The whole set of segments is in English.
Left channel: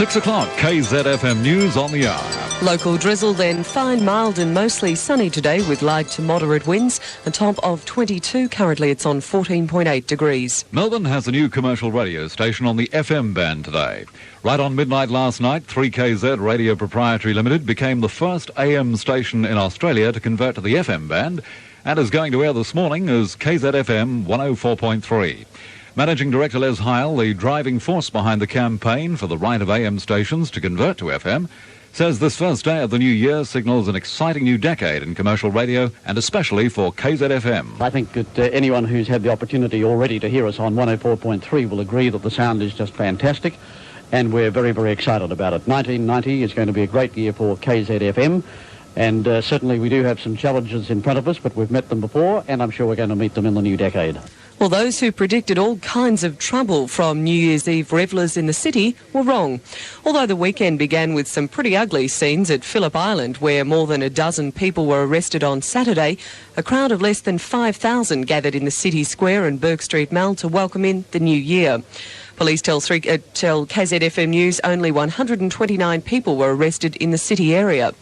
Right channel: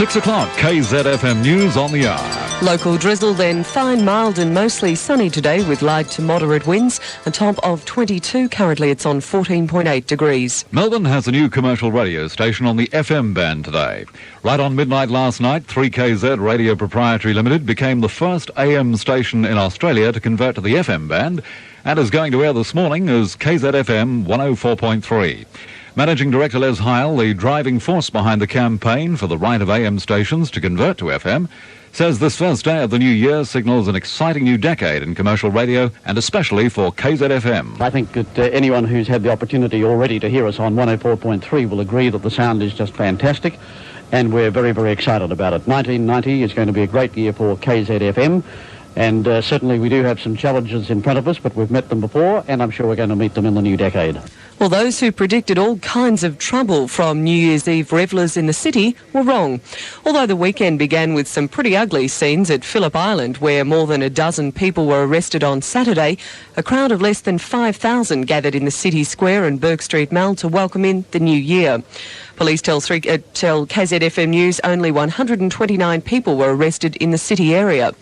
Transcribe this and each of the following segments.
6 o'clock, KZFM News on the hour. Local drizzle, then fine, mild and mostly sunny today with light to moderate winds. A top of 22. Currently it's on 14.8 degrees. Melbourne has a new commercial radio station on the FM band today. Right on midnight last night, 3KZ Radio Proprietary Limited became the first AM station in Australia to convert to the FM band and is going to air this morning as KZFM 104.3. Managing Director Les Heil, the driving force behind the campaign for the right of AM stations to convert to FM, says this first day of the new year signals an exciting new decade in commercial radio, and especially for KZFM. I think that anyone who's had the opportunity already to hear us on 104.3 will agree that the sound is just fantastic, and we're very, very excited about it. 1990 is going to be a great year for KZFM, and certainly we do have some challenges in front of us, but we've met them before, and I'm sure we're going to meet them in the new decade. Well, those who predicted all kinds of trouble from New Year's Eve revellers in the city were wrong. Although the weekend began with some pretty ugly scenes at Phillip Island, where more than a dozen people were arrested on Saturday, a crowd of less than 5,000 gathered in the city square and Bourke Street Mall to welcome in the new year. Police tell KZFM News only 129 people were arrested in the city area.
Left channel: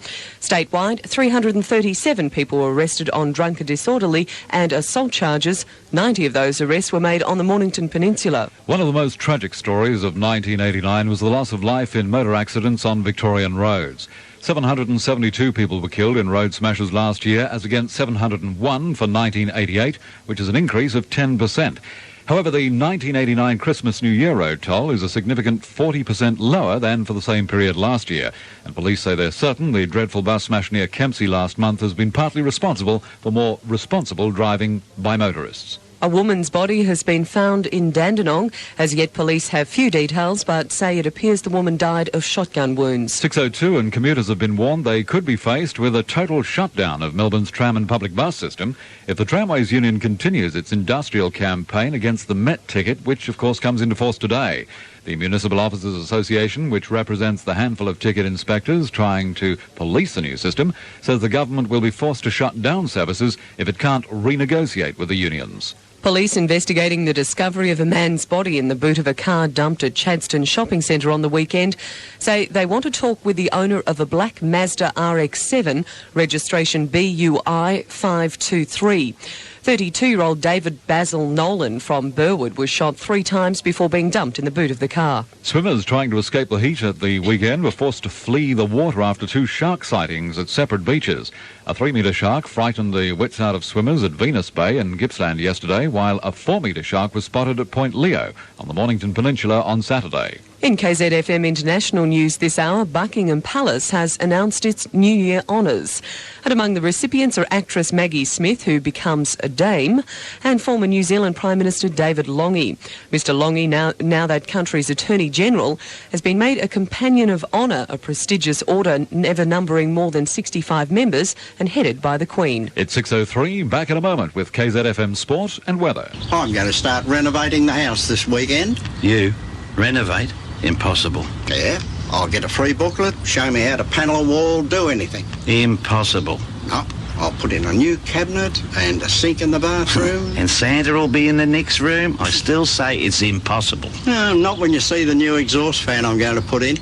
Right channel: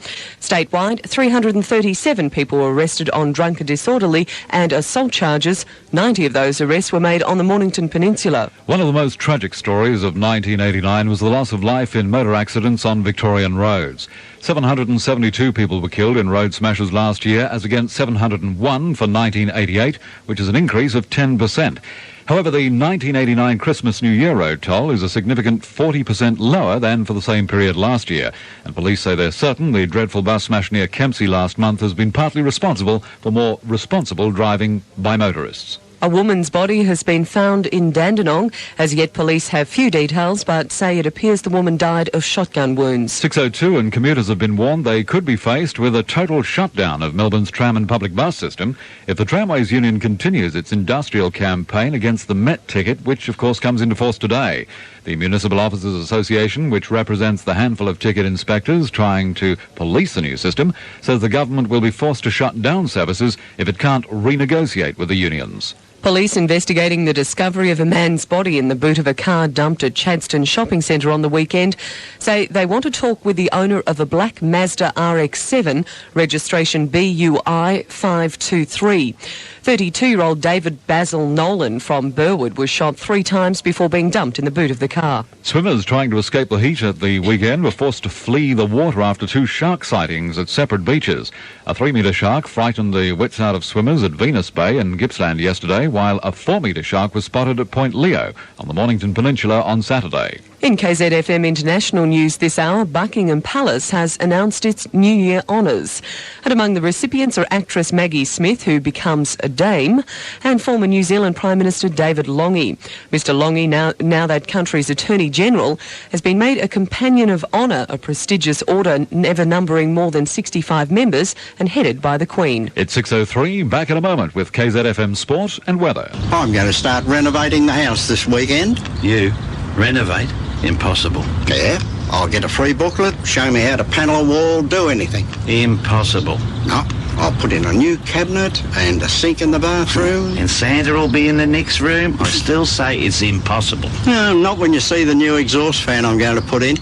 Statewide, 337 people were arrested on drunk and disorderly and assault charges. 90 of those arrests were made on the Mornington Peninsula. One of the most tragic stories of 1989 was the loss of life in motor accidents on Victorian roads. 772 people were killed in road smashes last year, as against 701 for 1988, which is an increase of 10%. However, the 1989 Christmas-New Year road toll is a significant 40% lower than for the same period last year. And police say they're certain the dreadful bus smash near Kempsey last month has been partly responsible for more responsible driving by motorists. A woman's body has been found in Dandenong. As yet, police have few details, but say it appears the woman died of shotgun wounds. 6:02, and commuters have been warned they could be faced with a total shutdown of Melbourne's tram and public bus system if the Tramways Union continues its industrial campaign against the Met ticket, which of course comes into force today. The Municipal Officers Association, which represents the handful of ticket inspectors trying to police the new system, says the government will be forced to shut down services if it can't renegotiate with the unions. Police investigating the discovery of a man's body in the boot of a car dumped at Chadstone Shopping Centre on the weekend say they want to talk with the owner of a black Mazda RX-7, registration BUI 523. 32-year-old David Basil Nolan from Burwood was shot 3 times before being dumped in the boot of the car. Swimmers trying to escape the heat at the weekend were forced to flee the water after 2 shark sightings at separate beaches. A 3-metre shark frightened the wits out of swimmers at Venus Bay and Gippsland yesterday, while a 4-metre shark was spotted at Point Leo on the Mornington Peninsula on Saturday. In KZFM International News this hour, Buckingham Palace has announced its New Year honours. And among the recipients are actress Maggie Smith, who becomes a dame, and former New Zealand Prime Minister David Lange. Mr Lange, now that country's Attorney-General, has been made a Companion of Honour, a prestigious order ever numbering more than 65 members and headed by the Queen. It's 6:03, back in a moment with KZFM Sport and Weather. I'm going to start renovating the house this weekend. You? Renovate? Impossible. Yeah, I'll get a free booklet, show me how to panel a wall, do anything. Impossible. No, I'll put in a new cabinet and a sink in the bathroom. And Santa will be in the next room? I still say it's impossible. No, not when you see the new exhaust fan I'm going to put in.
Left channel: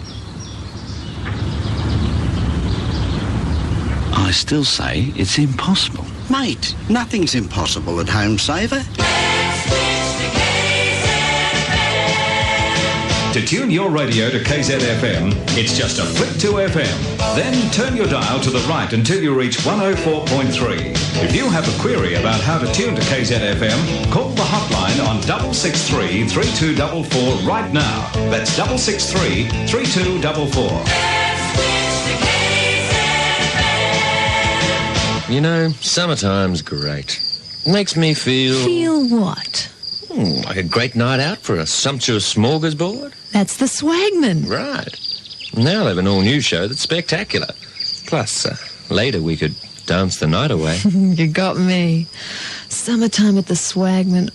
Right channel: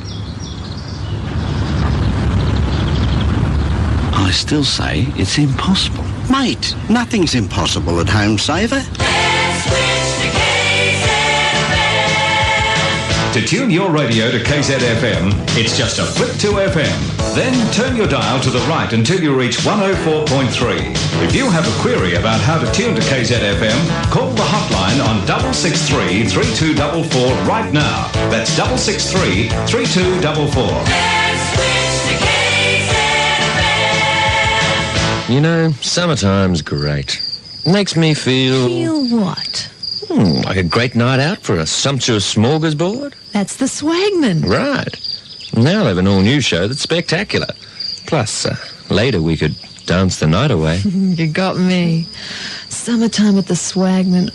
I still say it's impossible. Mate, nothing's impossible at Home Saver. To tune your radio to KZFM, it's just a flick to FM. Then turn your dial to the right until you reach 104.3. If you have a query about how to tune to KZFM, call the hotline on 663 3244 right now. That's 663 3244. You know, summertime's great. Makes me feel... Feel what? Like a great night out for a sumptuous smorgasbord. That's the Swagman. Right. Now they have an all-new show that's spectacular. Plus, later we could dance the night away. You got me. Summertime with the Swagman.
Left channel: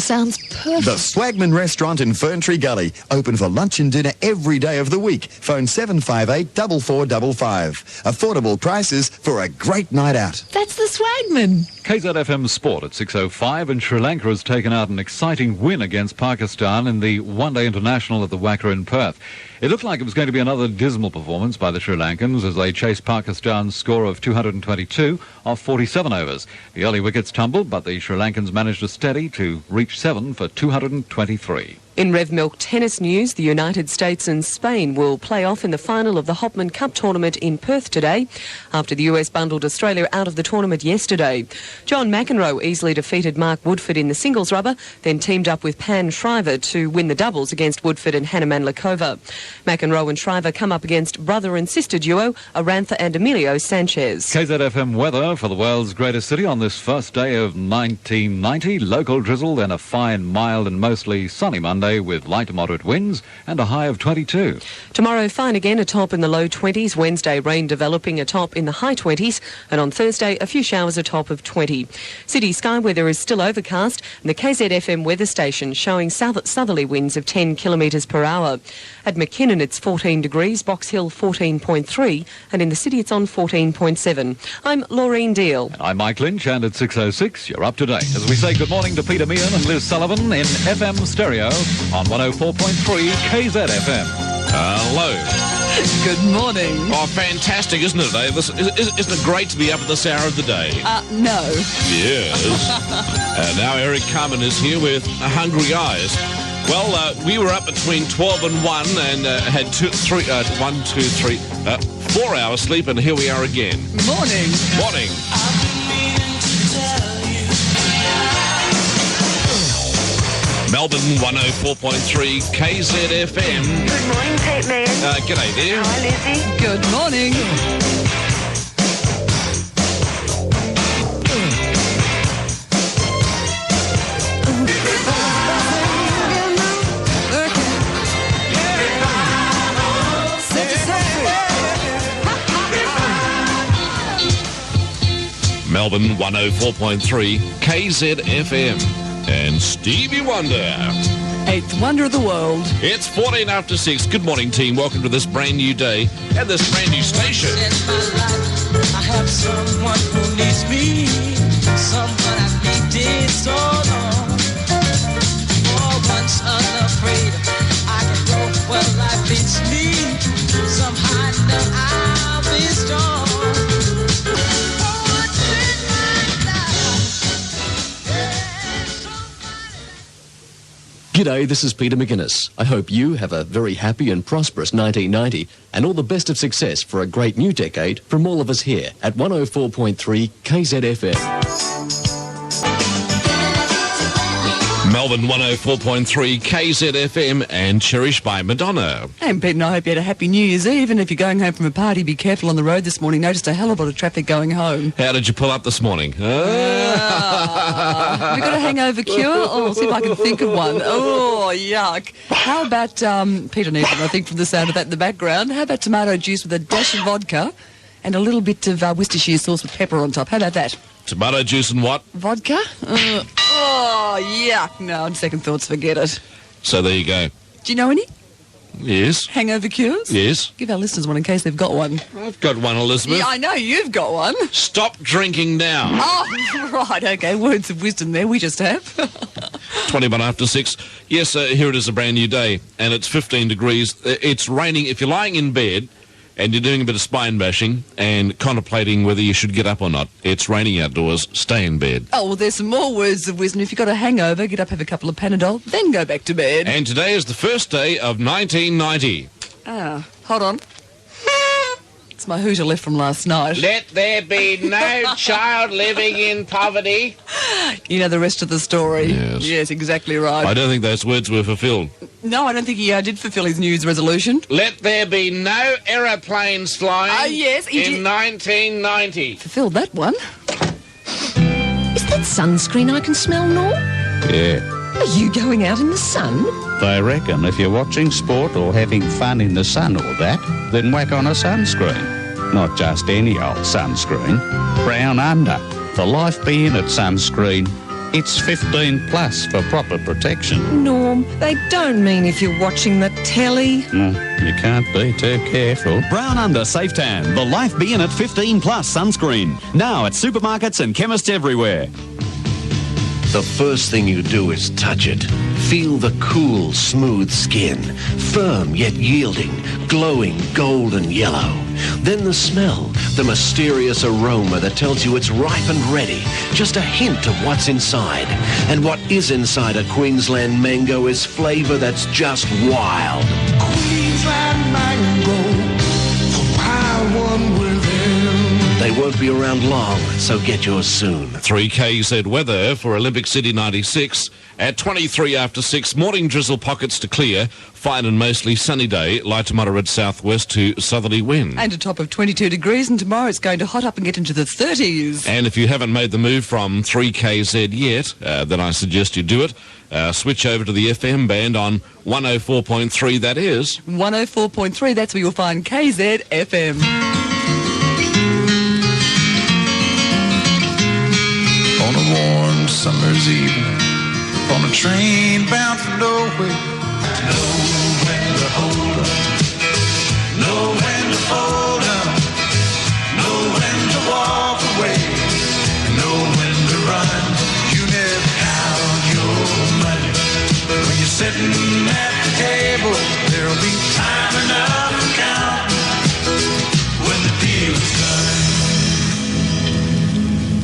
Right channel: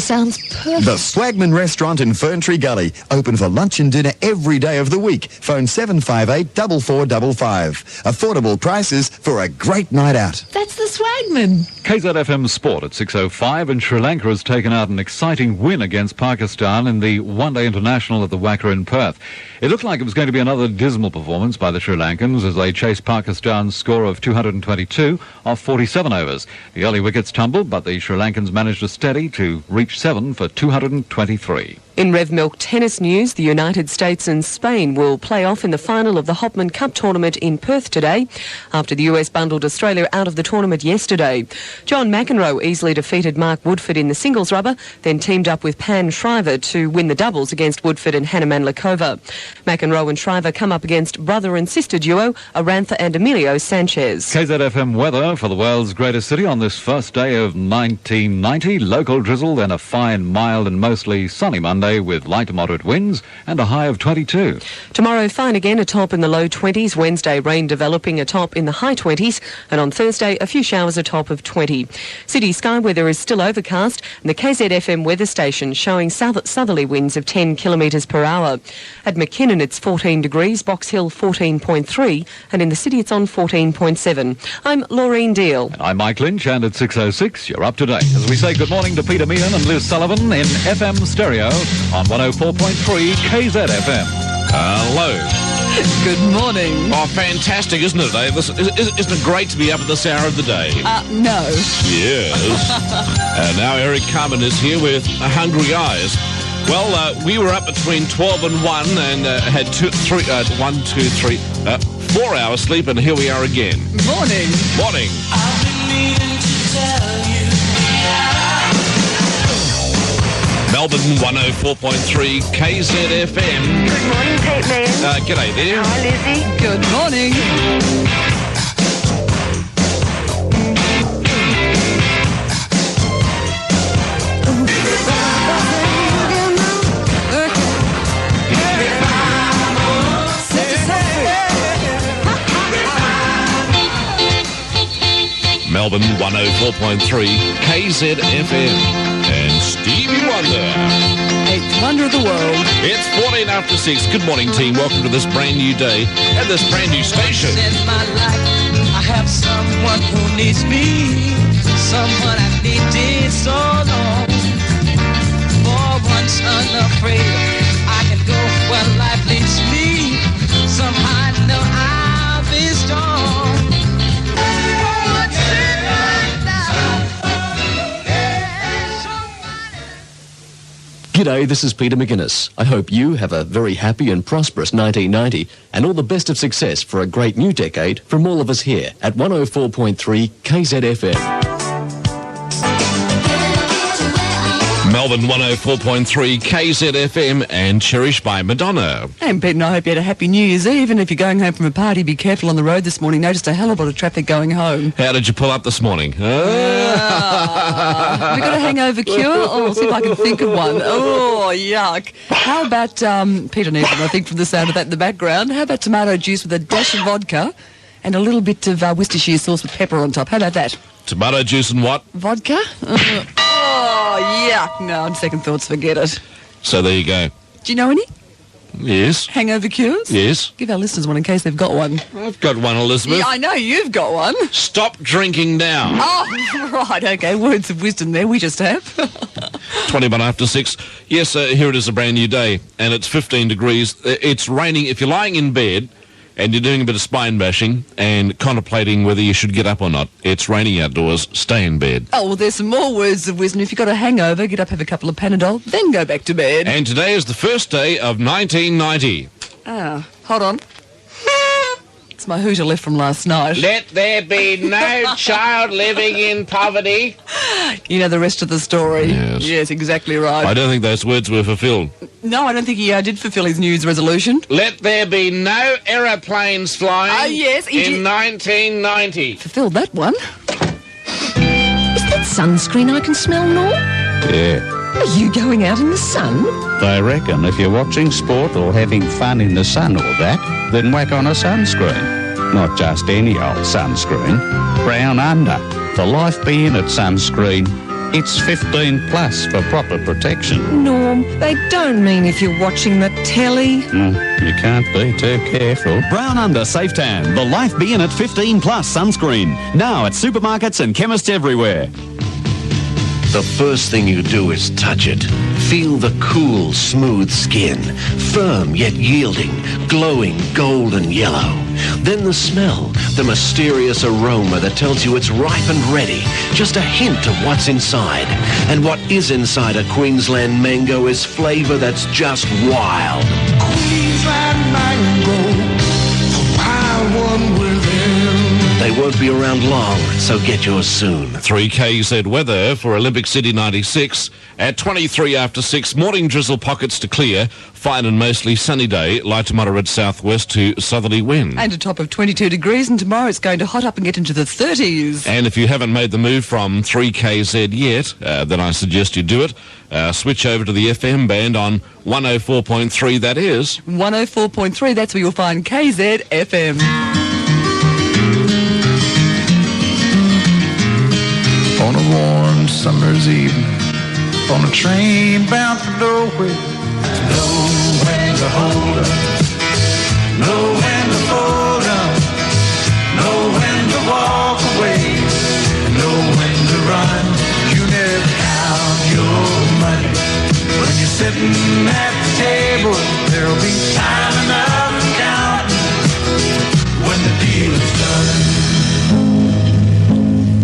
Sounds perfect. The Swagman Restaurant in Ferntree Gully. Open for lunch and dinner every day of the week. Phone 758 4455. Affordable prices for a great night out. That's the Swagman. KZFM Sport at 6:05, and Sri Lanka has taken out an exciting win against Pakistan in the one-day international at the Wacker in Perth. It looked like it was going to be another dismal performance by the Sri Lankans as they chased Pakistan's score of 222 off 47 overs. The early wickets tumbled, but the Sri Lankans managed to steady to reach 7 for 223. In Rev Milk tennis news, the United States and Spain will play off in the final of the Hopman Cup tournament in Perth today, after the US bundled Australia out of the tournament yesterday. John McEnroe easily defeated Mark Woodford in the singles rubber, then teamed up with Pan Shriver to win the doubles against Woodford and Hannah Mandlikova. McEnroe and Shriver come up against brother and sister duo Arantha and Emilio Sanchez. KZFM weather for the world's greatest city on this first day of 1990. Local drizzle, then a fine, mild and mostly sunny Monday with light to moderate winds and a high of 22. Tomorrow, fine again, a top in the low 20s. Wednesday, rain developing, a top in the high 20s. And on Thursday, a few showers, a top of 20. City sky weather is still overcast, and the KZFM weather station showing southerly winds of 10 kilometres per hour. At McKinnon, it's 14 degrees, Box Hill 14.3, and in the city it's on 14.7. I'm Laureen Deal. And I'm Mike Lynch, and at 6:06, you're up to date as we say good morning to Peter Meehan and Liz Sullivan in FM stereo on 104.3 KZFM. Hello. Good morning. Oh, fantastic, isn't it? Isn't it great to be up at this hour of the day? No. Yes. And now Eric Carmen is here with Hungry Eyes. Well, we were up between 12 and 1 and had 4 hours sleep, and here we are again. Morning. Morning. I've been needing to tell you. Melbourne 104.3 KZFM. Good morning, Pete Man. G'day there. Hi, Lizzie. Good morning. Melbourne 104.3 KZFM. And Stevie Wonder. Eighth wonder of the world. It's 14 after 6. Good morning, team. Welcome to this brand new day and this brand new station. In my life, I have someone who needs me, someone I've needed so long. For once unafraid, I can go where life leads me. Somehow I know I'll be strong. G'day, this is Peter McGuinness. I hope you have a very happy and prosperous 1990 and all the best of success for a great new decade from all of us here at 104.3 KZFM. Melbourne 104.3 KZFM and cherished by Madonna. And Pete and I hope you had a happy New Year's Eve, and if you're going home from a party, be careful on the road this morning. Noticed a hell of a lot of traffic going home. How did you pull up this morning? Have you got a hangover cure? Oh, I'll see if I can think of one. Oh, yuck. How about, Peter needs them, I think, from the sound of that in the background. How about tomato juice with a dash of vodka and a little bit of Worcestershire sauce with pepper on top? How about that? Tomato juice and what? Vodka? Oh, yuck. No, on second thoughts, forget it. So there you go. Do you know any? Yes. Hangover cures? Yes. Give our listeners one in case they've got one. I've got one, Elizabeth. Yeah, I know you've got one. Stop drinking now. Oh, right, okay. Words of wisdom there, we just have. 21 after 6. Yes, here it is, a brand new day, and it's 15 degrees. It's raining. If you're lying in bed and you're doing a bit of spine bashing and contemplating whether you should get up or not, it's raining outdoors, stay in bed. Oh, well, there's some more words of wisdom. If you've got a hangover, get up, have a couple of Panadol, then go back to bed. And today is the first day of 1990. Hold on. It's my hooter left from last night. Let there be no child living in poverty. You know the rest of the story. Yes, exactly right. I don't think those words were fulfilled. No, I don't think he did fulfill his New Year's resolution. Let there be no aeroplanes flying yes, in 1990. Fulfilled that one. Is that sunscreen I can smell, Nor? Yeah. Are you going out in the sun? They reckon if you're watching sport or having fun in the sun or that, then whack on a sunscreen. Not just any old sunscreen. Brown Under. The Life Be In It sunscreen. It's 15 plus for proper protection. Norm, they don't mean if you're watching the telly. You can't be too careful. Brown Under Safe Tan, the Life Be In It 15 Plus sunscreen. Now at supermarkets and chemists everywhere. The first thing you do is touch it. Feel the cool, smooth skin, firm yet yielding, glowing golden yellow. Then the smell, the mysterious aroma that tells you it's ripe and ready. Just a hint of what's inside. And what is inside a Queensland mango is flavour that's just wild. Queensland mango, the wild one within. They won't be around long, so get yours soon. 3KZ weather for Olympic City 96. At 23 after 6, morning drizzle pockets to clear, fine and mostly sunny day, light to moderate southwest to southerly wind. And a top of 22 degrees, and tomorrow it's going to hot up and get into the 30s. And if you haven't made the move from 3KZ yet, then I suggest you do it. Switch over to the FM band on 104.3, that is. 104.3, that's where you'll find KZFM. On a warm summer's evening, on a train bound for nowhere. Know when to hold up, know when to fold up, know when to walk away, and know when to run. You never count your money. When you're sitting at the table, there'll be time enough to count when the deal is done.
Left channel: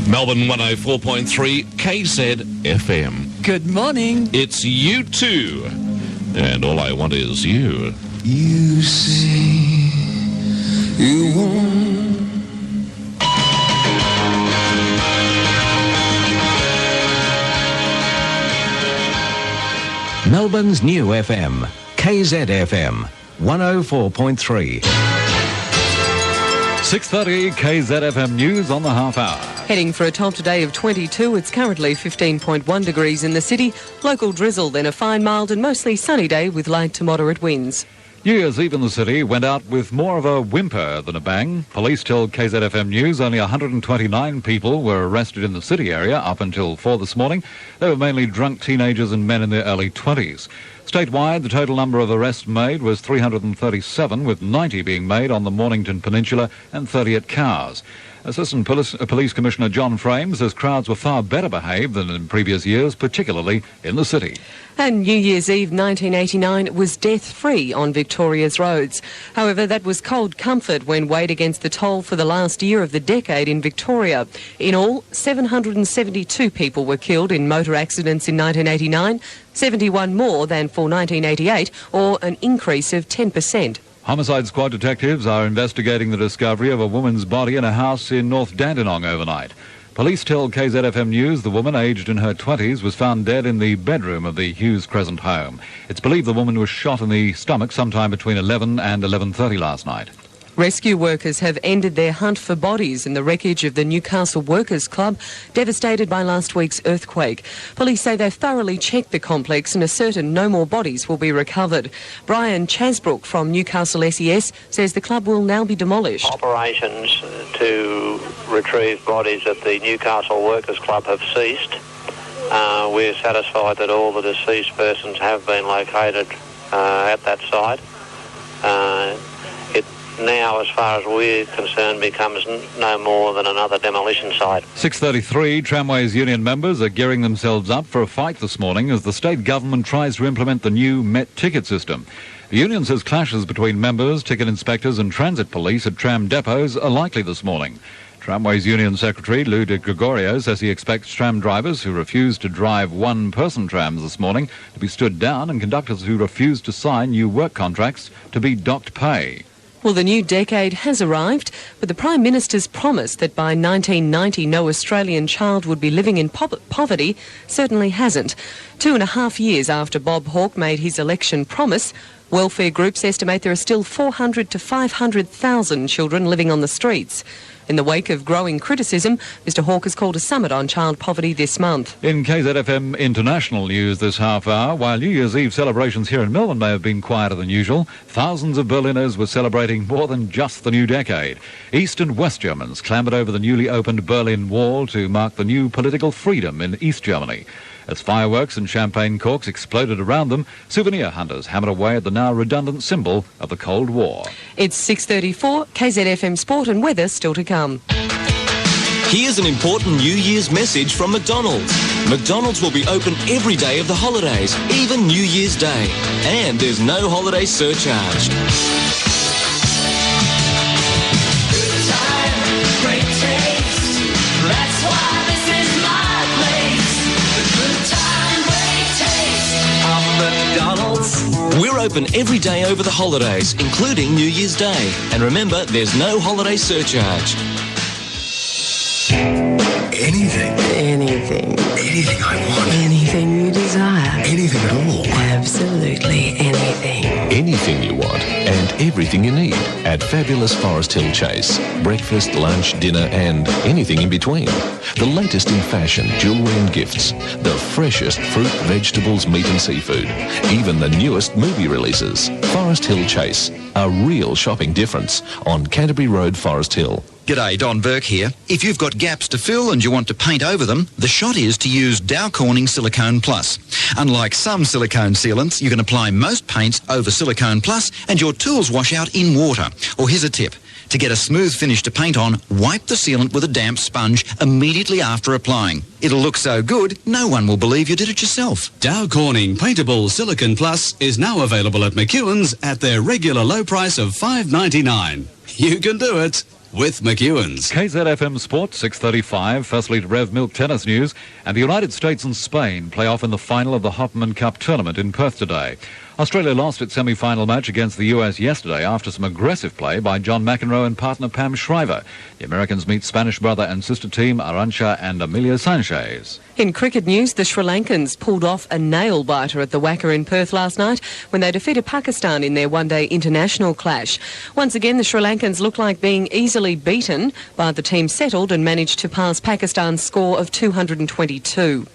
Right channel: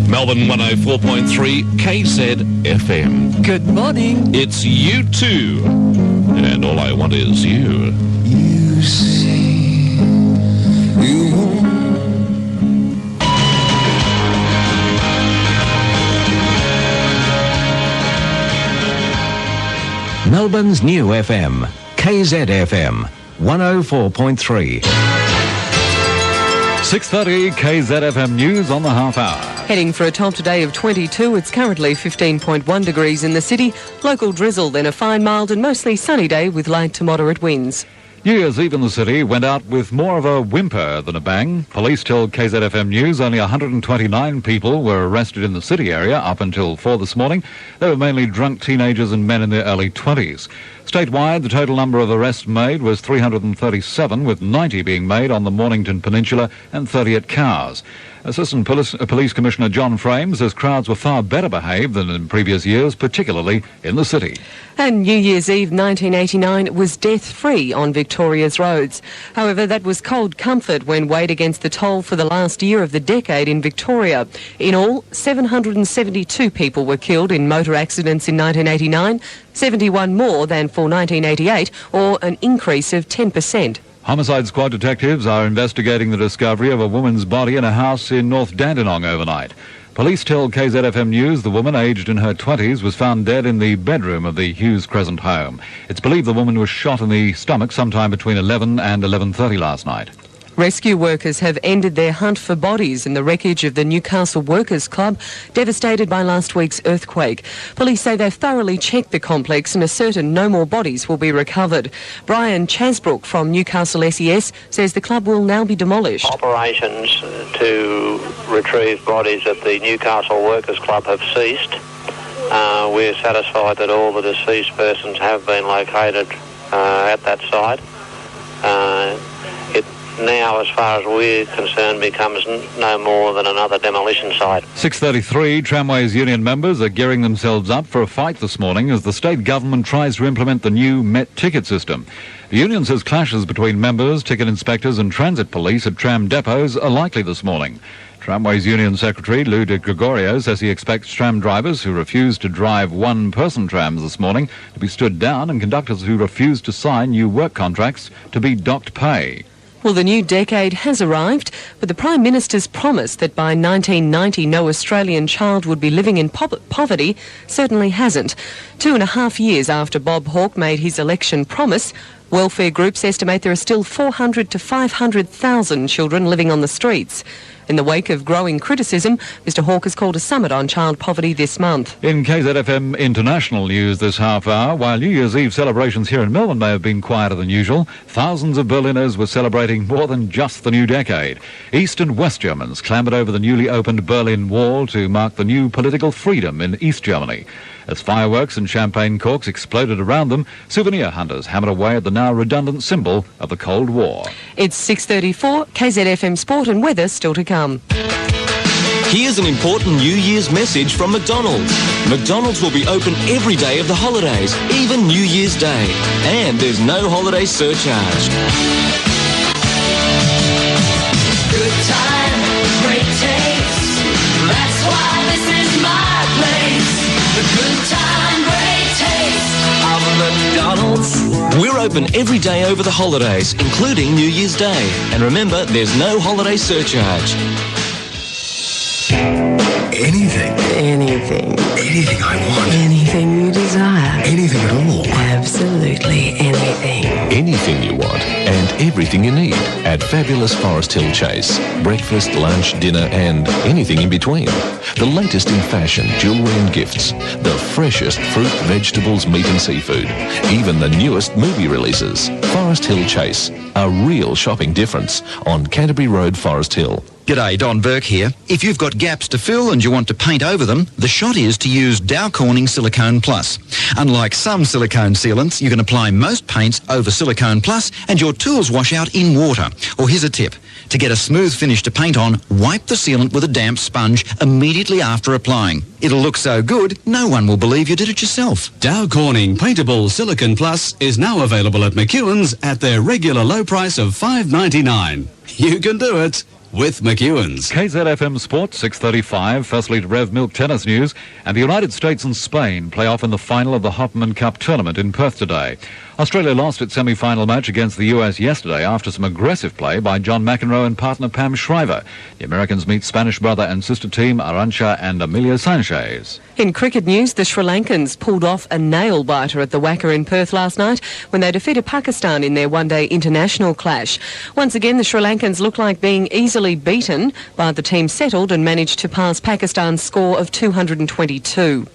Melbourne 104.3 KZFM. Good morning. It's you too. And all I want is you. You say you won't. Melbourne's new FM, KZFM 104.3. 6:30 KZFM News on the half hour. Heading for a top today of 22, it's currently 15.1 degrees in the city. Local drizzle, then a fine, mild and mostly sunny day with light to moderate winds. New Year's Eve in the city went out with more of a whimper than a bang. Police told KZFM News only 129 people were arrested in the city area up until 4 this morning. They were mainly drunk teenagers and men in their early 20s. Statewide, the total number of arrests made was 337, with 90 being made on the Mornington Peninsula and 30 at Cowes. Assistant Police Commissioner John Frame says crowds were far better behaved than in previous years, particularly in the city. And New Year's Eve 1989 was death-free on Victoria's roads. However, that was cold comfort when weighed against the toll for the last year of the decade in Victoria. In all, 772 people were killed in motor accidents in 1989, 71 more than for 1988, or an increase of 10%. Homicide Squad detectives are investigating the discovery of a woman's body in a house in North Dandenong overnight. Police tell KZFM News the woman, aged in her 20s, was found dead in the bedroom of the Hughes Crescent home. It's believed the woman was shot in the stomach sometime between 11 and 11:30 last night. Rescue workers have ended their hunt for bodies in the wreckage of the Newcastle Workers Club, devastated by last week's earthquake. Police say they've thoroughly checked the complex and are certain no more bodies will be recovered. Brian Chasbrook from Newcastle SES says the club will now be demolished. Operations to retrieve bodies at the Newcastle Workers Club have ceased. We're satisfied that all the deceased persons have been located at that site. It now, as far as we're concerned, becomes no more than another demolition site. 6:33, Tramways Union members are gearing themselves up for a fight this morning as the state government tries to implement the new Met ticket system. The union says clashes between members, ticket inspectors and transit police at tram depots are likely this morning. Tramways Union Secretary Lou de Gregorio says he expects tram drivers who refuse to drive one-person trams this morning to be stood down and conductors who refuse to sign new work contracts to be docked pay. Well, the new decade has arrived, but the Prime Minister's promise that by 1990 no Australian child would be living in poverty certainly hasn't. 2.5 years after Bob Hawke made his election promise, welfare groups estimate there are still 400 to 500,000 children living on the streets. In the wake of growing criticism, Mr Hawke has called a summit on child poverty this month. In KZFM International News this half hour, while New Year's Eve celebrations here in Melbourne may have been quieter than usual, thousands of Berliners were celebrating more than just the new decade. East and West Germans clambered over the newly opened Berlin Wall to mark the new political freedom in East Germany. As fireworks and champagne corks exploded around them, souvenir hunters hammered away at the now redundant symbol of the Cold War. It's 6:34, KZFM Sport and weather still to come. Here's an important New Year's message from McDonald's. McDonald's will be open every day of the holidays, even New Year's Day. And there's no holiday surcharge. Good time, great taste. That's why this is my place. The good time, great taste of McDonald's. We're open every day over the holidays, including New Year's Day. And remember, there's no holiday surcharge. Anything. Anything. Anything I want. Anything you desire. Anything at all. Absolutely anything. Anything you want and everything you need at fabulous Forest Hill Chase. Breakfast, lunch, dinner and anything in between. The latest in fashion, jewellery and gifts. The freshest fruit, vegetables, meat and seafood. Even the newest movie releases. Forest Hill Chase. A real shopping difference on Canterbury Road, Forest Hill. G'day, Don Burke here. If you've got gaps to fill and you want to paint over them, the shot is to use Dow Corning Silicone Plus. Unlike some silicone sealants, you can apply most paints over Silicone Plus and your tools wash out in water. Or here's a tip. To get a smooth finish to paint on, wipe the sealant with a damp sponge immediately after applying. It'll look so good, no one will believe you did it yourself. Dow Corning Paintable Silicone Plus is now available at McEwan's at their regular low price of $5.99. You can do it with McEwan's. KZFM Sports, 6:35. Firstly, to Rev Milk tennis news. And the United States and Spain play off in the final of the Hopman Cup tournament in Perth today. Australia lost its semi-final match against the US yesterday after some aggressive play by John McEnroe and partner Pam Shriver. The Americans meet Spanish brother and sister team Arantxa and Emilio Sanchez. In cricket news, the Sri Lankans pulled off a nail-biter at the Wacker in Perth last night when they defeated Pakistan in their one-day international clash. Once again, the Sri Lankans look like being easily beaten, but the team settled and managed to pass Pakistan's score of 222.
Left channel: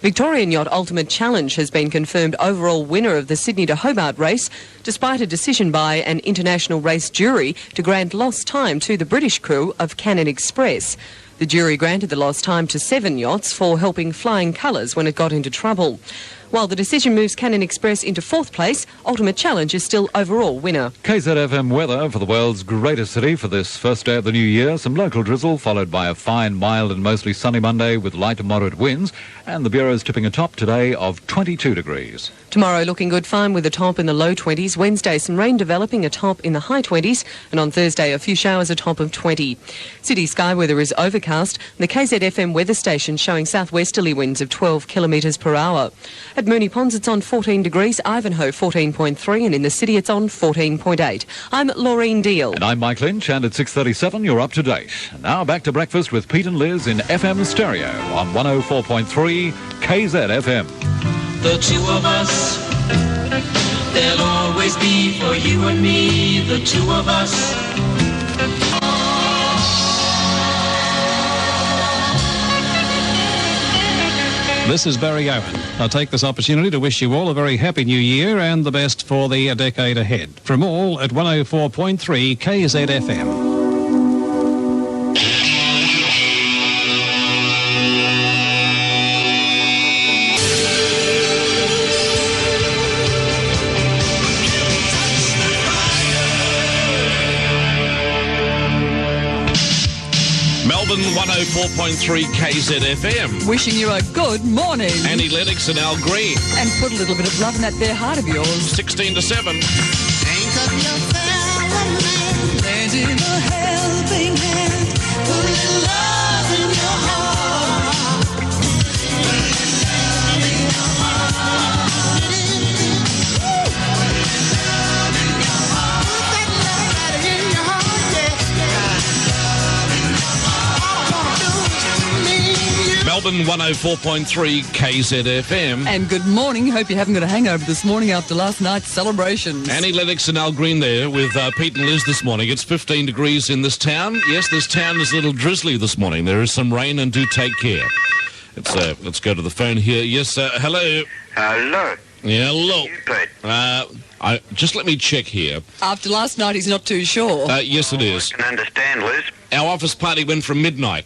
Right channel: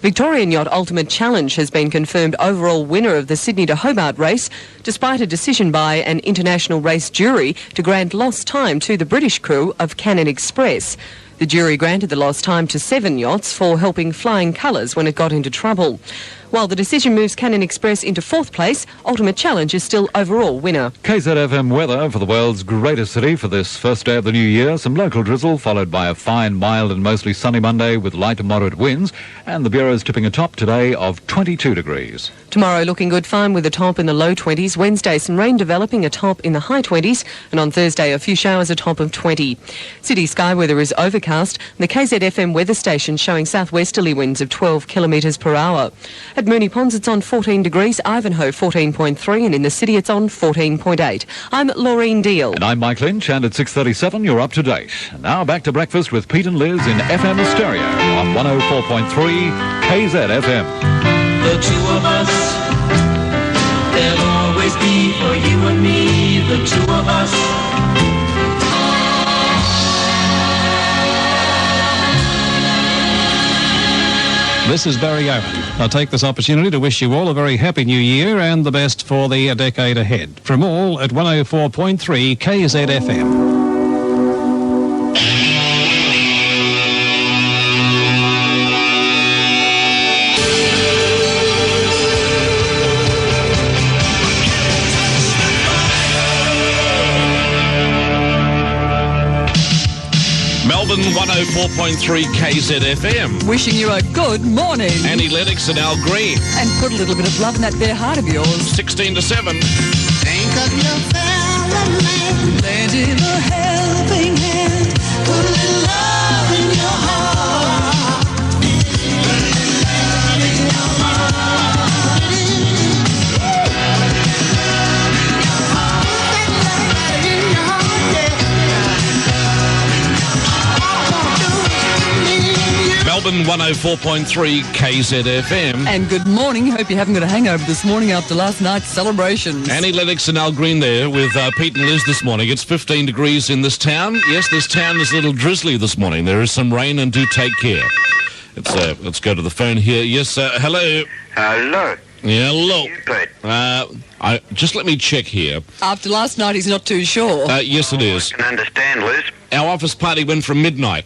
Victorian Yacht Ultimate Challenge has been confirmed overall winner of the Sydney to Hobart race, despite a decision by an international race jury to grant lost time to the British crew of Cannon Express. The jury granted the lost time to 7 yachts for helping flying colours when it got into trouble. While the decision moves Cannon Express into 4th place, Ultimate Challenge is still overall winner. KZFM weather for the world's greatest city for this first day of the new year. Some local drizzle followed by a fine, mild and mostly sunny Monday with light to moderate winds. And the Bureau's tipping a top today of 22 degrees. Tomorrow looking good fine with a top in the low 20s. Wednesday some rain developing, a top in the high 20s. And on Thursday a few showers, a top of 20. City sky weather is overcast. The KZFM weather station showing southwesterly winds of 12 kilometres per hour. At Moonee Ponds it's on 14 degrees, Ivanhoe 14.3 and in the city it's on 14.8. I'm Laureen Deal. And I'm Mike Lynch and at 6:37 you're up to date. And now back to breakfast with Pete and Liz in FM stereo on 104.3 KZFM. The two of us, there'll always be for you and me, the two of us. This is Barry Owen. I'll take this opportunity to wish you all a very happy new year and the best for the decade ahead. From all at 104.3 KZFM. Melbourne 104.3 KZFM. Wishing you a good morning. Annie Lennox and Al Green. And put a little bit of love in that bare heart of yours. 16 to 7. Think of your fellow man, lend him a helping hand, put a little love in your heart. Put a little love in your heart. Put that love in your heart, yeah. Melbourne Melbourne 104.3 KZFM. And good morning. Hope you haven't got a hangover this morning after last night's celebrations. Annie Lennox and Al Green there with Pete and Liz this morning. It's 15 degrees in this town. Yes, this town is a little drizzly this morning. There is some rain, and do take care. Let's go to the phone here. Yes, hello. Hello. Yeah, hello. You, Pete. Just let me check here. After last night, he's not too sure. Yes, it is. I can understand, Liz. Our office party went from midnight.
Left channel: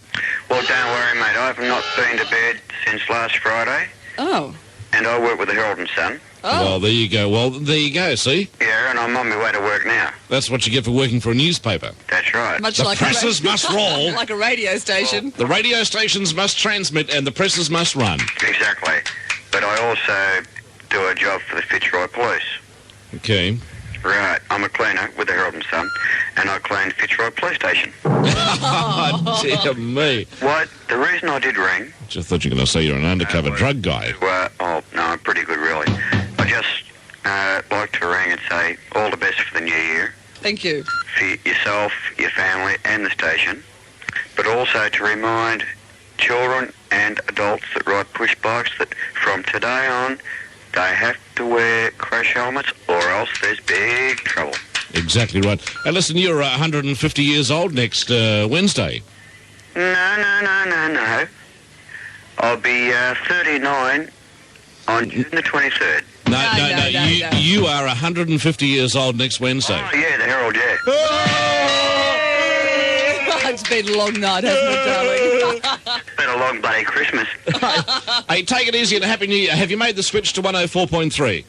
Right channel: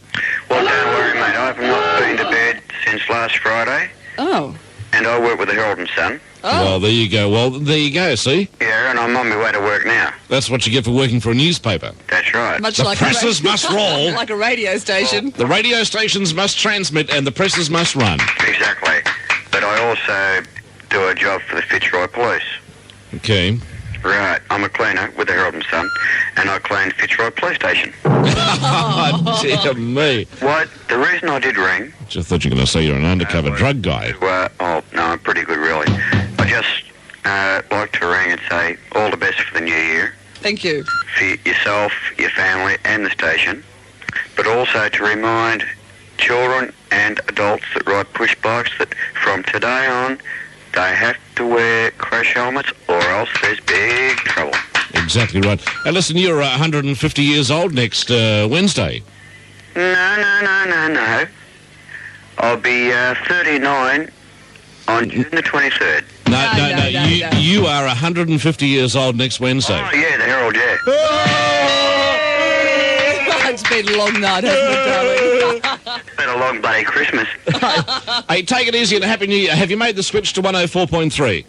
Well, don't worry, mate. I've not been to bed since last Friday. Oh. And I work with the Herald and Sun. Oh. Well, there you go. Well, there you go, see? Yeah, and I'm on my way to work now. That's what you get for working for a newspaper. That's right. Much The like presses must roll. Like a radio station. The radio stations must transmit and the presses must run. Exactly. But I also do a job for the Fitzroy Police. Okay. Right. I'm a cleaner with the Herald and Sun, and I clean Fitzroy Police Station. Oh, dear me. What? The reason I did ring... Just thought you were going to say you're an undercover drug guy. Oh, no, I'm pretty good, really. I just like to ring and say all the best for the new year. Thank you. For yourself, your family, and the station. But also to remind children and adults that ride push bikes that from today on, they have to wear crash helmets or else there's big trouble. Exactly right. And listen, you're 150 years old next Wednesday. No. I'll be 39 on June the 23rd. No. You are 150 years old next Wednesday. Oh, yeah, the Herald, yeah. It's been a long night, hasn't it, darling? It's been a long bloody Christmas. Hey, take it easy and Happy New Year. Have you made the switch to 104.3?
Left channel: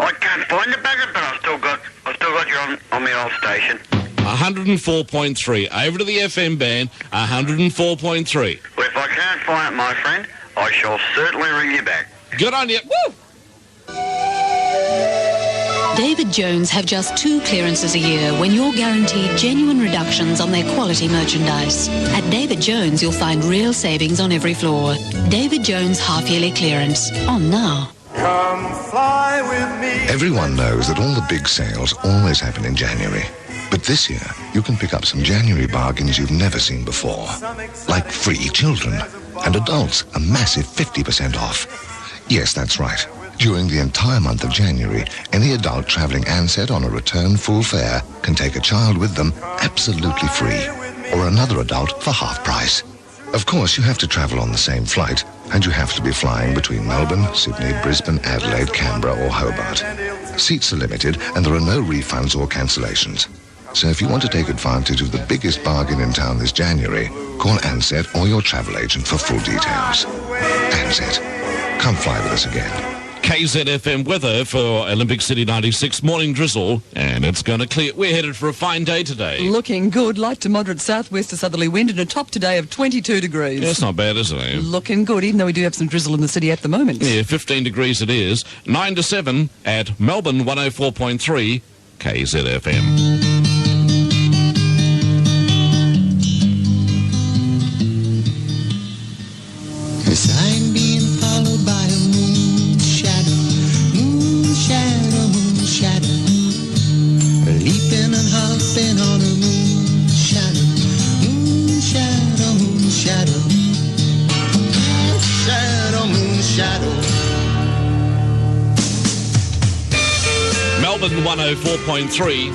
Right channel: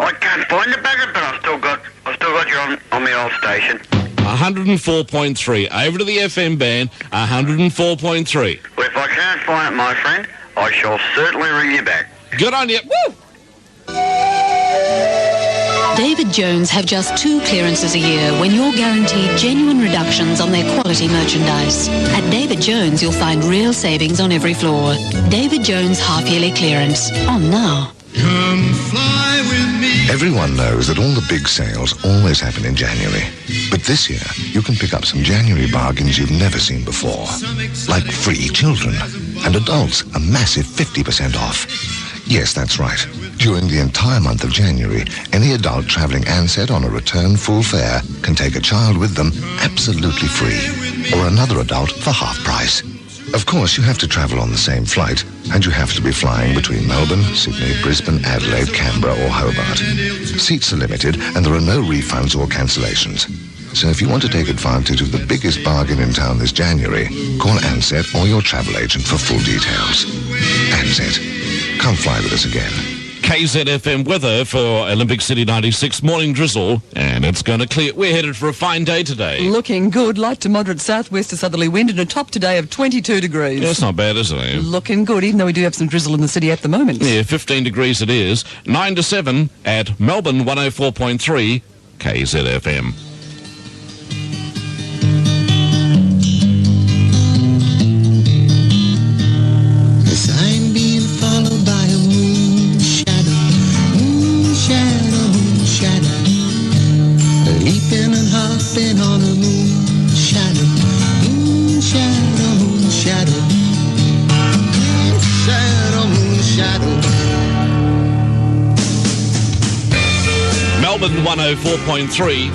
I can't find the bugger, but I've still got you on the old station. 104.3. Over to the FM band, 104.3. Well, if I can't find it, my friend, I shall certainly ring you back. Good on you. Woo! David Jones have just 2 clearances a year when you're guaranteed genuine reductions on their quality merchandise. At David Jones, you'll find real savings on every floor. David Jones half-yearly clearance. On now. Come fly with me. Everyone knows that all the big sales always happen in January. But this year, you can pick up some January bargains you've never seen before. Like free children. And adults, a massive 50% off. Yes, that's right. During the entire month of January, any adult travelling Ansett on a return full fare can take a child with them absolutely free, or another adult for half price. Of course, you have to travel on the same flight, and you have to be flying between Melbourne, Sydney, Brisbane, Adelaide, Canberra or Hobart. Seats are limited, and there are no refunds or cancellations. So if you want to take advantage of the biggest bargain in town this January, call Ansett or your travel agent for full details. Ansett. Come fly with us again. KZFM weather for Olympic City 96. Morning drizzle, and it's going to clear. We're headed for a fine day today. Looking good. Light to moderate southwest to southerly wind and a top today of 22 degrees. That's not bad, is it? Looking good, even though we do have some drizzle in the city at the moment. Yeah, 15 degrees it is. 9 to 7 at Melbourne 104.3 KZFM. Yes, I'm being followed by a moon shadow, leaping and hopping on a moon shadow, moon shadow, moon shadow, moon shadow, moon shadow. Melbourne 104.3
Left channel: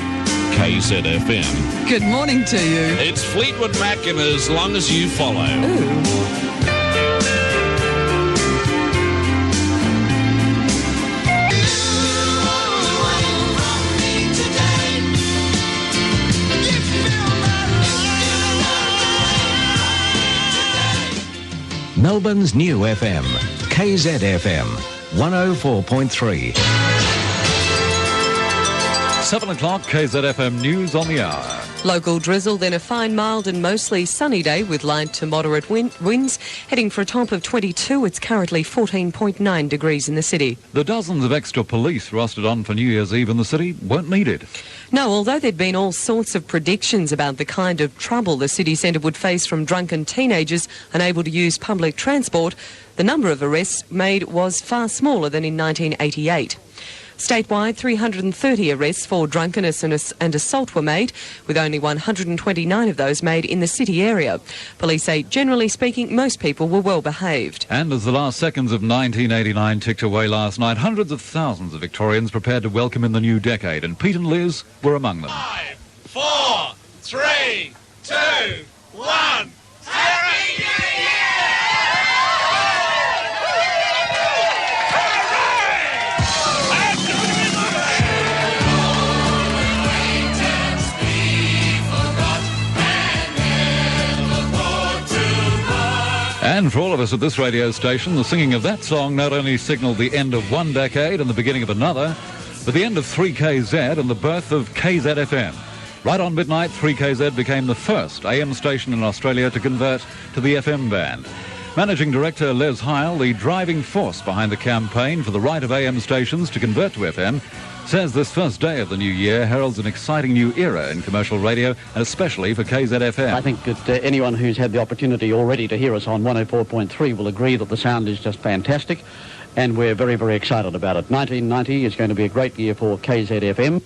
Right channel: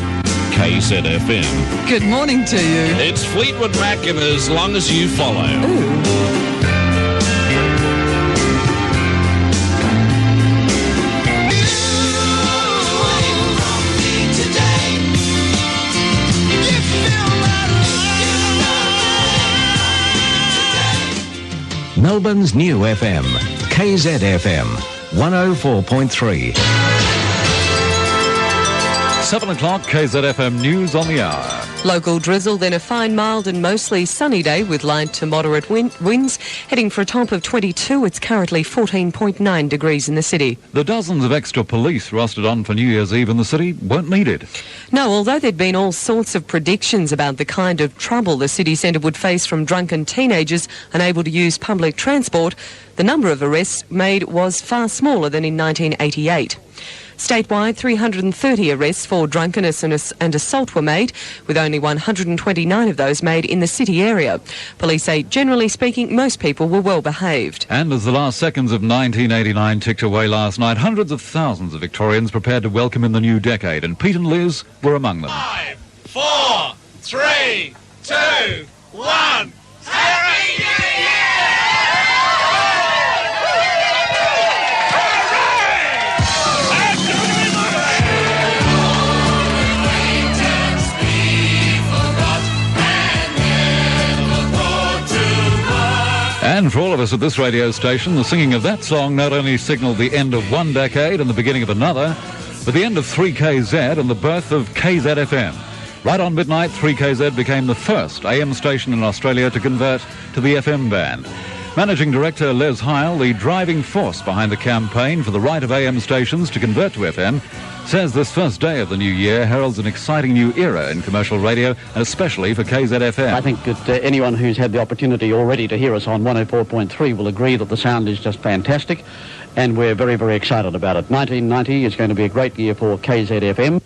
KZFM. Good morning to you. It's Fleetwood Mac and As Long As You Follow. Ooh. Melbourne's new FM, KZFM, 104.3. 7 o'clock, KZFM News on the hour. Local drizzle, then a fine, mild and mostly sunny day with light to moderate winds. Heading for a top of 22, it's currently 14.9 degrees in the city. The dozens of extra police rostered on for New Year's Eve in the city weren't needed. No, although there'd been all sorts of predictions about the kind of trouble the city centre would face from drunken teenagers unable to use public transport, the number of arrests made was far smaller than in 1988. Statewide, 330 arrests for drunkenness and assault were made, with only 129 of those made in the city area. Police say, generally speaking, most people were well behaved. And as the last seconds of 1989 ticked away last night, hundreds of thousands of Victorians prepared to welcome in the new decade, and Pete and Liz were among them. 5, 4, 3, 2, 1. Happy New And for all of us at this radio station, the singing of that song not only signalled the end of one decade and the beginning of another, but the end of 3KZ and the birth of KZFM. Right on midnight, 3KZ became the first AM station in Australia to convert to the FM band. Managing Director Les Heil, the driving force behind the campaign for the right of AM stations to convert to FM, says this first day of the new year heralds an exciting new era in commercial radio, especially for KZFM. I think that anyone who's had the opportunity already to hear us on 104.3 will agree that the sound is just fantastic, and we're very, very excited about it. 1990 is going to be a great year for KZFM.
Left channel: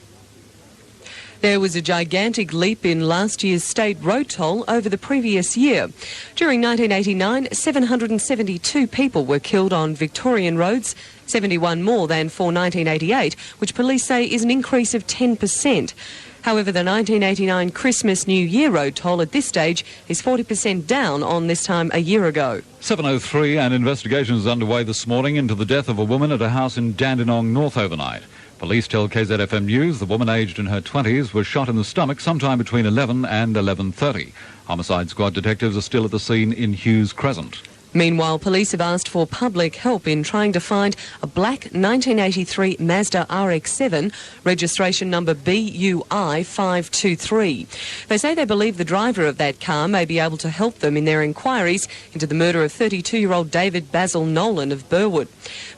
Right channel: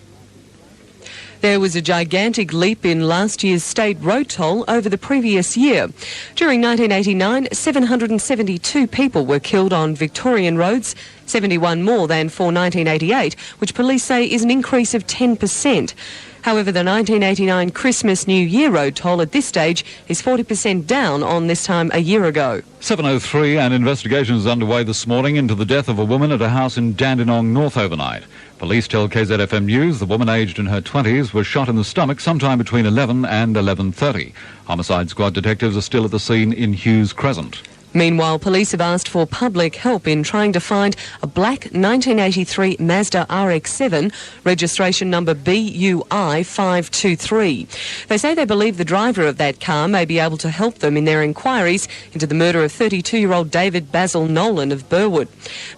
There was a gigantic leap in last year's state road toll over the previous year. During 1989, 772 people were killed on Victorian roads, 71 more than for 1988, which police say is an increase of 10%. However, the 1989 Christmas New Year road toll at this stage is 40% down on this time a year ago. 7:03, an investigation is underway this morning into the death of a woman at a house in Dandenong North overnight. Police tell KZFM News the woman aged in her 20s was shot in the stomach sometime between 11 and 11:30. Homicide squad detectives are still at the scene in Hughes Crescent. Meanwhile, police have asked for public help in trying to find a black 1983 Mazda RX-7, registration number BUI 523. They say they believe the driver of that car may be able to help them in their inquiries into the murder of 32-year-old David Basil Nolan of Burwood.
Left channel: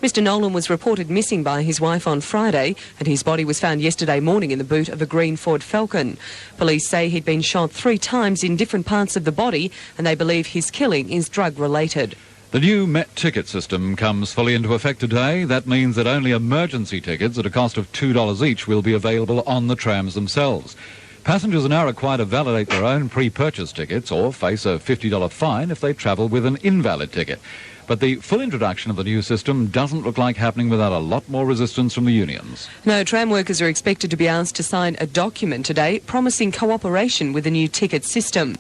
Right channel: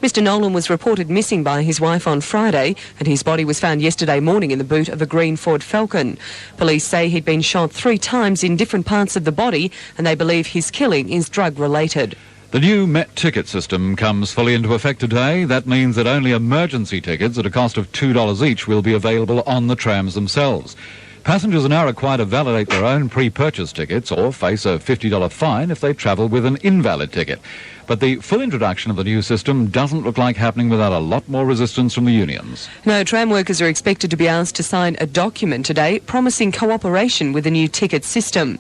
Mr Nolan was reported missing by his wife on Friday, and his body was found yesterday morning in the boot of a green Ford Falcon. Police say he'd been shot 3 times in different parts of the body, and they believe his killing is drug-related. The new Met ticket system comes fully into effect today. That means that only emergency tickets at a cost of $2 each will be available on the trams themselves. Passengers are now required to validate their own pre-purchase tickets or face a $50 fine if they travel with an invalid ticket. But the full introduction of the new system doesn't look like happening without a lot more resistance from the unions. No, tram workers are expected to be asked to sign a document today promising cooperation with the new ticket system.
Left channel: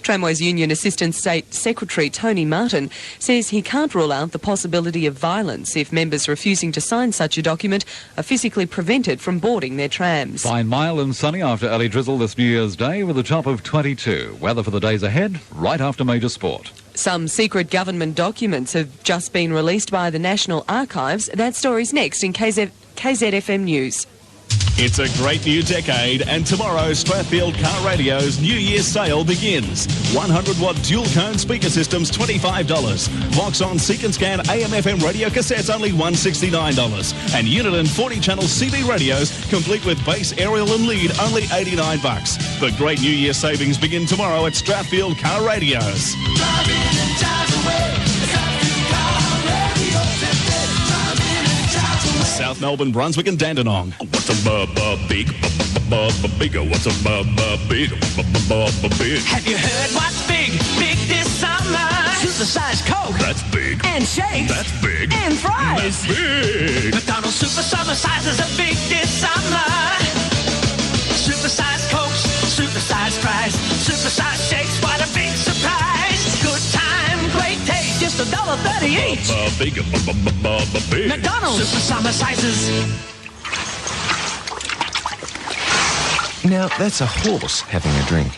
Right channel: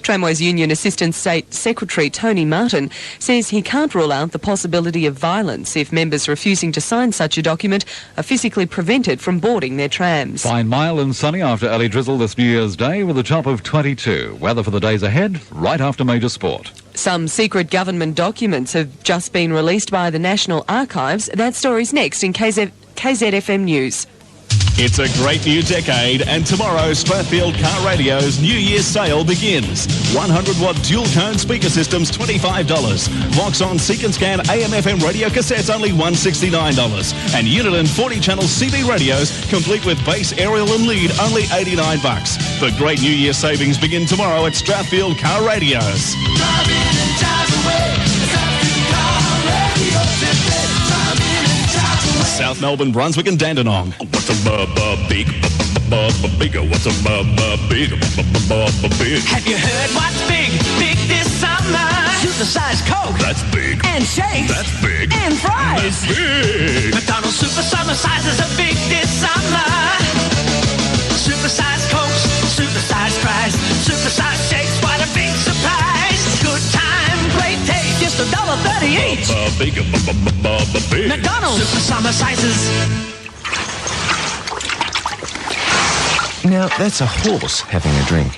Tramways Union Assistant State Secretary Tony Martin says he can't rule out the possibility of violence if members refusing to sign such a document are physically prevented from boarding their trams. Fine, mild and sunny after early drizzle this New Year's Day with a top of 22. Weather for the days ahead, right after major sport. Some secret government documents have just been released by the National Archives. That story's next in KZFM News. It's a great new decade, and tomorrow Strathfield Car Radio's New Year's sale begins. 100-watt dual-tone speaker systems, $25. Vox-on Seek and Scan AM/FM radio cassettes, only $169. And unit and 40-channel CB radios, complete with bass, aerial and lead, only $89. The great New Year savings begin tomorrow at Strathfield Car Radios. South Melbourne, Brunswick and Dandenong. What's a big? What's a big? Have you heard what's big? Big this summer. Supersized Coke. That's big. And shakes. That's big. And fries. That's big. McDonald's Super Summer sizes are big this summer. Supersized Cokes, supersized fries, supersized shakes. What a big surprise! Good time, great taste, just $1.30 each. Big. McDonald's Super Summer sizes. Now, that's a horse having a drink.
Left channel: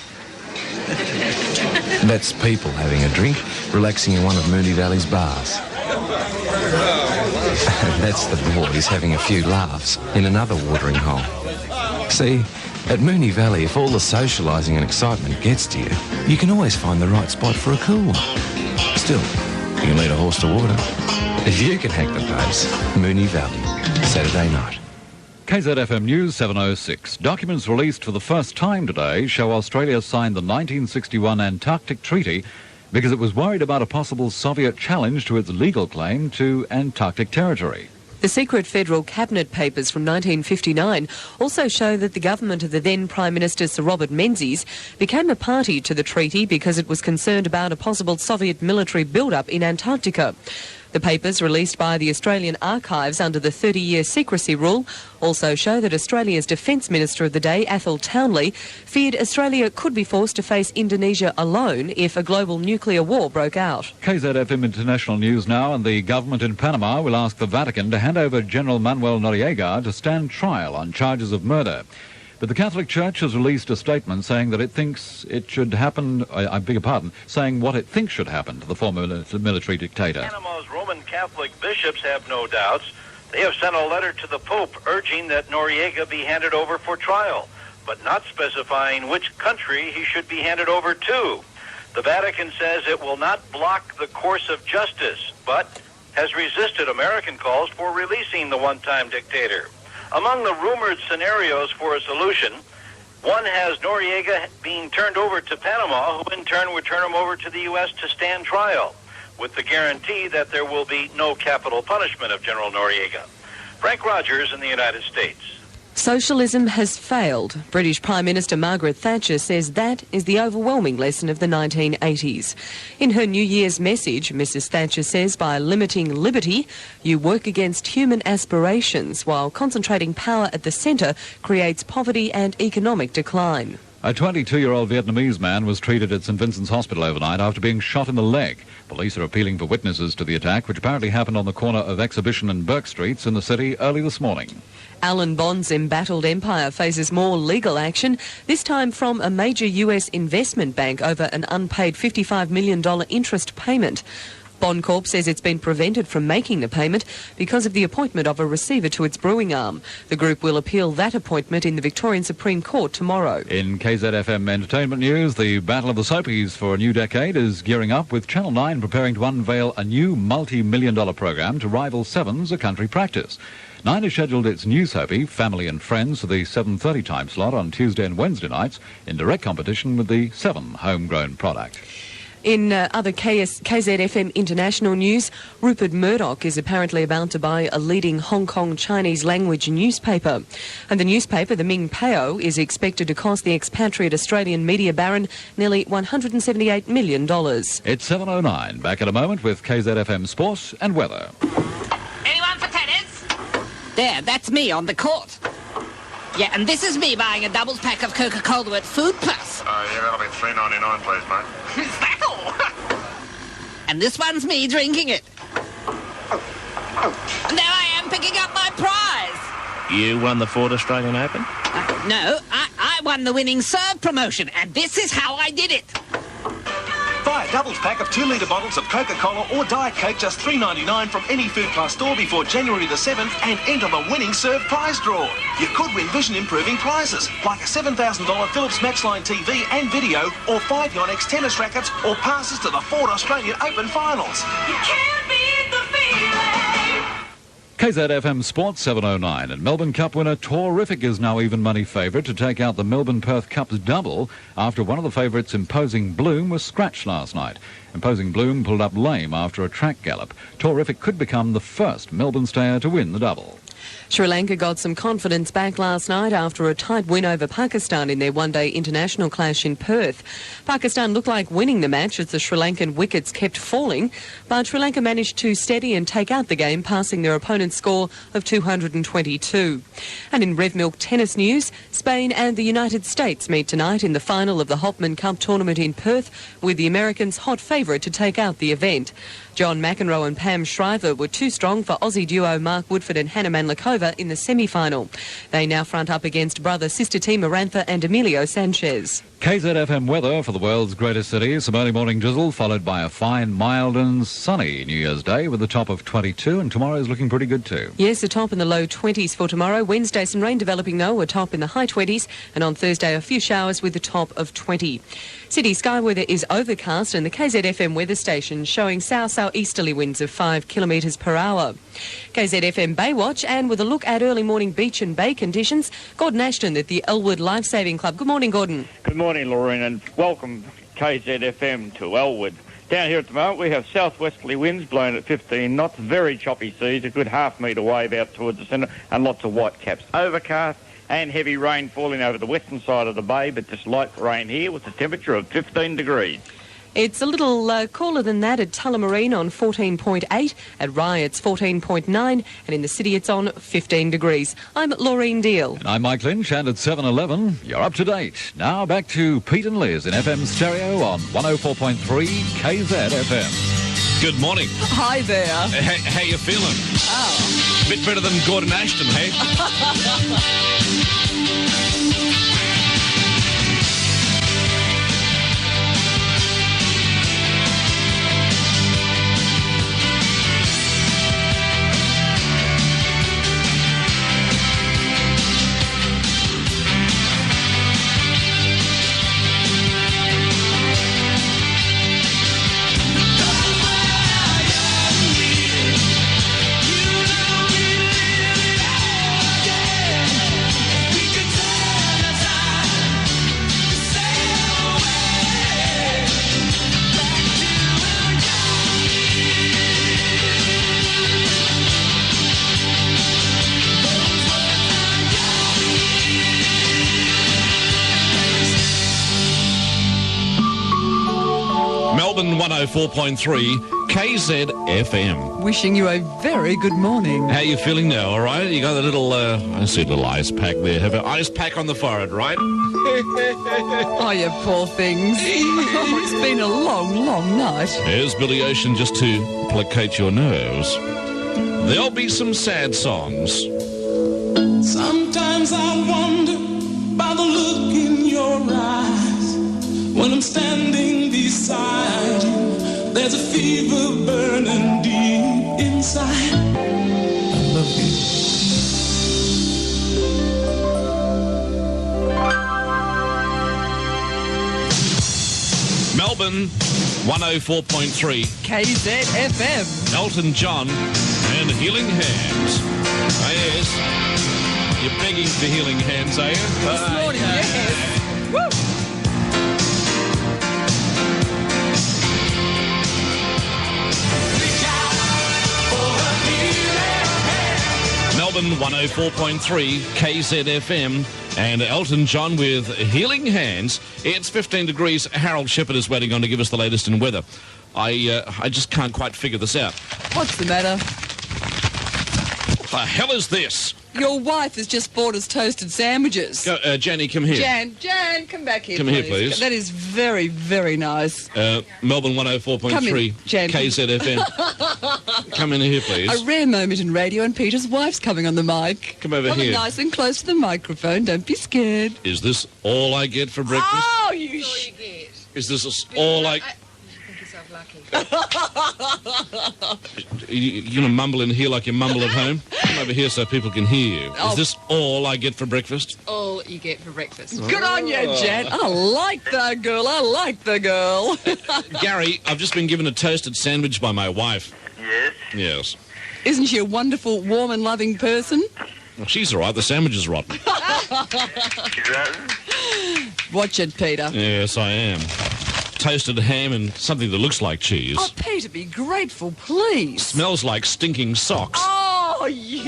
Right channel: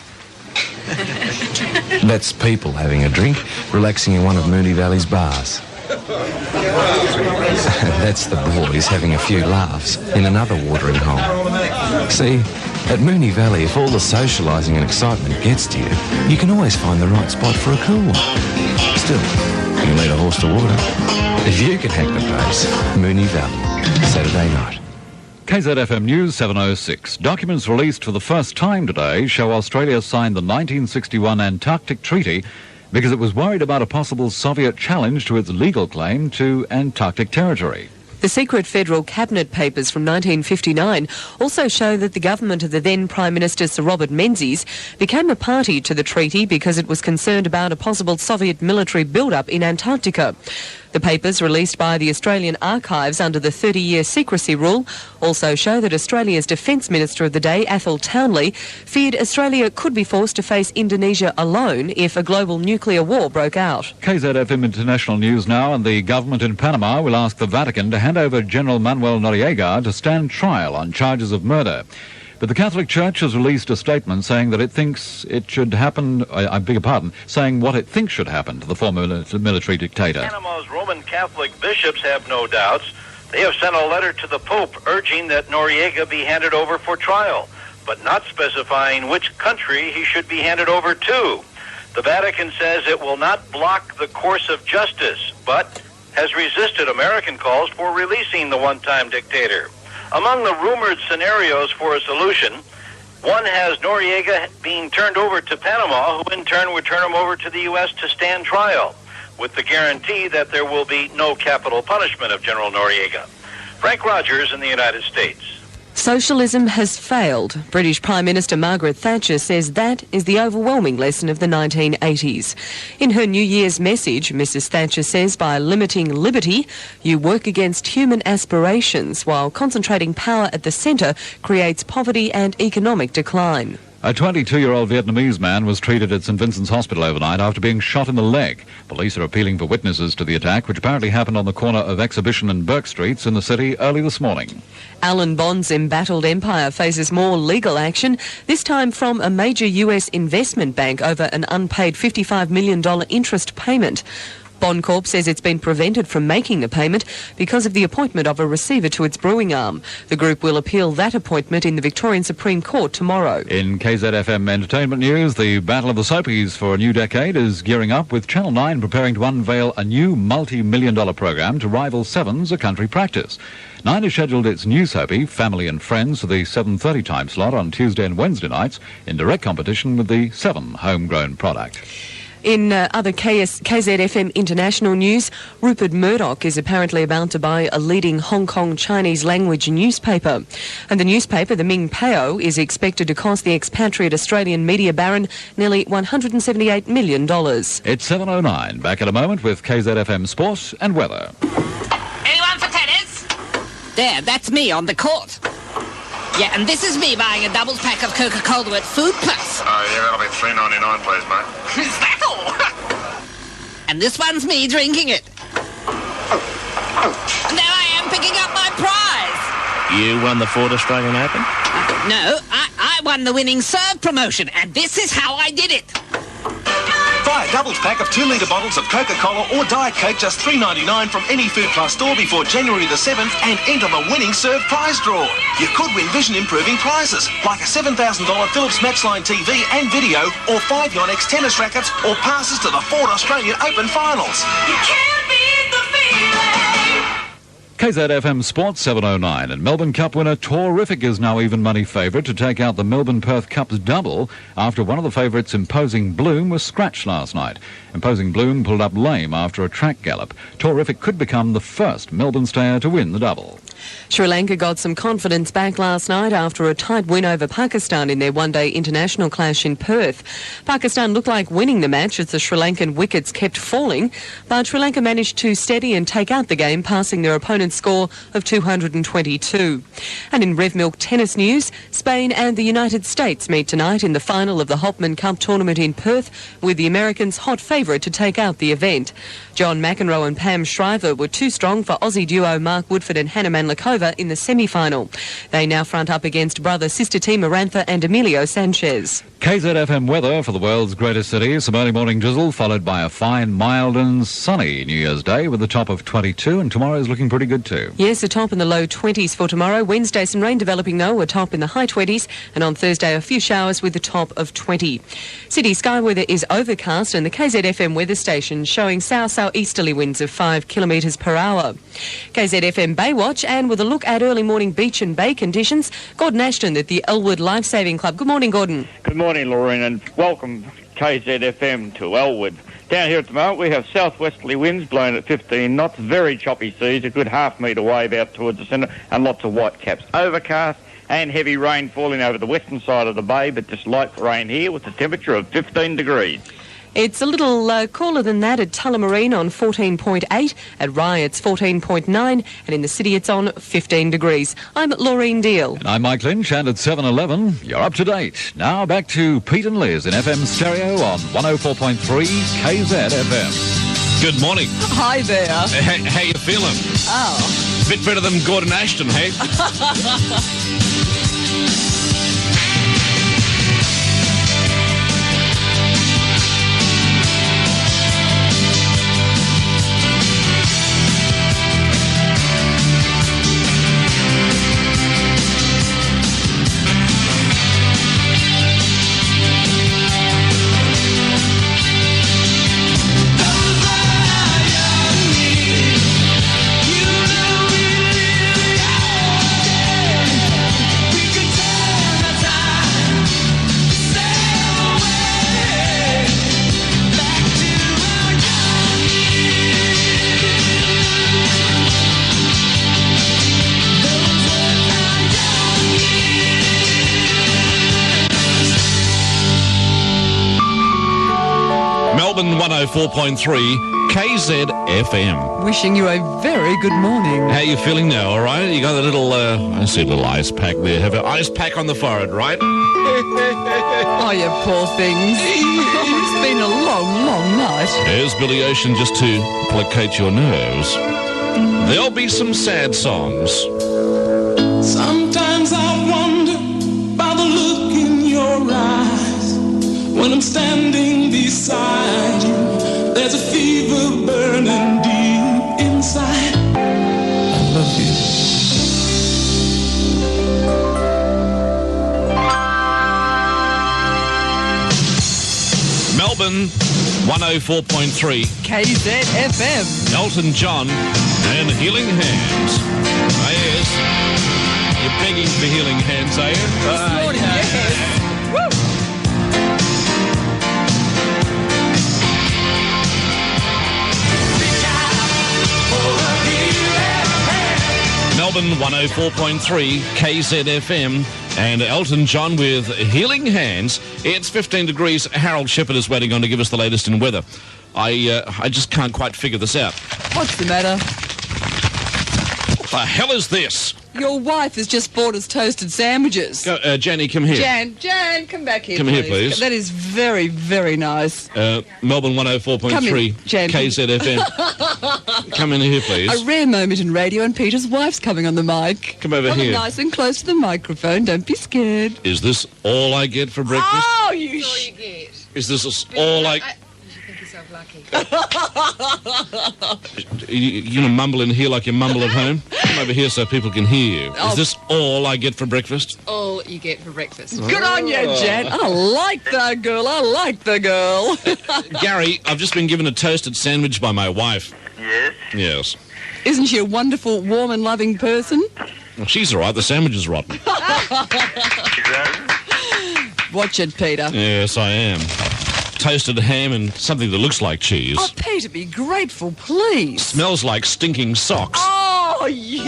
That's people having a drink, relaxing in one of Moonee Valley's bars. That's the boys having a few laughs in another watering hole. See, at Moonee Valley, if all the socialising and excitement gets to you, you can always find the right spot for a cool one. Still, you lead a horse to water. If you can hack the pace, Moonee Valley, Saturday night. KZFM News 7:06. Documents released for the first time today show Australia signed the 1961 Antarctic Treaty because it was worried about a possible Soviet challenge to its legal claim to Antarctic territory. The secret federal cabinet papers from 1959 also show that the government of the then Prime Minister Sir Robert Menzies became a party to the treaty because it was concerned about a possible Soviet military build-up in Antarctica. The papers, released by the Australian Archives under the 30-year secrecy rule, also show that Australia's Defence Minister of the day, Athol Townley, feared Australia could be forced to face Indonesia alone if a global nuclear war broke out. KZFM International News now, and the government in Panama will ask the Vatican to hand over General Manuel Noriega to stand trial on charges of murder. But the Catholic Church has released a statement saying that it thinks it should happen, saying what it thinks should happen to the former military dictator. Panama's Roman Catholic bishops have no doubts. They have sent a letter to the Pope urging that Noriega be handed over for trial, but not specifying which country he should be handed over to. The Vatican says it will not block the course of justice, but has resisted American calls for releasing the one-time dictator. Among the rumored scenarios for a solution, one has Noriega being turned over to Panama, who in turn would turn him over to the U.S. to stand trial, with the guarantee that there will be no capital punishment of General Noriega. Frank Rogers in the United States. Socialism has failed. British Prime Minister Margaret Thatcher says that is the overwhelming lesson of the 1980s. In her New Year's message, Mrs Thatcher says by limiting liberty, you work against human aspirations, while concentrating power at the centre creates poverty and economic decline. A 22-year-old Vietnamese man was treated at St Vincent's Hospital overnight after being shot in the leg. Police are appealing for witnesses to the attack, which apparently happened on the corner of Exhibition and Burke Streets in the city early this morning. Alan Bond's embattled empire faces more legal action, this time from a major US investment bank over an unpaid $55 million interest payment. Bond Corp says it's been prevented from making the payment because of the appointment of a receiver to its brewing arm. The group will appeal that appointment in the Victorian Supreme Court tomorrow. In KZFM Entertainment News, the Battle of the Soapies for a new decade is gearing up, with Channel 9 preparing to unveil a new multi-million-dollar program to rival Seven's A Country Practice. 9 has scheduled its new soapie, Family and Friends, for the 7:30 time slot on Tuesday and Wednesday nights, in direct competition with the 7 homegrown product. In other KZFM International news, Rupert Murdoch is apparently about to buy a leading Hong Kong Chinese language newspaper. And the newspaper, the Ming Pao, is expected to cost the expatriate Australian media baron nearly $178 million. It's 7:09. Back in a moment with KZFM Sport and Weather. Anyone for tennis? There, that's me on the court. Yeah, and this is me buying a doubles pack of Coca-Cola at Food Plus. Oh, yeah, that'll be $3.99, please, mate. Is that all? And this one's me drinking it. And there I am picking up my prize. You won the Ford Australian Open? No, I won the winning serve promotion, and this is how I did it. Buy a doubles pack of 2-litre bottles of Coca-Cola or Diet Coke, just $3.99 from any Food Plus store before January the 7th, and enter the winning serve prize draw. You could win vision-improving prizes, like a $7,000 Philips Matchline TV and video, or 5 Yonex tennis rackets, or passes to the Ford Australian Open finals. You can't beat the feeling. KZFM Sports 7:09, and Melbourne Cup winner Torrific is now even money favourite to take out the Melbourne-Perth Cup's double after one of the favourites, Imposing Bloom, was scratched last night. Imposing Bloom pulled up lame after a track gallop. Torrific could become the first Melbourne stayer to win the double. Sri Lanka got some confidence back last night after a tight win over Pakistan in their one-day international clash in Perth. Pakistan looked like winning the match as the Sri Lankan wickets kept falling, but Sri Lanka managed to steady and take out the game, passing their opponent's score of 222. And in Rev Milk tennis news, Spain and the United States meet tonight in the final of the Hopman Cup tournament in Perth, with the Americans hot favourite to take out the event. John McEnroe and Pam Shriver were too strong for Aussie duo Mark Woodford and Hannah Manlakova in the semi-final. They now front up against brother-sister team Arantha and Emilio Sanchez. KZFM weather for the world's greatest city. Some early morning drizzle, followed by a fine, mild and sunny New Year's Day with a top of 22, and tomorrow's looking pretty good too. Yes, a top in the low 20s for tomorrow. Wednesday, some rain developing though, a top in the high 20s, and on Thursday, a few showers with a top of 20. City sky weather is overcast, and the KZFM weather station showing south-southeasterly winds of 5 kilometres per hour. KZFM Baywatch, and with a look at early morning beach and bay conditions, Gordon Ashton at the Elwood Lifesaving Club. Good morning, Gordon. Good morning, Lauren, and welcome KZFM to Elwood. Down here at the moment, we have southwesterly winds blowing at 15 knots, very choppy seas, a good half-metre wave out towards the centre, and lots of white caps. Overcast and heavy rain falling over the western side of the bay, but just light rain here with a temperature of 15 degrees. It's a little cooler than that at Tullamarine on 14.8, at Rye it's 14.9, and in the city it's on 15 degrees. I'm Laureen Deal. And I'm Mike Lynch, and at 7:11, you're up to date. Now back to Pete and Liz in FM stereo on 104.3 KZFM. Good morning. Hi there. How you feeling? Oh. Bit better than Gordon Ashton, hey? Melbourne 104.3 KZFM. Wishing you a very good morning. How you feeling now, all right? You got a little, I see a little ice pack there. Have an ice pack on the forehead, right? Oh, you poor things. Oh, it's been a long, long night. There's Billy Ocean just to placate your nerves. There'll be some sad songs. Sometimes I wonder by the look in your eyes. When I'm standing beside you, there's a fever burning deep inside. I love you. Melbourne 104.3 KZFM. Elton John and Healing Hands. Ah, yes. You're begging for healing hands, are you? This morning, yes. Woo! Melbourne 104.3 KZFM and Elton John with Healing Hands. It's 15 degrees. Harold Shepherd is waiting on to give us the latest in weather. I just can't quite figure this out. What's the matter? What the hell is this? Your wife has just bought us toasted sandwiches. Jenny, come here. Jan, come back here, Come please. here, please. That is very, very nice. Melbourne 104.3 KZFM. Come in here, please. A rare moment in radio, and Peter's wife's coming on the mic. Come over here. Nice and close to the microphone. Don't be scared. Is this all I get for breakfast? Oh, you Is this all I... You're going to mumble in here like you mumble at home? Come over here so people can hear you. Is this all I get for breakfast? All you get for breakfast. Good on you, Jan. I like the girl. I like the girl. Gary, I've just been given a toasted sandwich by my wife. Yes? Yes. Isn't she a wonderful, warm and loving person? Well, she's all right. The sandwich is rotten. Watch it, Peter. Yes, I am. Toasted ham and something that looks like cheese. Oh, Peter, be grateful, please. Smells like stinking socks. Oh, you.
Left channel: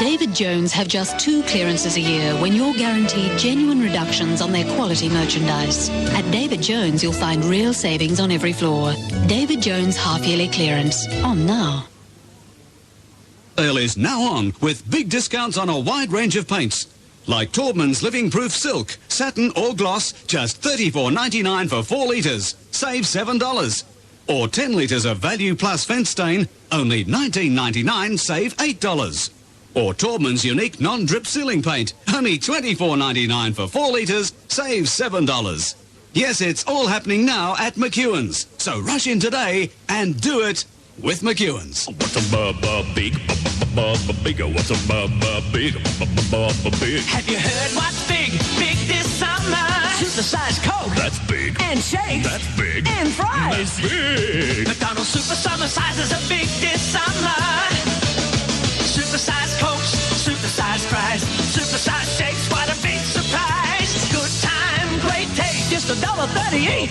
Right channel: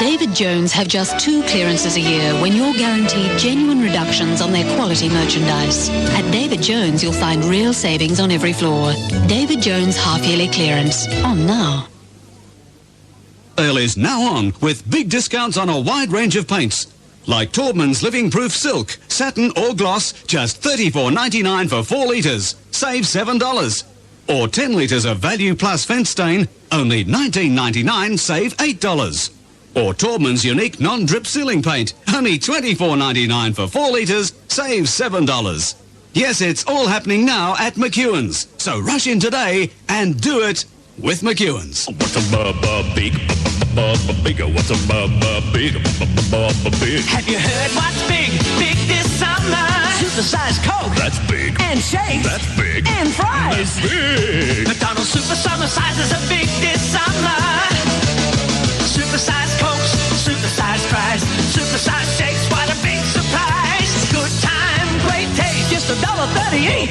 David Jones have just 2 clearances a year when you're guaranteed genuine reductions on their quality merchandise. At David Jones, you'll find real savings on every floor. David Jones half-yearly clearance. On now. Sale is now on with big discounts on a wide range of paints. Like Taubman's Living Proof Silk, satin or gloss, just $34.99 for 4 litres, save $7. Or 10 litres of Value Plus Fence Stain, only $19.99, save $8. Or Taubman's Unique Non-Drip Ceiling Paint, only $24.99 for 4 litres, save $7. Yes, it's all happening now at McEwen's. So rush in today and do it with McEwen's. What's a big? Bigger, what's a big? Have you heard what's big? Big this summer. Supersized Coke. That's big. And shakes. That's big. And fries. That's big. McDonald's Super Summer sizes are big this summer. Supersized Cokes, supersized fries, supersized shakes. What a big surprise. Good time, great taste. Just $1.38.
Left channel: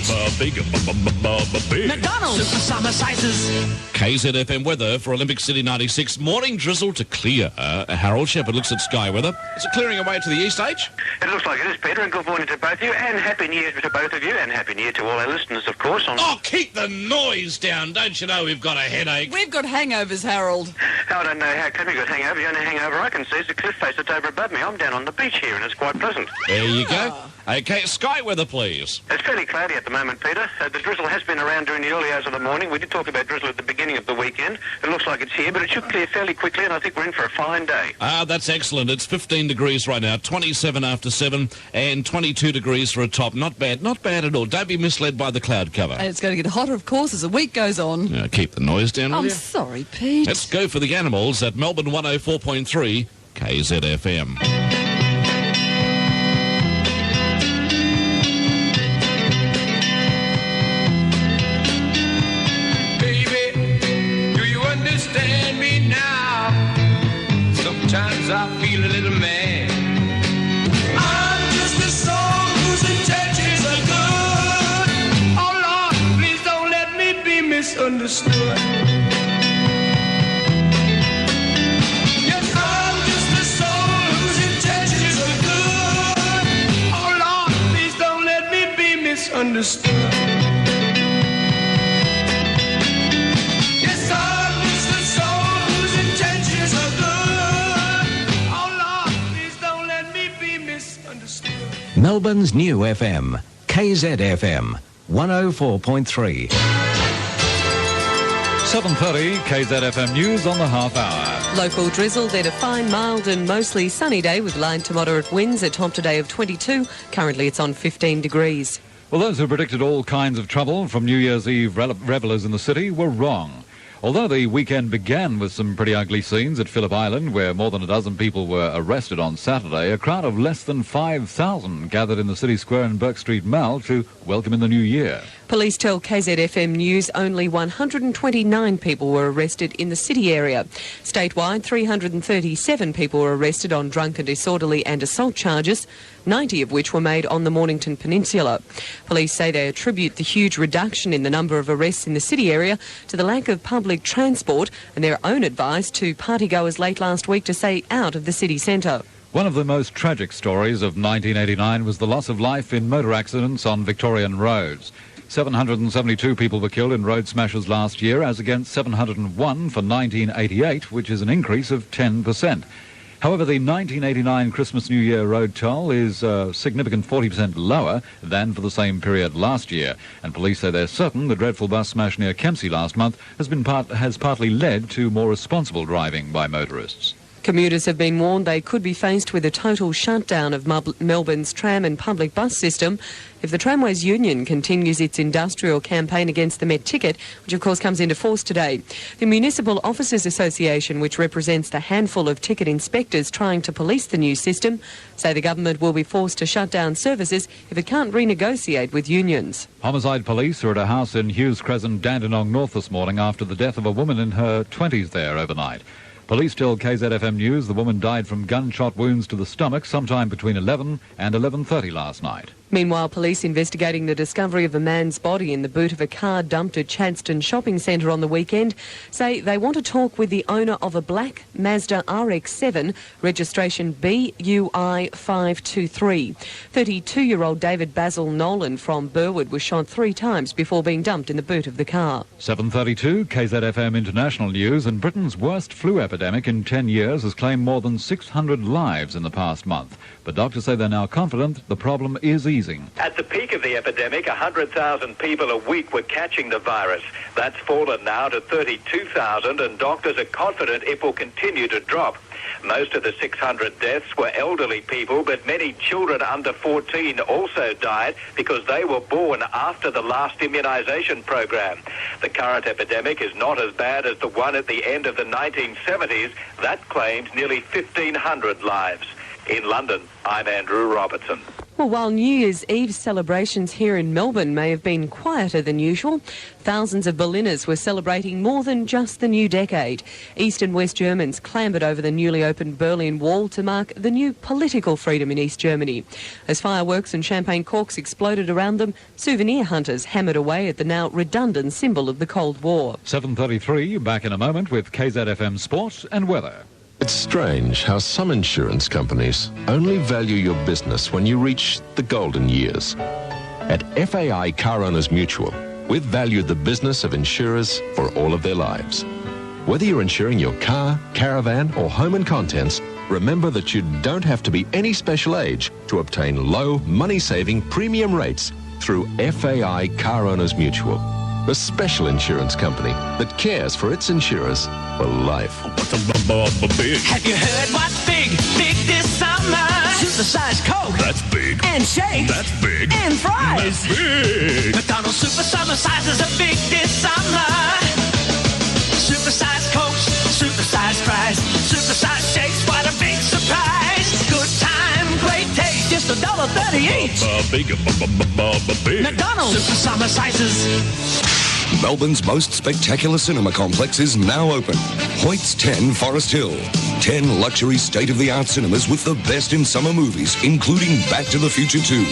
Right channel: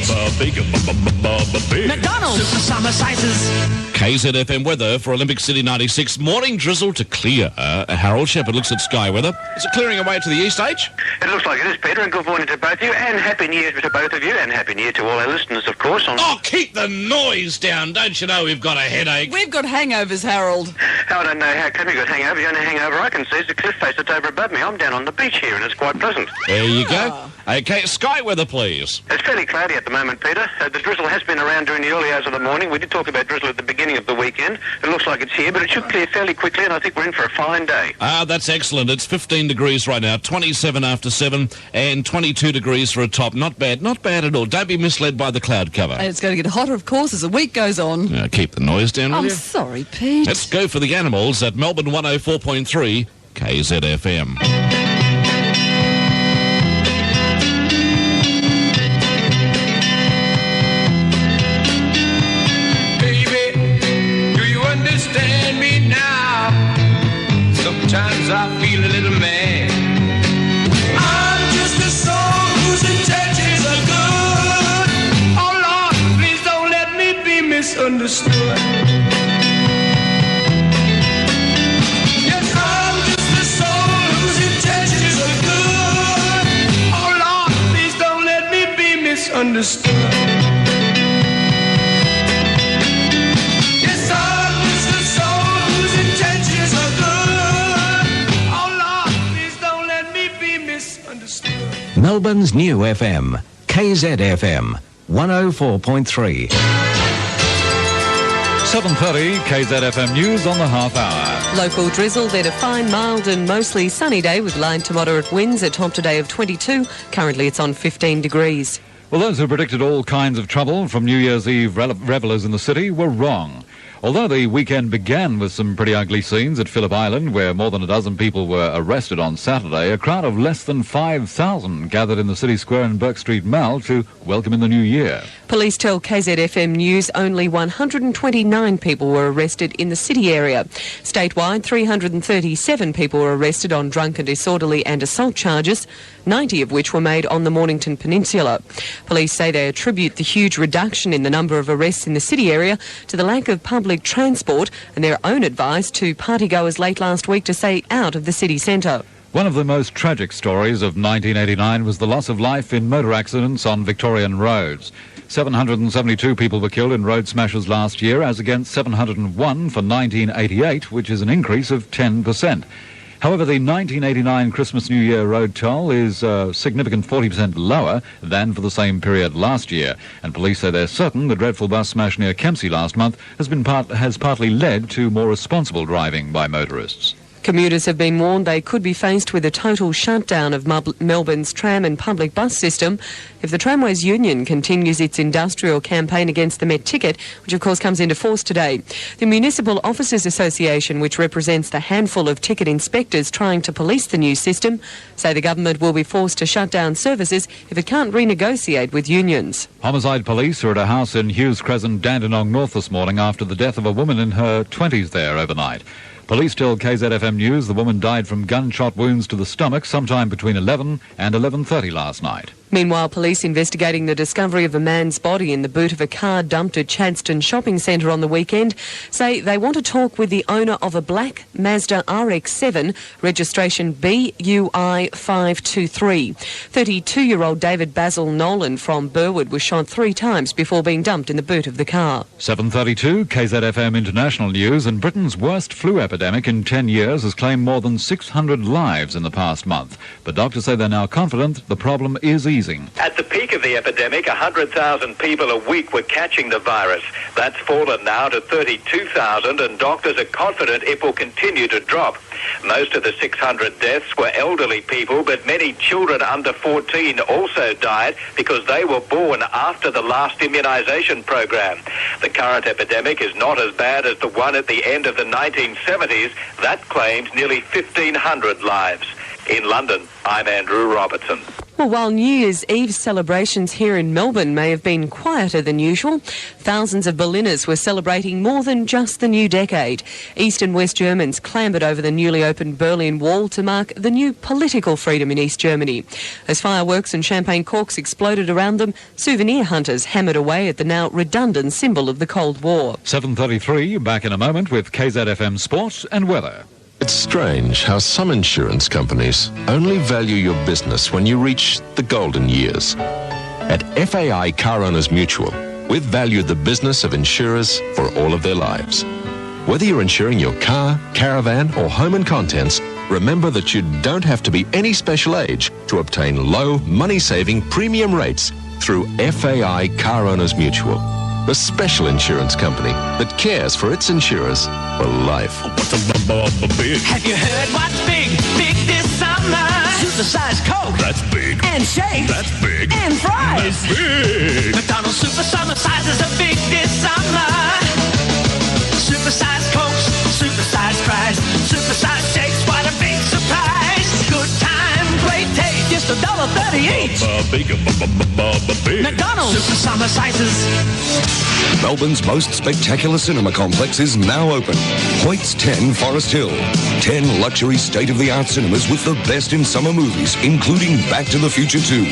McDonald's summer sizes. KZFM weather for Olympic City 96. Morning drizzle to clear. Harold Shepherd looks at sky weather. Is it clearing away to the east, H? It looks like it is, Peter, and good morning to both of you, and Happy New Year to both of you, and Happy New Year to all our listeners, of course. Oh, keep the noise down. Don't you know we've got a headache? We've got hangovers, Harold. I don't know how come you got hangover. The only hangover I can see is the cliff face that's over above me. I'm down on the beach here, and it's quite pleasant. There you go. Okay, sky weather, please. It's fairly cloudy at the moment, Peter. The drizzle has been around during the early hours of the morning. We did talk about drizzle at the beginning of the weekend. It looks like it's here, but it should clear fairly quickly, and I think we're in for a fine day. That's excellent. It's 15 degrees right now, 27 after 7, and 22 degrees for a top. Not bad at all. Don't be misled by the cloud cover. And it's going to get hotter, of course, as the week goes on. Keep the noise down, will I'm you? sorry, Pete. Let's go for the animals at Melbourne 104.3 KZFM. Sometimes I feel a little mad. I'm just a soul whose intentions are good. Oh Lord, please don't let me be misunderstood. Yes, I'm just a soul whose intentions are good. Oh Lord, please don't let me be misunderstood. Melbourne's new FM, KZFM, 104.3. 7:30 KZFM News on the half hour. Local drizzle, then a fine, mild and mostly sunny day with light to moderate winds, a top today of 22. Currently it's on 15 degrees. Well, those who predicted all kinds of trouble from New Year's Eve revellers in the city were wrong. Although the weekend began with some pretty ugly scenes at Phillip Island, where more than a dozen people were arrested on Saturday, a crowd of less than 5,000 gathered in the city square in Burke Street Mall to welcome in the new year. Police tell KZFM News only 129 people were arrested in the city area. Statewide, 337 people were arrested on drunken, disorderly and assault charges, 90 of which were made on the Mornington Peninsula. Police say they attribute the huge reduction in the number of arrests in the city area to the lack of public transport and their own advice to partygoers late last week to stay out of the city centre. One of the most tragic stories of 1989 was the loss of life in motor accidents on Victorian roads. 772 people were killed in road smashes last year, as against 701 for 1988, which is an increase of 10%. However, the 1989 Christmas New Year road toll is a significant 40% lower than for the same period last year. And police say they're certain the dreadful bus smash near Kempsey last month has partly led to more responsible driving by motorists. Commuters have been warned they could be faced with a total shutdown of Melbourne's tram and public bus system if the Tramways Union continues its industrial campaign against the Met ticket, which of course comes into force today. The Municipal Officers Association, which represents the handful of ticket inspectors trying to police the new system, say the government will be forced to shut down services if it can't renegotiate with unions. Homicide police are at a house in Hughes Crescent, Dandenong North this morning after the death of a woman in her 20s there overnight. Police tell KZFM News the woman died from gunshot wounds to the stomach sometime between 11 and 11:30 last night. Meanwhile, police investigating the discovery of a man's body in the boot of a car dumped at Chadstone Shopping Centre on the weekend say they want to talk with the owner of a black Mazda RX-7, registration BUI 523. 32-year-old David Basil Nolan from Burwood was shot 3 times before being dumped in the boot of the car. 7:32 KZFM International News, and Britain's worst flu epidemic in 10 years has claimed more than 600 lives in the past month. But doctors say they're now confident the problem is easing. At the peak of the epidemic, 100,000 people a week were catching the virus. That's fallen now to 32,000, and doctors are confident it will continue to drop. Most of the 600 deaths were elderly people, but many children under 14 also died because they were born after the last immunisation program. The current epidemic is not as bad as the one at the end of the 1970s. That claimed nearly 1,500 lives. In London, I'm Andrew Robertson. Well, while New Year's Eve celebrations here in Melbourne may have been quieter than usual, thousands of Berliners were celebrating more than just the new decade. East and West Germans clambered over the newly opened Berlin Wall to mark the new political freedom in East Germany. As fireworks and champagne corks exploded around them, souvenir hunters hammered away at the now redundant symbol of the Cold War. 7:33, back in a moment with KZFM Sport and Weather. It's strange how some insurance companies only value your business when you reach the golden years. At FAI Car Owners Mutual, we've valued the business of insurers for all of their lives. Whether you're insuring your car, caravan or home and contents, remember that you don't have to be any special age to obtain low, money-saving premium rates through FAI Car Owners Mutual, the special insurance company that cares for its insurers for life. Have you heard what's big? Big this summer. Supersized Coke. That's big. And shakes. That's big. And fries. That's big. McDonald's Super Summer sizes are big this summer. Supersized Cokes. Supersized fries. Supersized shakes. What a big surprise. Good time. Great taste. Just $1.30 each. Big. McDonald's Super Summer sizes. Melbourne's most spectacular cinema complex is now open. Hoyt's 10 Forest Hill. 10 luxury state-of-the-art cinemas with the best in summer movies, including Back to the Future 2,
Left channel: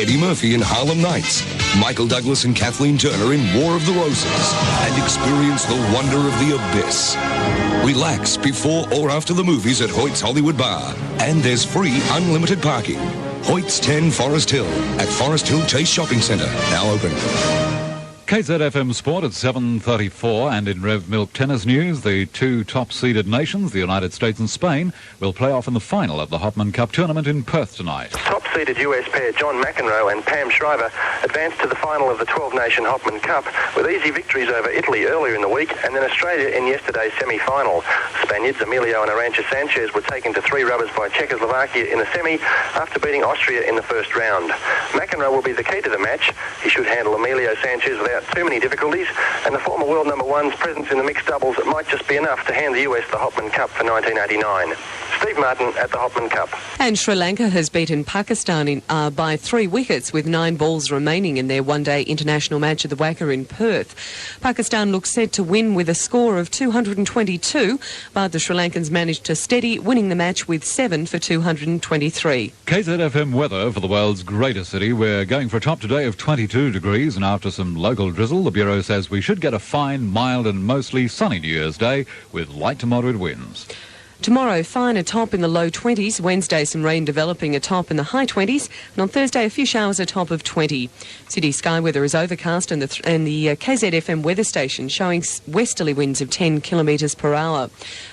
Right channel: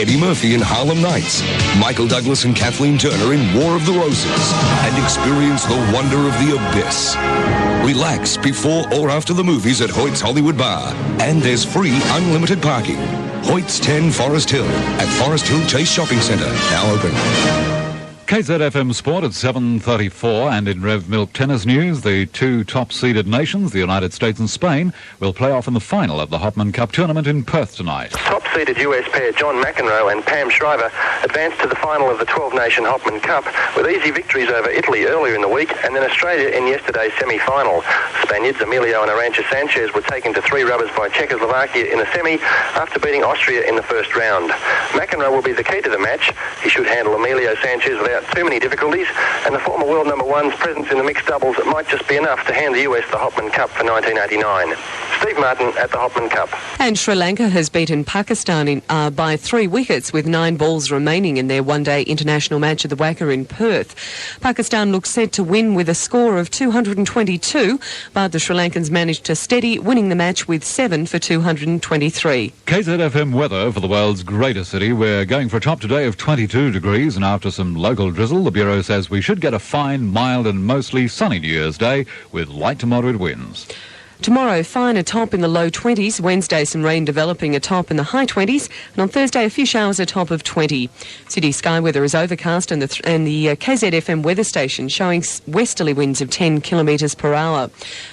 Eddie Murphy in Harlem Nights, Michael Douglas and Kathleen Turner in War of the Roses, and experience the wonder of the abyss. Relax before or after the movies at Hoyt's Hollywood Bar, and there's free unlimited parking. Hoyt's 10 Forest Hill at Forest Hill Chase Shopping Centre, now open. KZFM Sport at 7:34, and in Rev Milk tennis news, the two top-seeded nations, the United States and Spain, will play off in the final of the Hopman Cup tournament in Perth tonight. Top-seeded US pair John McEnroe and Pam Shriver advanced to the final of the 12-nation Hopman Cup with easy victories over Italy earlier in the week and then Australia in yesterday's semi-final. Spaniards Emilio and Arantxa Sanchez were taken to 3 rubbers by Czechoslovakia in the semi after beating Austria in the first round. McEnroe will be the key to the match. He should handle Emilio Sanchez without too many difficulties, and the former world number one's presence in the mixed doubles might just be enough to hand the US the Hopman Cup for 1989. Steve Martin at the Hopman Cup. And Sri Lanka has beaten Pakistan by 3 wickets with 9 balls remaining in their one-day international match at the WACA in Perth. Pakistan looks set to win with a score of 222, but the Sri Lankans managed to steady, winning the match with 7 for 223. KZFM weather for the world's greatest city. We're going for a top today of 22 degrees, and after some local drizzle, the Bureau says we should get a fine, mild and mostly sunny New Year's Day with light to moderate winds. Tomorrow, fine, a top in the low 20s. Wednesday, some rain developing, a top in the high 20s. And on Thursday, a few showers, a top of 20. City sky weather is overcast, and the KZFM weather station showing westerly winds of 10 kilometres per hour.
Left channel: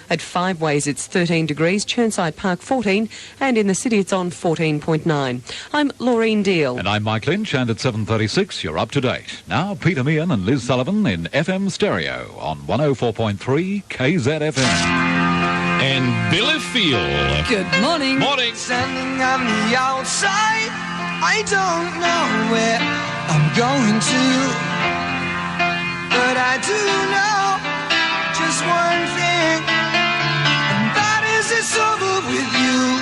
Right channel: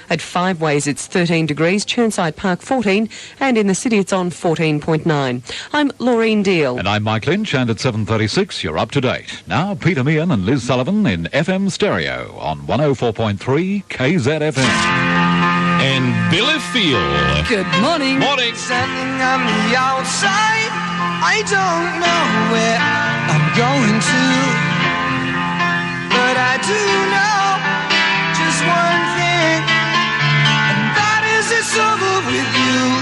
At Five Ways, it's 13 degrees, Churnside Park 14, and in the city it's on 14.9. I'm Laureen Deal. And I'm Mike Lynch, and at 7:36, you're up to date. Now, Peter Meehan and Liz Sullivan in FM stereo on 104.3 KZFM. And Billy Field. Good morning. Morning. Standing on the outside, I don't know where I'm going to, but I do know just one thing, and that is it's over with you.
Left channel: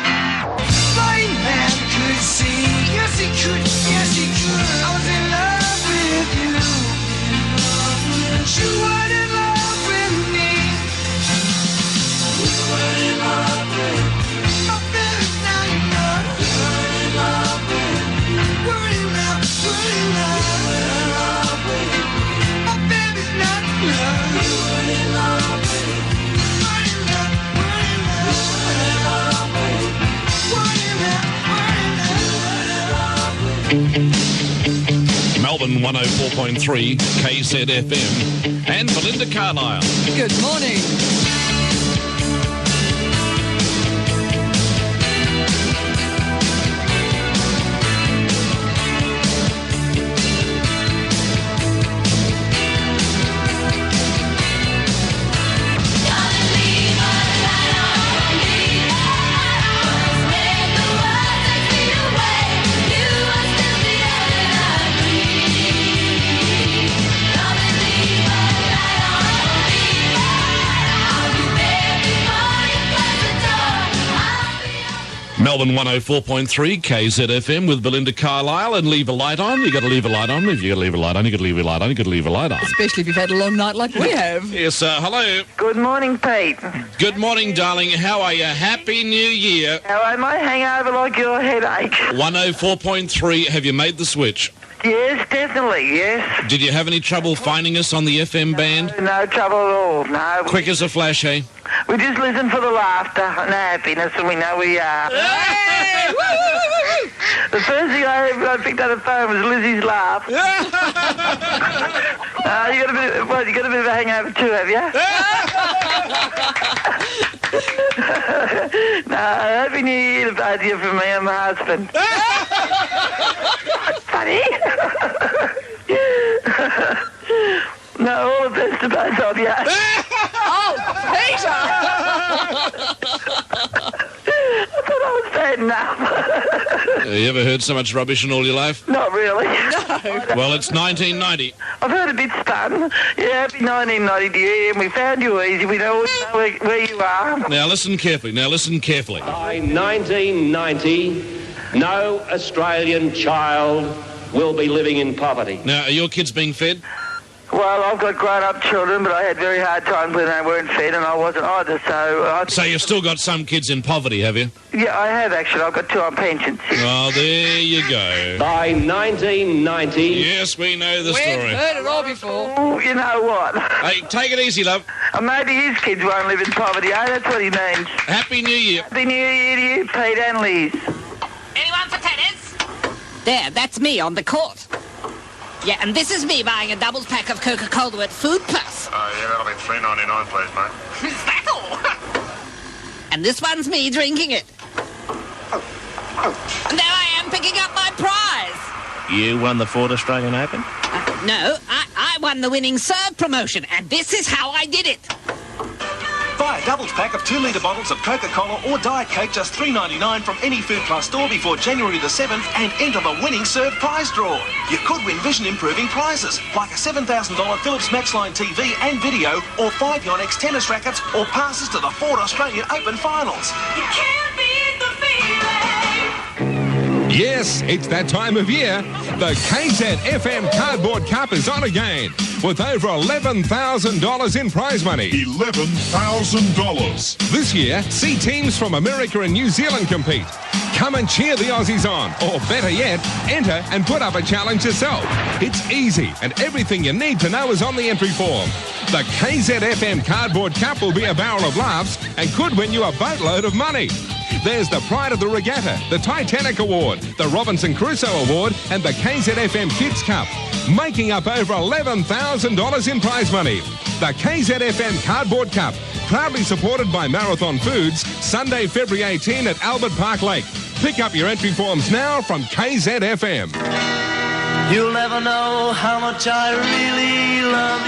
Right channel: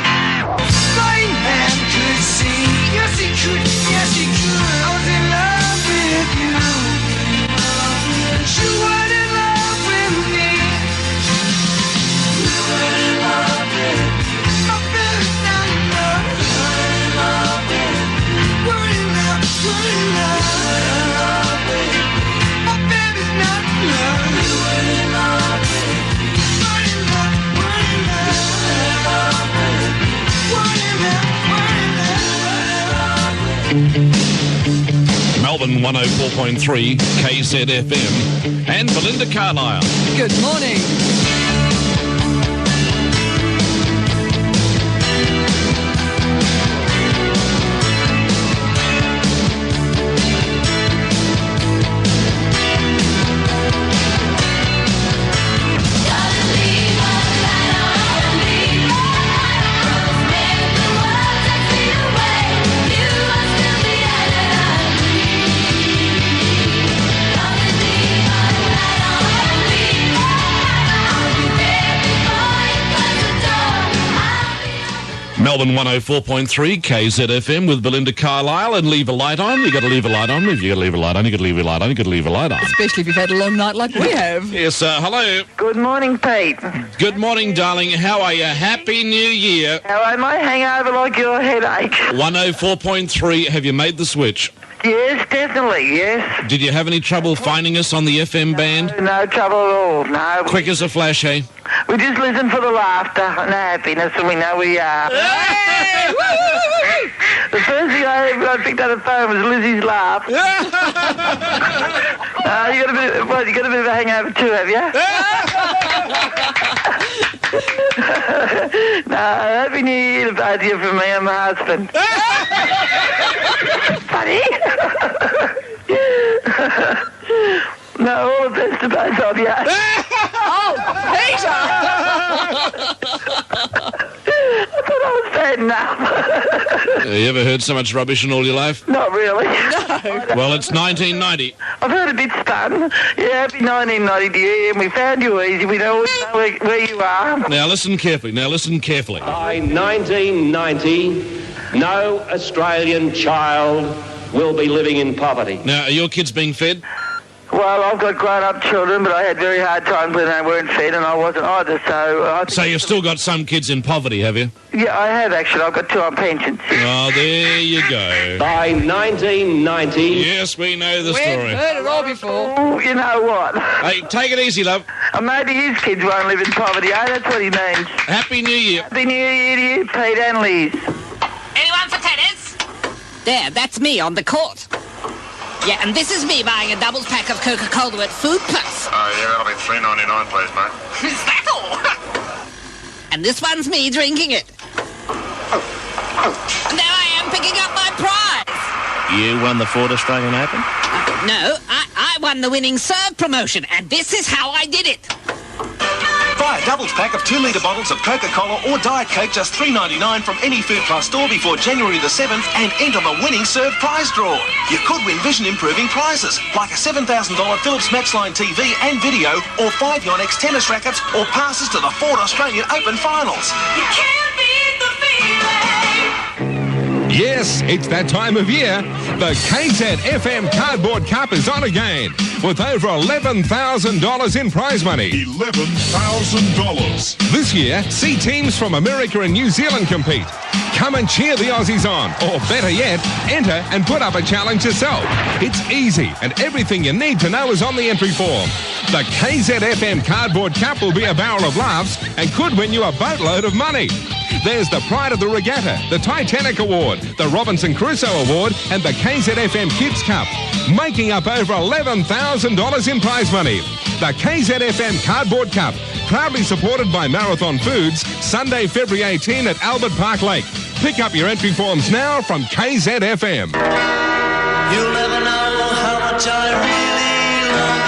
Blind man could see, yes he could, yes he could. I was in love with you, and you weren't in love with me. We were in love with nothing, not love. We were in love with, we're in love, we're in love with. My baby's not love. We were in love with, we're in love, we're in love with. We're in love, we're in love with. Melbourne 104.3 KZFM. And Belinda Carlisle. Good morning. Melbourne 104.3 KZFM with Belinda Carlisle, and leave a light on. You've got to leave a light on. If you've got to leave a light on, you've got to leave a light on. You've got to leave a light on. Especially if you've had a long night like we have. Yes, hello. Good morning, Pete. Good morning, darling. How are you? Happy New Year. Hello, my hangover like your headache. 104.3. Have you made the switch? Yes, definitely, yes. Did you have any trouble finding us on the FM band? No trouble at all, no. Quick as a flash, hey? We just listen for the laughter and the happiness, and we know we are. The first thing I picked up the phone was Lizzie's laugh. You got a bit of a hangover too, have you? No, happy New Year to both of you from me and my husband. Funny? No, all the best to both of you. Oh, Peter! I thought I was bad enough. You ever heard so much rubbish in all your life? Not really. No. Well, it's 1990. I've heard a bit spun. Yeah, happy 1990 to you, and we found you easy. We know where you are. Now listen carefully. By 1990, no Australian child will be living in poverty. Now, are your kids being fed? Well, I've got grown-up children, but I had very hard times when they weren't fed, and I wasn't either, so... So you've still got some kids in poverty, have you? Yeah, I have, actually. I've got 2 on pensions. Oh, there you go. By 1990... Yes, we know the story. We've heard it all before. Oh, you know what? Hey, take it easy, love. Maybe his kids won't live in poverty, eh? That's what he means. Happy New Year. Happy New Year to you, Pete and Liz. Anyone for tennis? There, that's me on the court. Yeah, and this is me buying a doubles pack of Coca-Cola at Food Plus. Oh, yeah, that'll be $3.99, please, mate. Is that all? And this one's me drinking it. And there I am picking up my prize. You won the Ford Australian Open? No, I won the winning serve promotion, and this is how I did it. Buy a doubles pack of 2-litre bottles of Coca-Cola or Diet Coke, just $3.99 from any Food Plus store before January the 7th, and enter the winning serve prize draw. You could win vision-improving prizes, like a $7,000 Philips Matchline TV and video, or 5 Yonex tennis rackets, or passes to the Ford Australian Open finals. You can't beat the feeling. Yes, it's that time of year. The KZFM Cardboard Cup is on again, with over $11,000 in prize money. $11,000. This year, see teams from America and New Zealand compete. Come and cheer the Aussies on, or better yet, enter and put up a challenge yourself. It's easy, and everything you need to know is on the entry form. The KZFM Cardboard Cup will be a barrel of laughs and could win you a boatload of money. There's the Pride of the Regatta, the Titanic Award, the Robinson Crusoe Award, and the KZFM Kids Cup, making up over $11,000 in prize money. The KZFM Cardboard Cup, proudly supported by Marathon Foods, Sunday, February 18 at Albert Park Lake. Pick up your entry forms now from KZFM. You'll never know how much I really love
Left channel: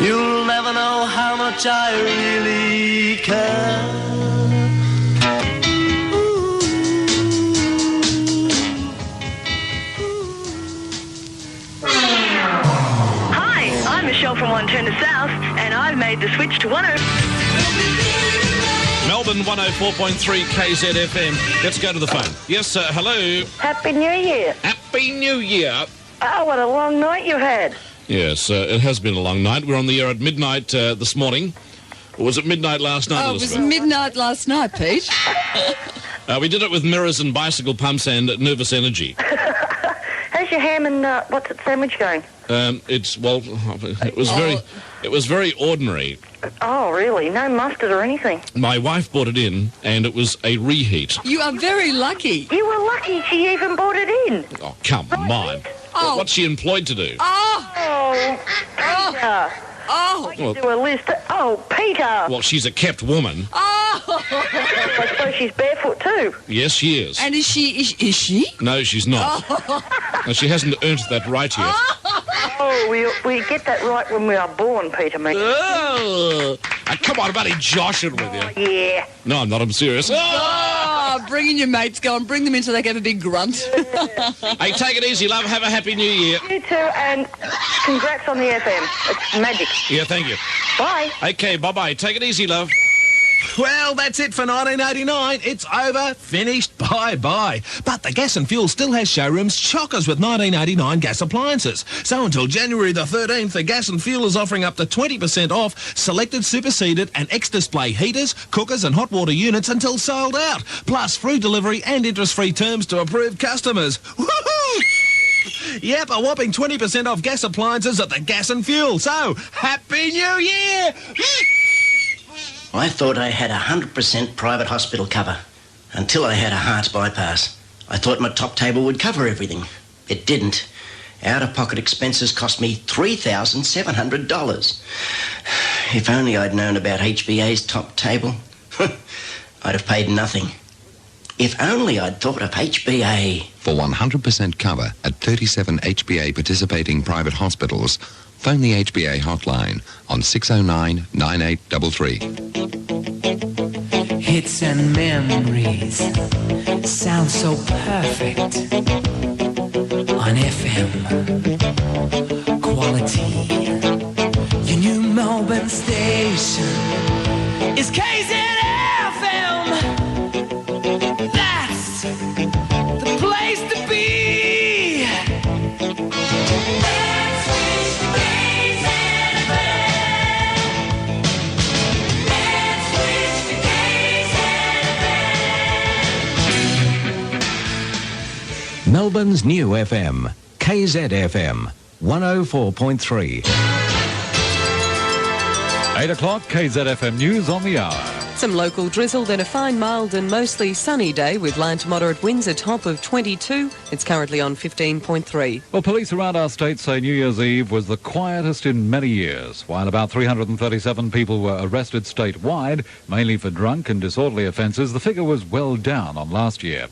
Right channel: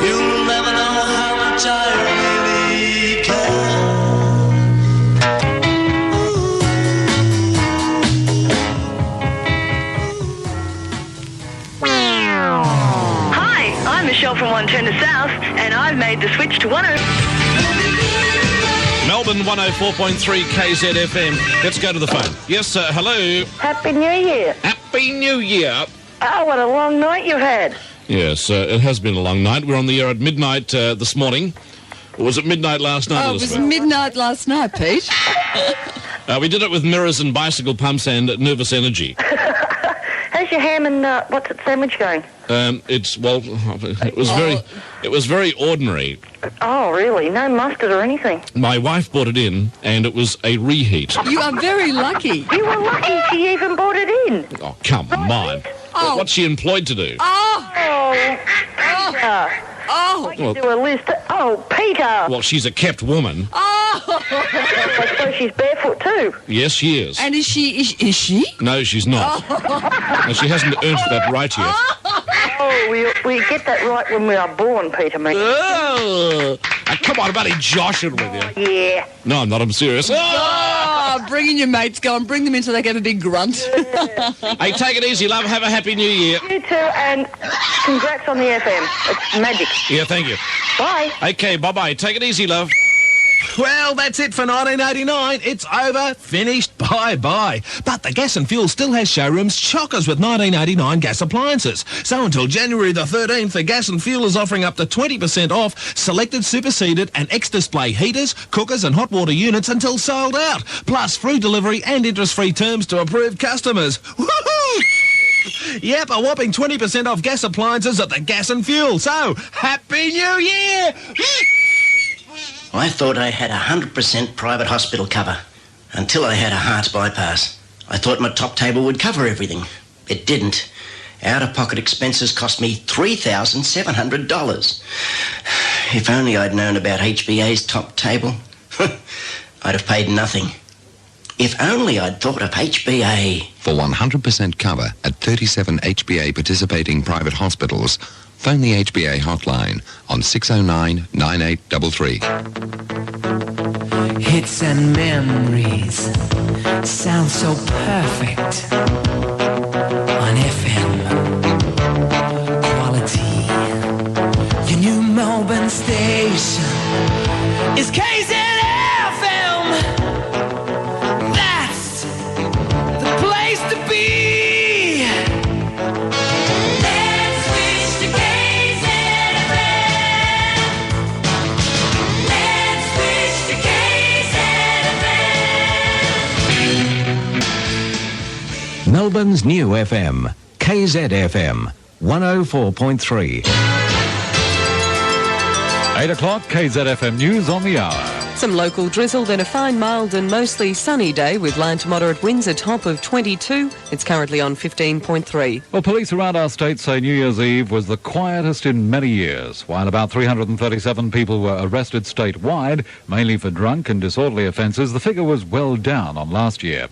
you. You'll never know how much I really care. Hi, I'm Michelle from 110 South, and I've made the switch to 10. Melbourne 104.3 KZFM. Let's go to the phone. Yes, hello. Happy New Year. Happy New Year. Oh, what a long night you've had. Yes, it has been a long night. We're on the air at midnight this morning. Or was it midnight last night? Oh, it was midnight last night, Pete. We did it with mirrors and bicycle pumps and nervous energy. How's your ham and what's it sandwich going? It was very ordinary. Oh, really? No mustard or anything? My wife brought it in, and it was a reheat. You are very lucky. You were lucky she even brought it in. Oh, come on. Oh. What's she employed to do? Oh! Peter. Oh! Well, Do a list. Oh, Peter. well, she's a kept woman. Oh! I suppose she's barefoot too. Yes, she is. And is she? No, she's not. Oh. No, she hasn't earned that right yet. Oh, we get that right when we are born, Peter. Oh, come on, I'm only joshing with you. Yeah. No, I'm not. I'm serious. Oh, bring in your mates. Go and bring them in so they can have a big grunt. Hey, take it easy, love. Have a happy New Year. You too, and congrats on the FM. It's magic. Yeah, thank you. Bye. Okay, bye-bye. Take it easy, love. Well, that's it for 1989. It's over, finished, bye-bye. But the Gas and Fuel still has showrooms chockers with 1989 gas appliances. So until January the 13th, the Gas and Fuel is offering up to 20% off selected superseded and X-display heaters, cookers and hot water units until sold out. Plus free delivery and interest-free terms to approved customers. Woohoo! Yep, a whopping 20% off gas appliances at the Gas and Fuel. So, Happy New Year! I thought I had 100% private hospital cover until I had a heart bypass. I thought my top table would cover everything. It didn't. Out-of-pocket expenses cost me $3,700. If only I'd known about HBA's top table, I'd have paid nothing. If only I'd thought of HBA. For 100% cover at 37 HBA participating private hospitals, phone the HBA hotline on 609 9833. Hits and memories sound so perfect on FM quality. Your new Melbourne station is KZFM. That's the place to be. Let's switch to KZFM. Let's switch to KZFM. Melbourne's new FM, KZFM 104.3. 8 o'clock, KZFM News on the hour. Some local drizzle, then a fine, mild and mostly sunny day with light to moderate winds, a top of 22. It's currently on 15.3. Well, police around our state say New Year's Eve was the quietest in many years. While about 337 people were arrested statewide, mainly for drunk and disorderly offences, the figure was well down on last year.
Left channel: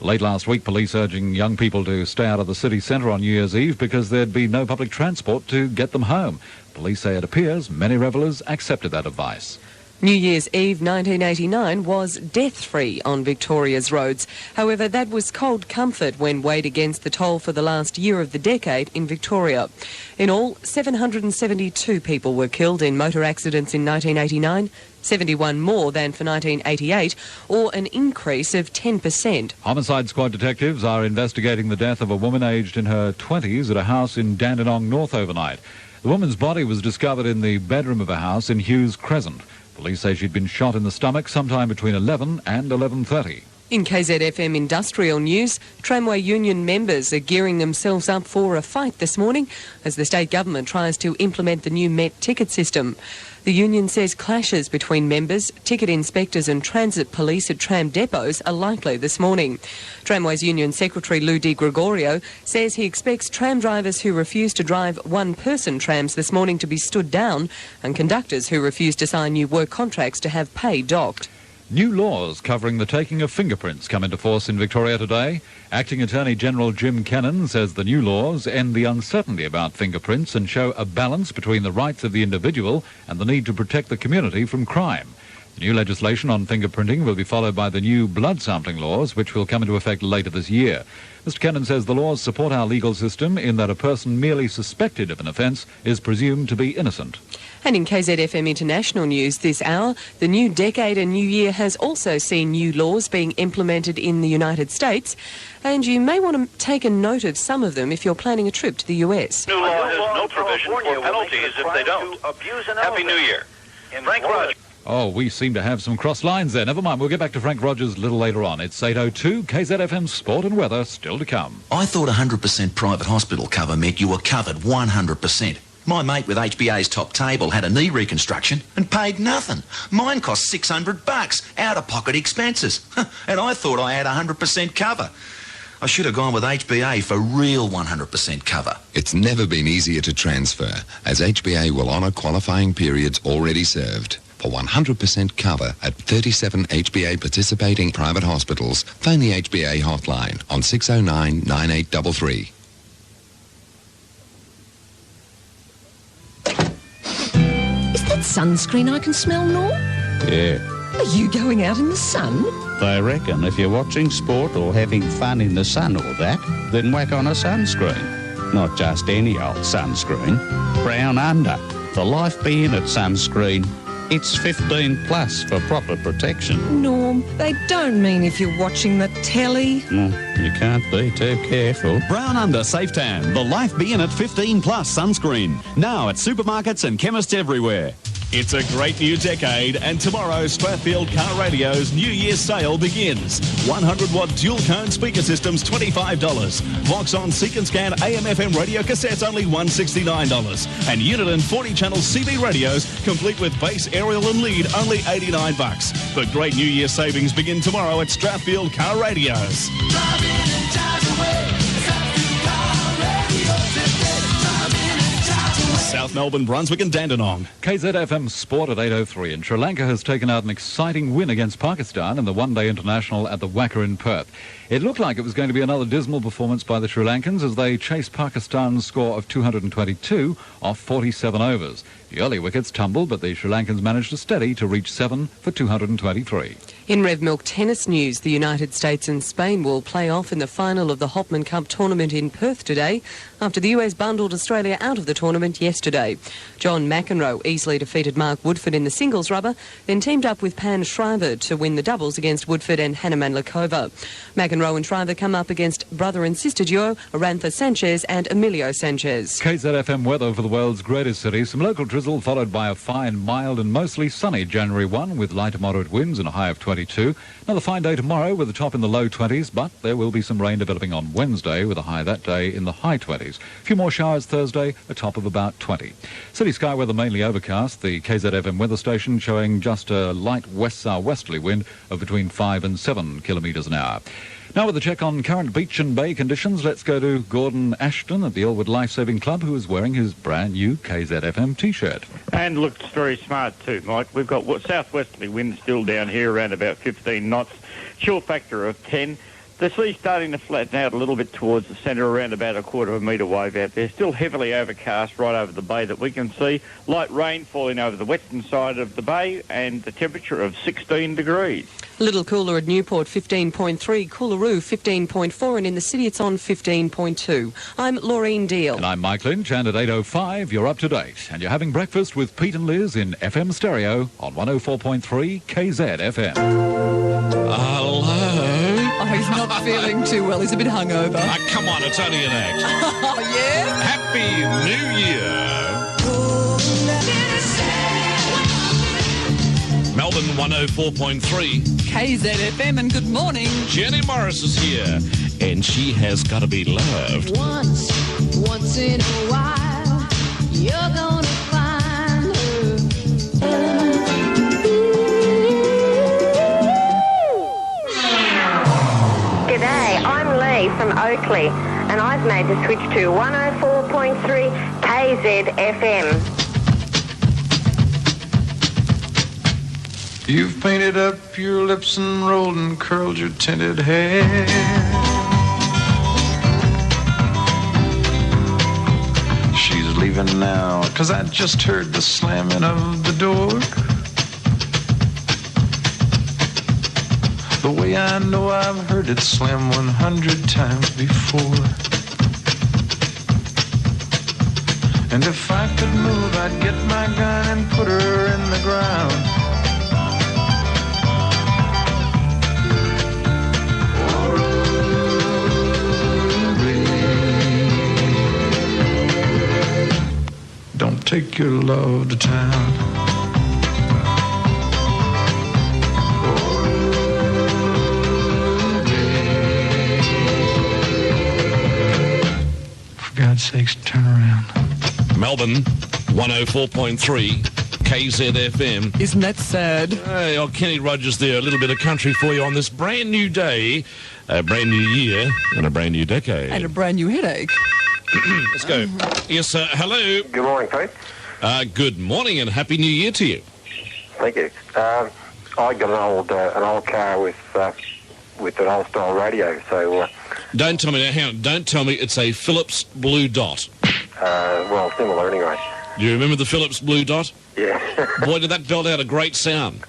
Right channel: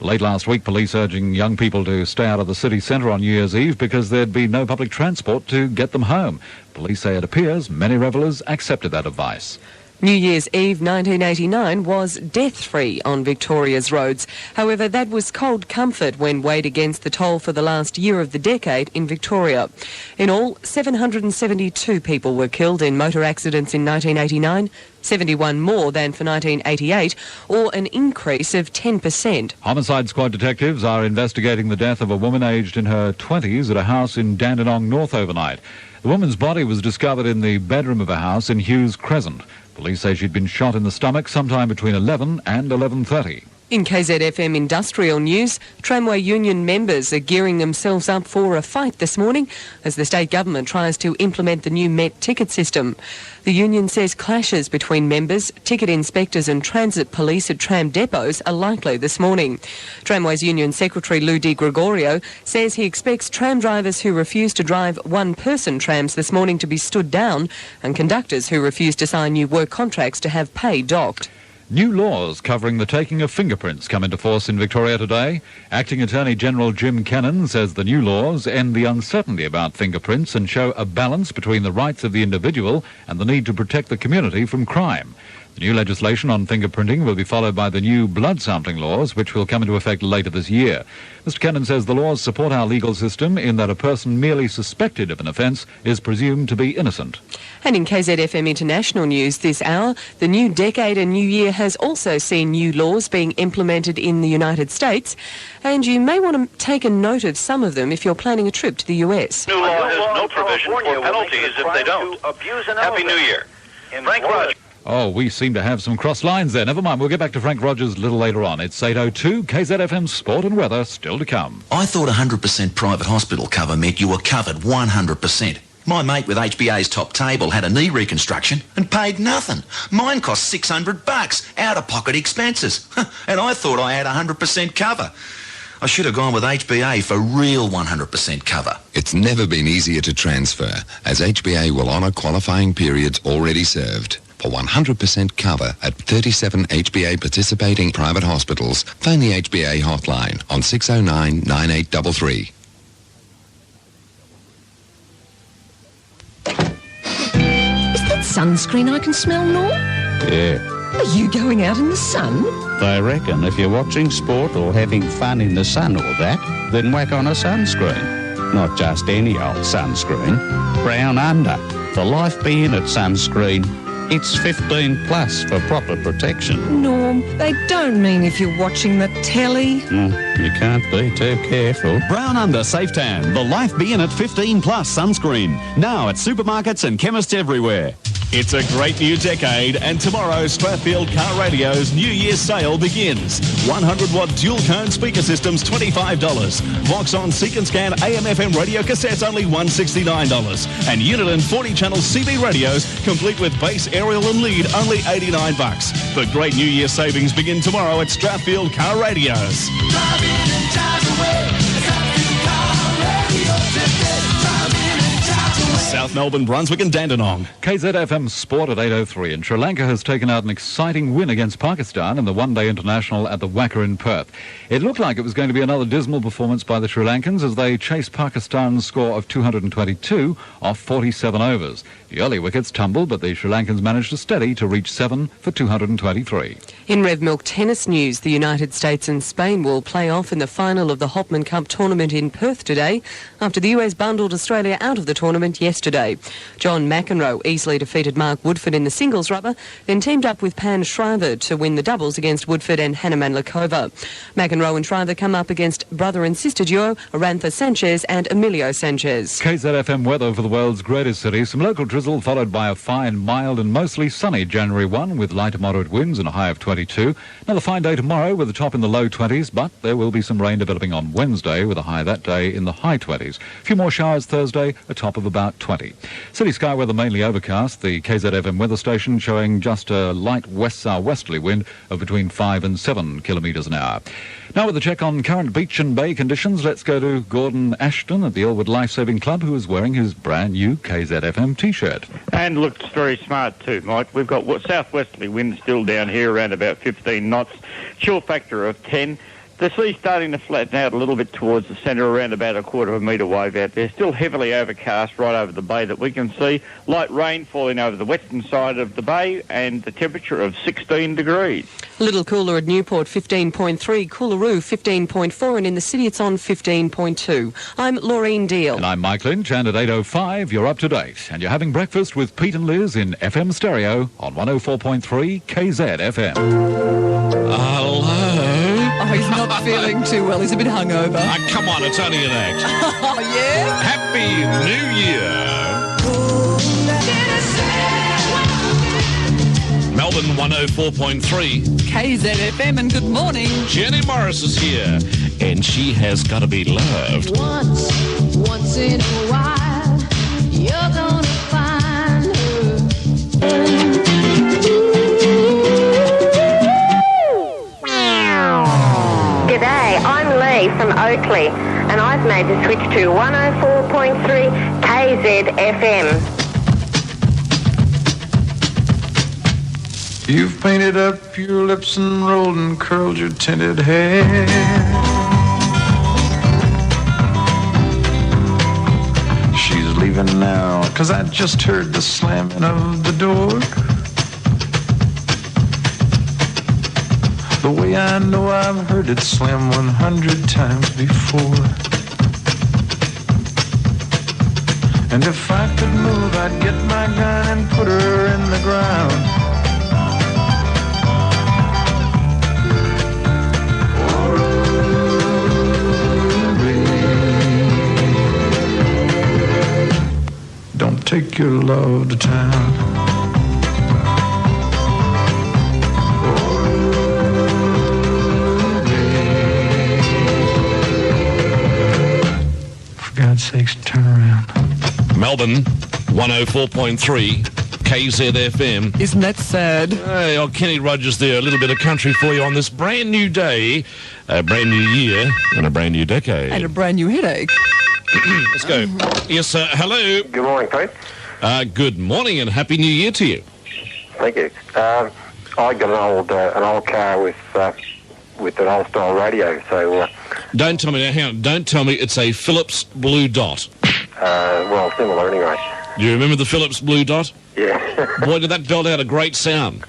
Late last week, police urging young people to stay out of the city centre on New Year's Eve because there'd be no public transport to get them home. Police say it appears many revellers accepted that advice. New Year's Eve 1989 was death-free on Victoria's roads. However, that was cold comfort when weighed against the toll for the last year of the decade in Victoria. In all, 772 people were killed in motor accidents in 1989, 71 more than for 1988, or an increase of 10%. Homicide squad detectives are investigating the death of a woman aged in her 20s at a house in Dandenong North overnight. The woman's body was discovered in the bedroom of a house in Hughes Crescent. Police say she'd been shot in the stomach sometime between 11 and 11:30. In KZFM Industrial News, tramway union members are gearing themselves up for a fight this morning as the state government tries to implement the new Met ticket system. The union says clashes between members, ticket inspectors and transit police at tram depots are likely this morning. Tramways Union Secretary Lou Di Gregorio says he expects tram drivers who refuse to drive one-person trams this morning to be stood down and conductors who refuse to sign new work contracts to have pay docked. New laws covering the taking of fingerprints come into force in Victoria today. Acting Attorney General Jim Cannon says the new laws end the uncertainty about fingerprints and show a balance between the rights of the individual and the need to protect the community from crime. The new legislation on fingerprinting will be followed by the new blood sampling laws, which will come into effect later this year. Mr. Cannon says the laws support our legal system in that a person merely suspected of an offence is presumed to be innocent. And in KZFM International News this hour, the new decade and new year has also seen new laws being implemented in the United States, and you may want to take a note of some of them if you're planning a trip to the US. New law has no provision for penalties if they don't. Happy New Year. Frank Rogers. Oh, we seem to have some cross lines there. Never mind, we'll get back to Frank Rogers a little later on. It's 8:02, KZFM Sport and Weather still to come. I thought 100% private hospital cover meant you were covered 100%. My mate with HBA's top table had a knee reconstruction and paid nothing. Mine cost $600, out-of-pocket expenses. And I thought I had 100% cover. I should have gone with HBA for real 100% cover. It's never been easier to transfer, as HBA will honour qualifying periods already served. For 100% cover at 37 HBA participating private hospitals, phone the HBA hotline on 609 9833. Is that sunscreen I can smell, Norm? Yeah. Are you going out in the sun? I reckon if you're watching sport or having fun in the sun or that, then whack on a sunscreen. Not just any old sunscreen. Brown Under. For life being at sunscreen, It's 15 plus for proper protection. Norm, they don't mean if you're watching the telly. You can't be too careful. Brown Under Safe Tan, the Life Be In It 15 Plus sunscreen. Now at supermarkets and chemists everywhere. It's a great new decade, and tomorrow Strathfield Car Radio's New Year's sale begins. 100-watt dual-cone speaker systems, $25. Vox-on Seek and Scan AM/FM radio cassettes, only $169. And unit and 40-channel CB radios, complete with bass, aerial and lead, only $89. The great New Year savings begin tomorrow at Strathfield Car Radios. South Melbourne, Brunswick and Dandenong. KZFM Sport at 8:03, and Sri Lanka has taken out an exciting win against Pakistan in the one-day international at the Wacker in Perth. It looked like it was going to be another dismal performance by the Sri Lankans as they chased Pakistan's score of 222 off 47 overs. The early wickets tumbled, but the Sri Lankans managed to steady to reach 7 for 223. In Rev Milk tennis news, the United States and Spain will play off in the final of the Hopman Cup tournament in Perth today after the US bundled Australia out of the tournament yesterday. John McEnroe easily defeated Mark Woodford in the singles rubber, then teamed up with Pan Shriver to win the doubles against Woodford and Hannah Mandlikova. McEnroe and Shriver come up against brother and sister duo Arantha Sanchez and Emilio Sanchez. KZFM weather for the world's greatest city. Some local drizzle followed by a fine, mild and mostly sunny January 1 with light to moderate winds and a high of 22. Another fine day tomorrow with a top in the low 20s, but there will be some rain developing on Wednesday with a high that day in the high 20s. A few more showers Thursday, a top of about 20. City sky weather mainly overcast. The KZFM weather station showing just a light west-southwesterly wind of between 5 and 7 kilometres an hour. Now with a check on current beach and bay conditions, let's go to Gordon Ashton at the Elwood Lifesaving Club, who is wearing his brand new KZFM T-shirt. And looks very smart too, Mike. We've got southwesterly winds still down here around about 15 knots, chill factor of 10. The sea's starting to flatten out a little bit towards the centre, around about a quarter of a metre wave out there. Still heavily overcast right over the bay that we can see. Light rain falling over the western side of the bay and the temperature of 16 degrees. A little cooler at Newport, 15.3, Coolaroo, 15.4, and in the city it's on 15.2. I'm Laureen Deal. And I'm Mike Lynch, and at 8:05 you're up to date. And you're having breakfast with Pete and Liz in FM stereo on 104.3 KZFM. Hello? Oh, he's not feeling too well. He's a bit hungover. Come on, it's only an act. Oh, yeah? Happy New Year. Melbourne 104.3. KZFM, and good morning. Jenny Morris is here, and she has got to be loved. Once in a while, you're gonna find her. G'day, I'm Lee from Oakley, and I've made the switch to 104.3 KZFM. You've painted up your lips and rolled and curled your tinted hair. She's leaving now, 'cause I just heard the slamming of the door. The way I know I've heard it slam 100 times before. And if I could move, I'd get my gun and put her in the ground. Don't take your love to town. For God's sakes, turn around. Melbourne 104.3 KZFM. Isn't that sad? Hey, Kenny Rogers there. A little bit of country for you on this brand new day, a brand new year, and a brand new decade. And a brand new headache. Let's go. Yes, sir. Hello. Good morning, Pete. Good morning and Happy New Year to you. Thank you. I got an old car with an old style radio. So don't tell me now. Hang on. Don't tell me it's a Philips Blue Dot. Well, similar anyway. Do you remember the Philips Blue Dot? Yeah. Boy, did that belt out a great sound.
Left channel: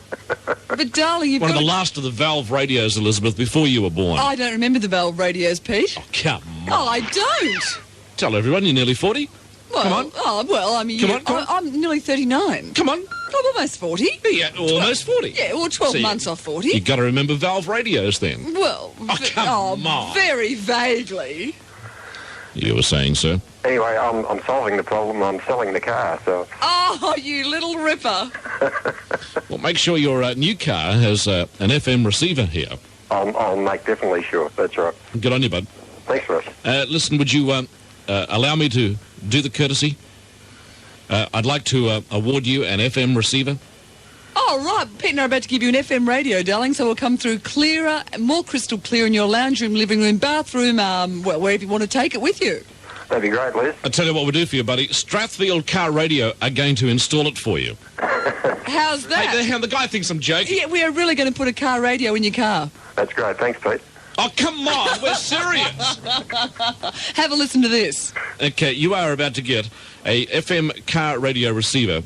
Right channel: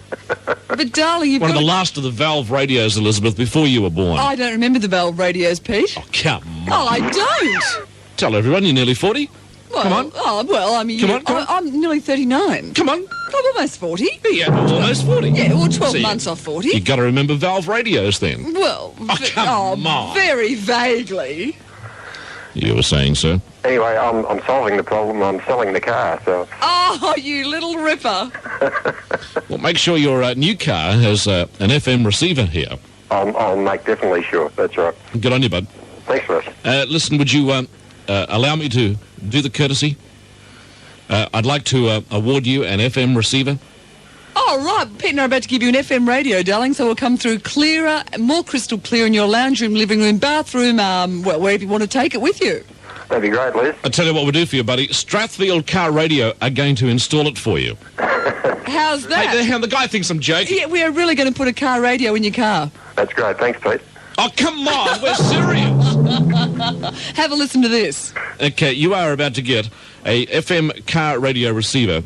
But darling, you've one got of the last of the valve radios, Elizabeth, before you were born. I don't remember the valve radios, Pete. Oh, come on. Oh, I don't. Tell everyone you're nearly 40. Well, Come on. Oh, well, I mean, Come on, come on. I'm nearly 39. Come on. I'm almost 40. Yeah, almost 40. Yeah, well, 12 See, months off 40. You've got to remember valve radios then. Well, come on. very vaguely. You were saying, sir? Anyway, I'm solving the problem. I'm selling the car, so... Oh, you little ripper. Well, make sure your new car has an FM receiver here. I'll make definitely sure. That's right. Good on you, bud. Thanks, Russ. Listen, would you allow me to do the courtesy? I'd like to award you an FM receiver. Oh, right. Pete and I are about to give you an FM radio, darling, so it'll come through clearer, more crystal clear in your lounge room, living room, bathroom, well, wherever you want to take it with you. That'd be great, Liz. I'll tell you what we'll do for you, buddy. Strathfield Car Radio are going to install it for you. How's that? Hey, the guy thinks I'm joking. Yeah, we are really going to put a car radio in your car. That's great. Thanks, Pete. Oh, come on. We're serious. Have a listen to this. Okay, you are about to get a FM car radio receiver,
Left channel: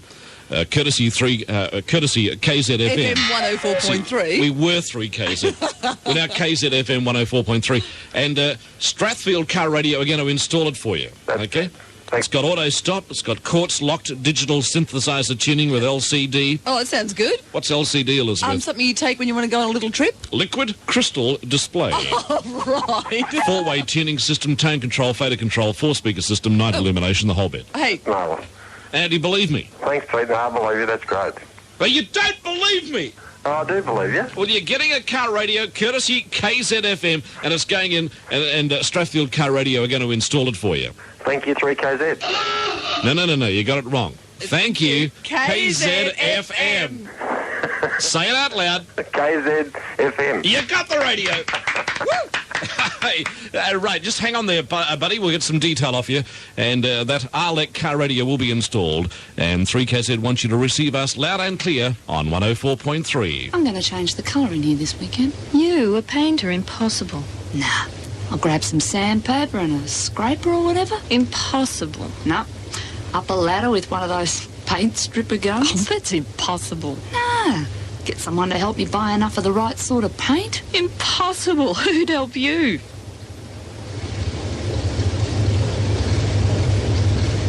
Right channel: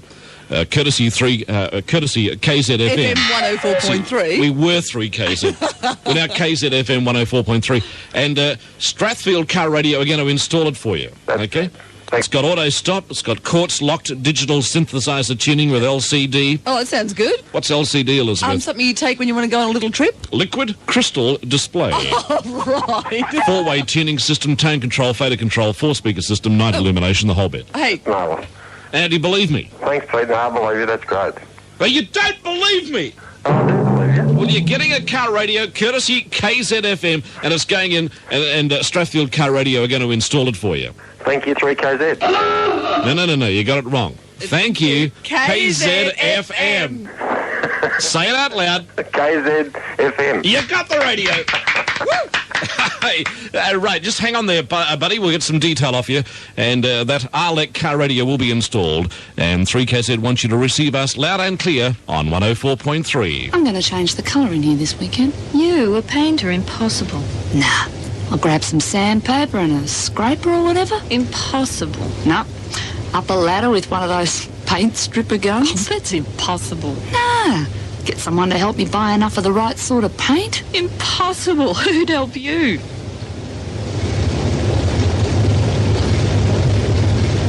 courtesy KZFM. FM 104.3. We were 3KZ. We're now KZFM 104.3. And Strathfield Car Radio are going to install it for you. Okay? It's got auto stop. It's got quartz locked digital synthesizer tuning with LCD. Oh, that sounds good. What's LCD, Elizabeth? Something you take when you want to go on a little trip? Liquid crystal display. Oh, right. 4-way tuning system, tone control, fader control, 4-speaker system, night illumination, the whole bit. Hey. No. And do you believe me? Thanks, Pete. No, I believe you. That's great. But you don't believe me. Oh, I do believe you. Well, you're getting a car radio courtesy KZFM, and it's going in, and Strathfield Car Radio are going to install it for you. Thank you, 3KZ. No, you got it wrong. Thank you, KZFM. Say it out loud. KZFM. You got the radio. Hey, right, just hang on there, buddy. We'll get some detail off you, and that Arlec car radio will be installed, and 3KZ wants you to receive us loud and clear on 104.3. I'm going to change the colour in here this weekend. You, a painter, impossible. Nah, I'll grab some sandpaper and a scraper or whatever. Impossible. No, up a ladder with one of those paint stripper guns. Oh, that's impossible. Nah, get someone to help you buy enough of the right sort of paint. Impossible. Who'd help you?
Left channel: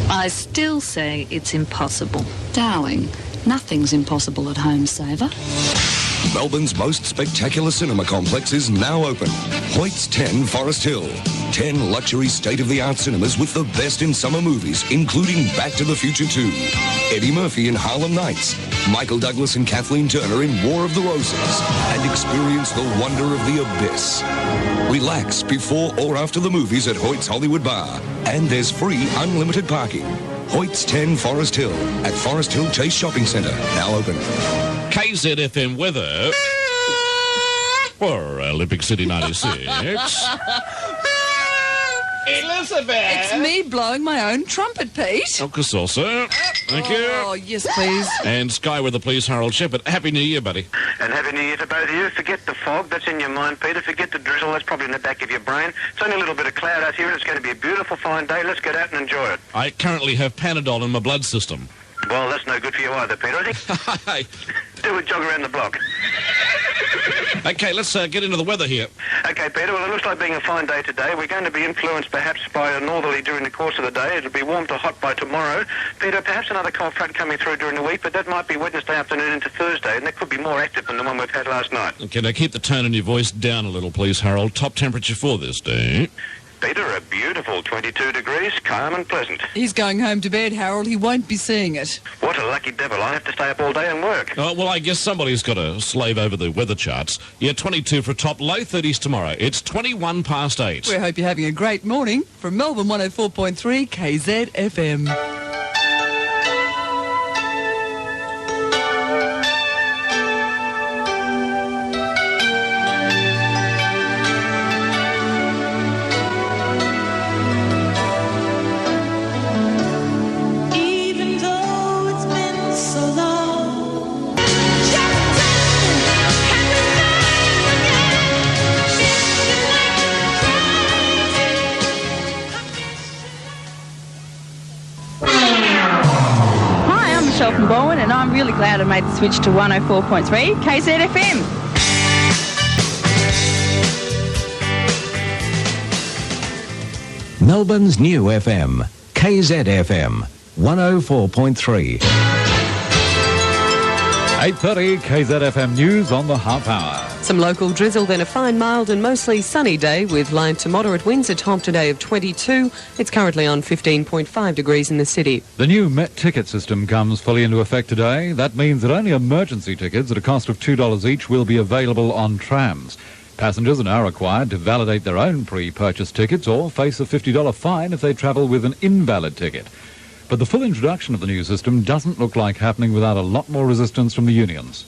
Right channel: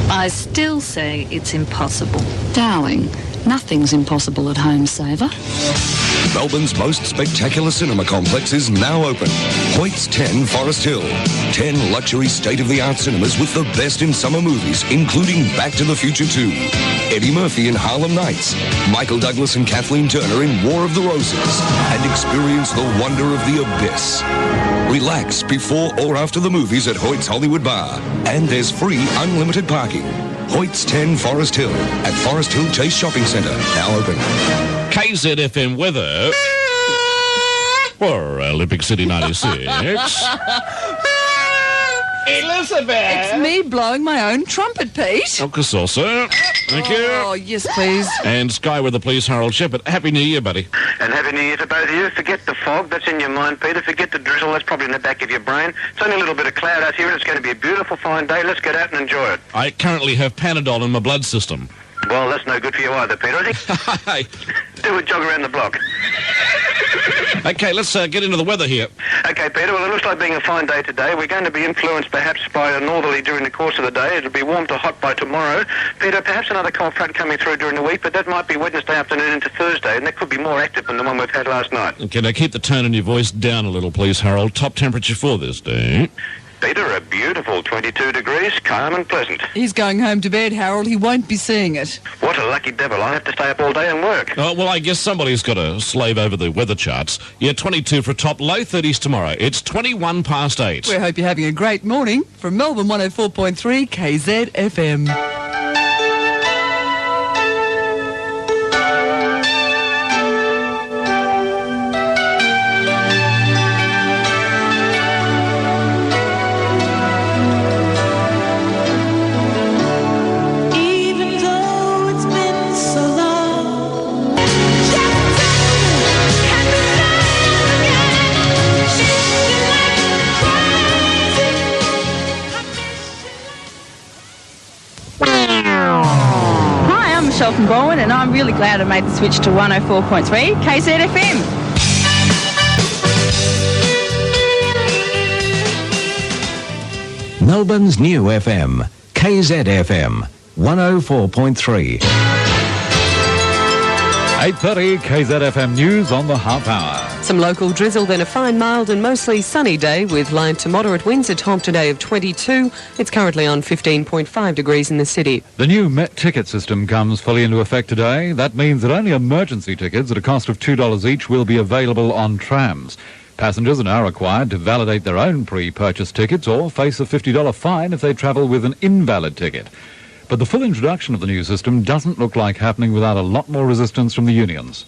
I still say it's impossible. Darling, nothing's impossible at Home Saver. Melbourne's most spectacular cinema complex is now open. Hoyt's 10 Forest Hill. 10 luxury state-of-the-art cinemas with the best in summer movies, including Back to the Future 2, Eddie Murphy in Harlem Nights, Michael Douglas and Kathleen Turner in War of the Roses, and experience the wonder of the abyss. Relax before or after the movies at Hoyt's Hollywood Bar. And there's free unlimited parking. Hoyt's 10 Forest Hill at Forest Hill Chase Shopping Centre, now open. KZFM weather for Olympic City 96. Elizabeth! It's me blowing my own trumpet, Pete. Uncle Salsa. Thank you. Oh, yes, please. And Sky Weather, please, Harold Shepherd. Happy New Year, buddy. And Happy New Year to both of you. Forget the fog, that's in your mind, Peter. Forget the drizzle, that's probably in the back of your brain. It's only a little bit of cloud out here, and it's going to be a beautiful, fine day. Let's get out and enjoy it. I currently have Panadol in my blood system. Well, that's no good for you either, Peter. Do a jog around the block. Okay, let's get into the weather here. Okay, Peter, well, it looks like being a fine day today. We're going to be influenced perhaps by a northerly during the course of the day. It'll be warm to hot by tomorrow. Peter, perhaps another cold front coming through during the week, but that might be Wednesday afternoon into Thursday, and that could be more active than the one we've had last night. Okay, now keep the tone in your voice down a little, please, Harold. Top temperature for this day. Peter, a beautiful 22 degrees, calm and pleasant. He's going home to bed, Harold. He won't be seeing it. What a lucky devil. I have to stay up all day and work. Oh, well, I guess somebody's got to slave over the weather charts. Yeah, 22 for a top, low 30s tomorrow. It's 21 past 8. We hope you're having a great morning. From Melbourne 104.3 KZFM. From Bowen, and I'm really glad I made the switch to 104.3 KZFM. Melbourne's new FM, KZFM 104.3. 8:30 KZFM News on the half hour. Some local drizzle, then a fine, mild and mostly sunny day with light to moderate winds, a top today of 22. It's currently on 15.5 degrees in the city. The new Met ticket system comes fully into effect today. That means that only emergency tickets at a cost of $2 each will be available on trams. Passengers are now required to validate their own pre-purchased tickets or face a $50 fine if they travel with an invalid ticket. But the full introduction of the new system doesn't look like happening without a lot more resistance from the unions.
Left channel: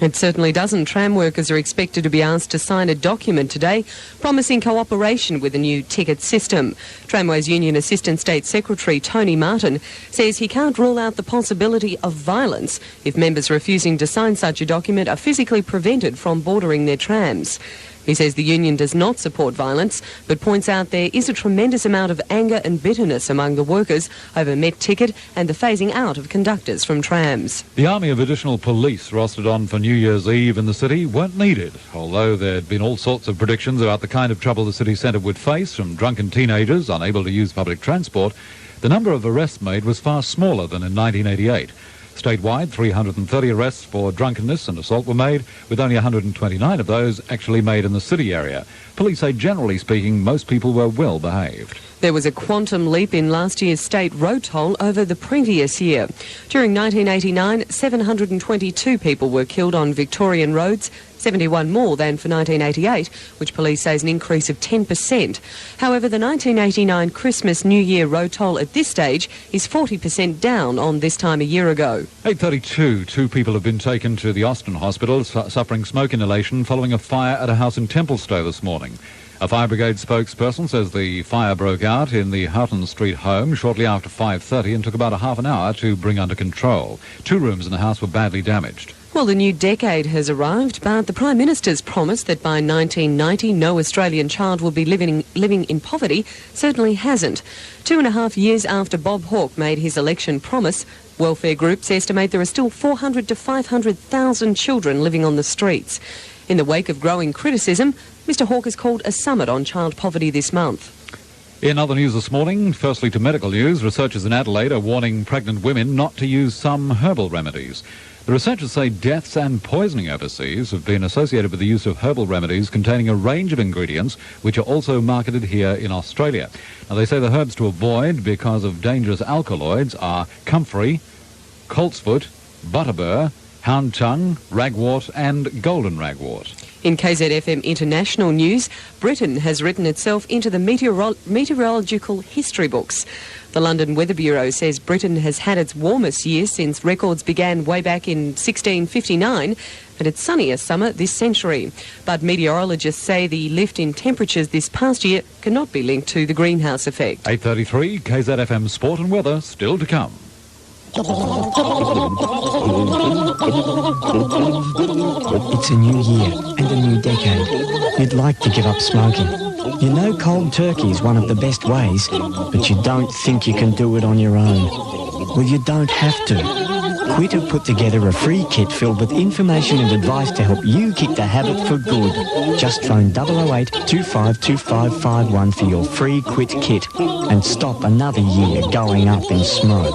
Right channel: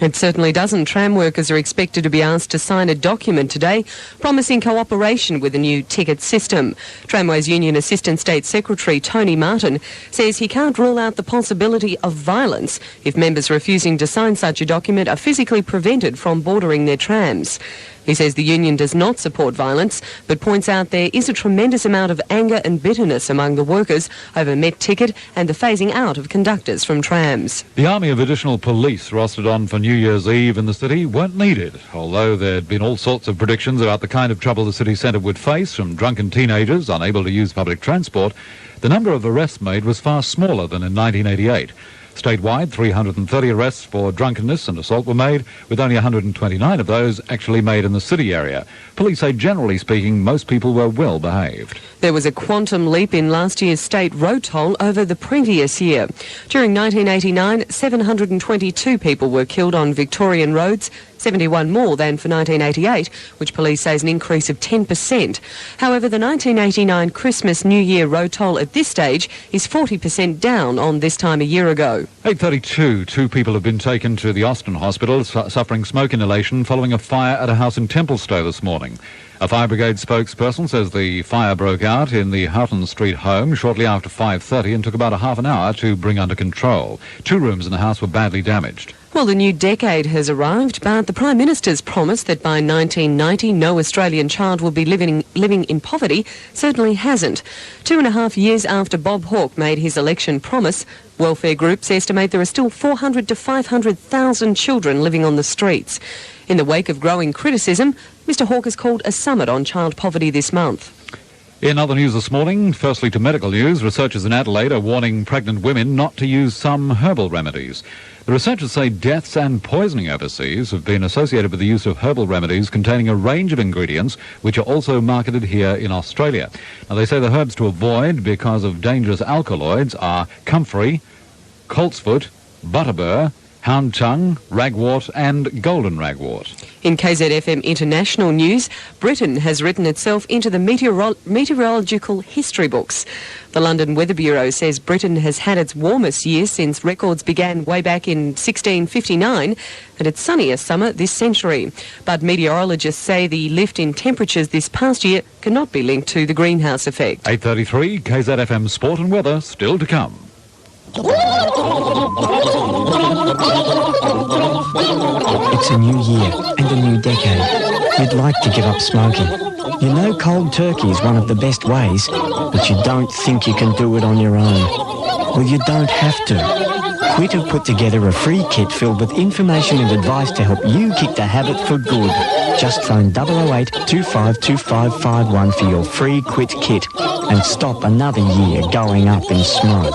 It certainly doesn't. Tram workers are expected to be asked to sign a document today promising cooperation with the new ticket system. Tramways Union Assistant State Secretary Tony Martin says he can't rule out the possibility of violence if members refusing to sign such a document are physically prevented from boarding their trams. He says the union does not support violence, but points out there is a tremendous amount of anger and bitterness among the workers over Met ticket and the phasing out of conductors from trams. The army of additional police rostered on for New Year's Eve in the city weren't needed, although there'd been all sorts of predictions about the kind of trouble the city centre would face from drunken teenagers unable to use public transport. The number of arrests made was far smaller than in 1988. Statewide, 330 arrests for drunkenness and assault were made, with only 129 of those actually made in the city area. Police say, generally speaking, most people were well behaved. There was a quantum leap in last year's state road toll over the previous year. During 1989, 722 people were killed on Victorian roads, 71 more than for 1988, which police say is an increase of 10%. However, the 1989 Christmas New Year road toll at this stage is 40% down on this time a year ago. 8:32, 2 people have been taken to the Austin Hospital suffering smoke inhalation following a fire at a house in Templestowe this morning. A fire brigade spokesperson says the fire broke out in the Houghton Street home shortly after 5:30 and took about a half an hour to bring under control. 2 rooms in the house were badly damaged. Well, the new decade has arrived, but the Prime Minister's promise that by 1990 no Australian child will be living in poverty certainly hasn't. 2.5 years after Bob Hawke made his election promise, welfare groups estimate there are still 400 to 500,000 children living on the streets. In the wake of growing criticism, Mr Hawke has called a summit on child poverty this month. In other news this morning, firstly to medical news, researchers in Adelaide are warning pregnant women not to use some herbal remedies. The researchers say deaths and poisoning overseas have been associated with the use of herbal remedies containing a range of ingredients which are also marketed here in Australia. Now, they say the herbs to avoid because of dangerous alkaloids are comfrey, coltsfoot, butterbur, hound tongue, ragwort and golden ragwort. In KZFM International News, Britain has written itself into the meteorological history books. The London Weather Bureau says Britain has had its warmest year since records began way back in 1659 and its sunniest summer this century. But meteorologists say the lift in temperatures this past year cannot be linked to the greenhouse effect. 8:33, KZFM Sport and Weather still to come. It's a new year and a new decade. You'd like to give up smoking. You know cold turkey is one of the best ways, but you don't think you can do it on your own. Well, you don't have to. Quit have put together a free kit filled with information and advice to help you kick the habit for good. Just phone 008 252551 for your free Quit kit and stop another year going up in smoke.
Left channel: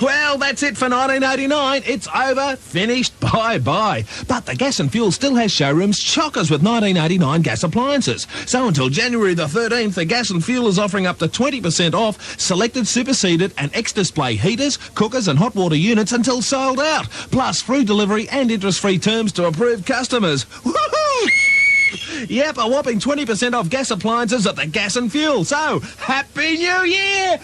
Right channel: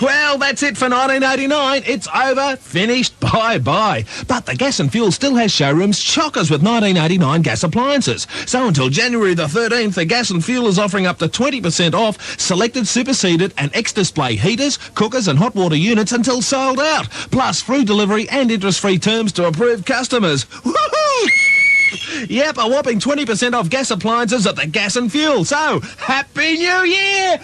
Well, that's it for 1989. It's over. Finished. Bye-bye. But the Gas and Fuel still has showrooms chockers with 1989 gas appliances. So until January the 13th, the Gas and Fuel is offering up to 20% off selected superseded and X-display heaters, cookers and hot water units until sold out. Plus free delivery and interest-free terms to approved customers. Woohoo! Yep, a whopping 20% off gas appliances at the Gas and Fuel. So, Happy New Year!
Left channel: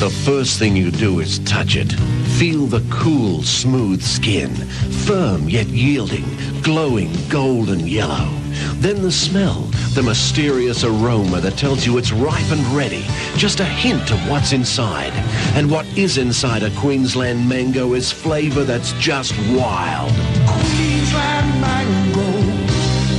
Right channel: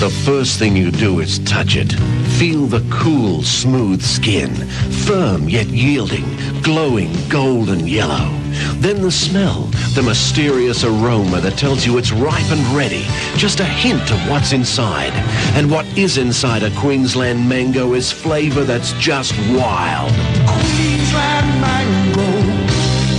The first thing you do is touch it. Feel the cool, smooth skin, firm yet yielding, glowing golden yellow. Then the smell, the mysterious aroma that tells you it's ripe and ready. Just a hint of what's inside. And what is inside a Queensland mango is flavour that's just wild. Queensland mango,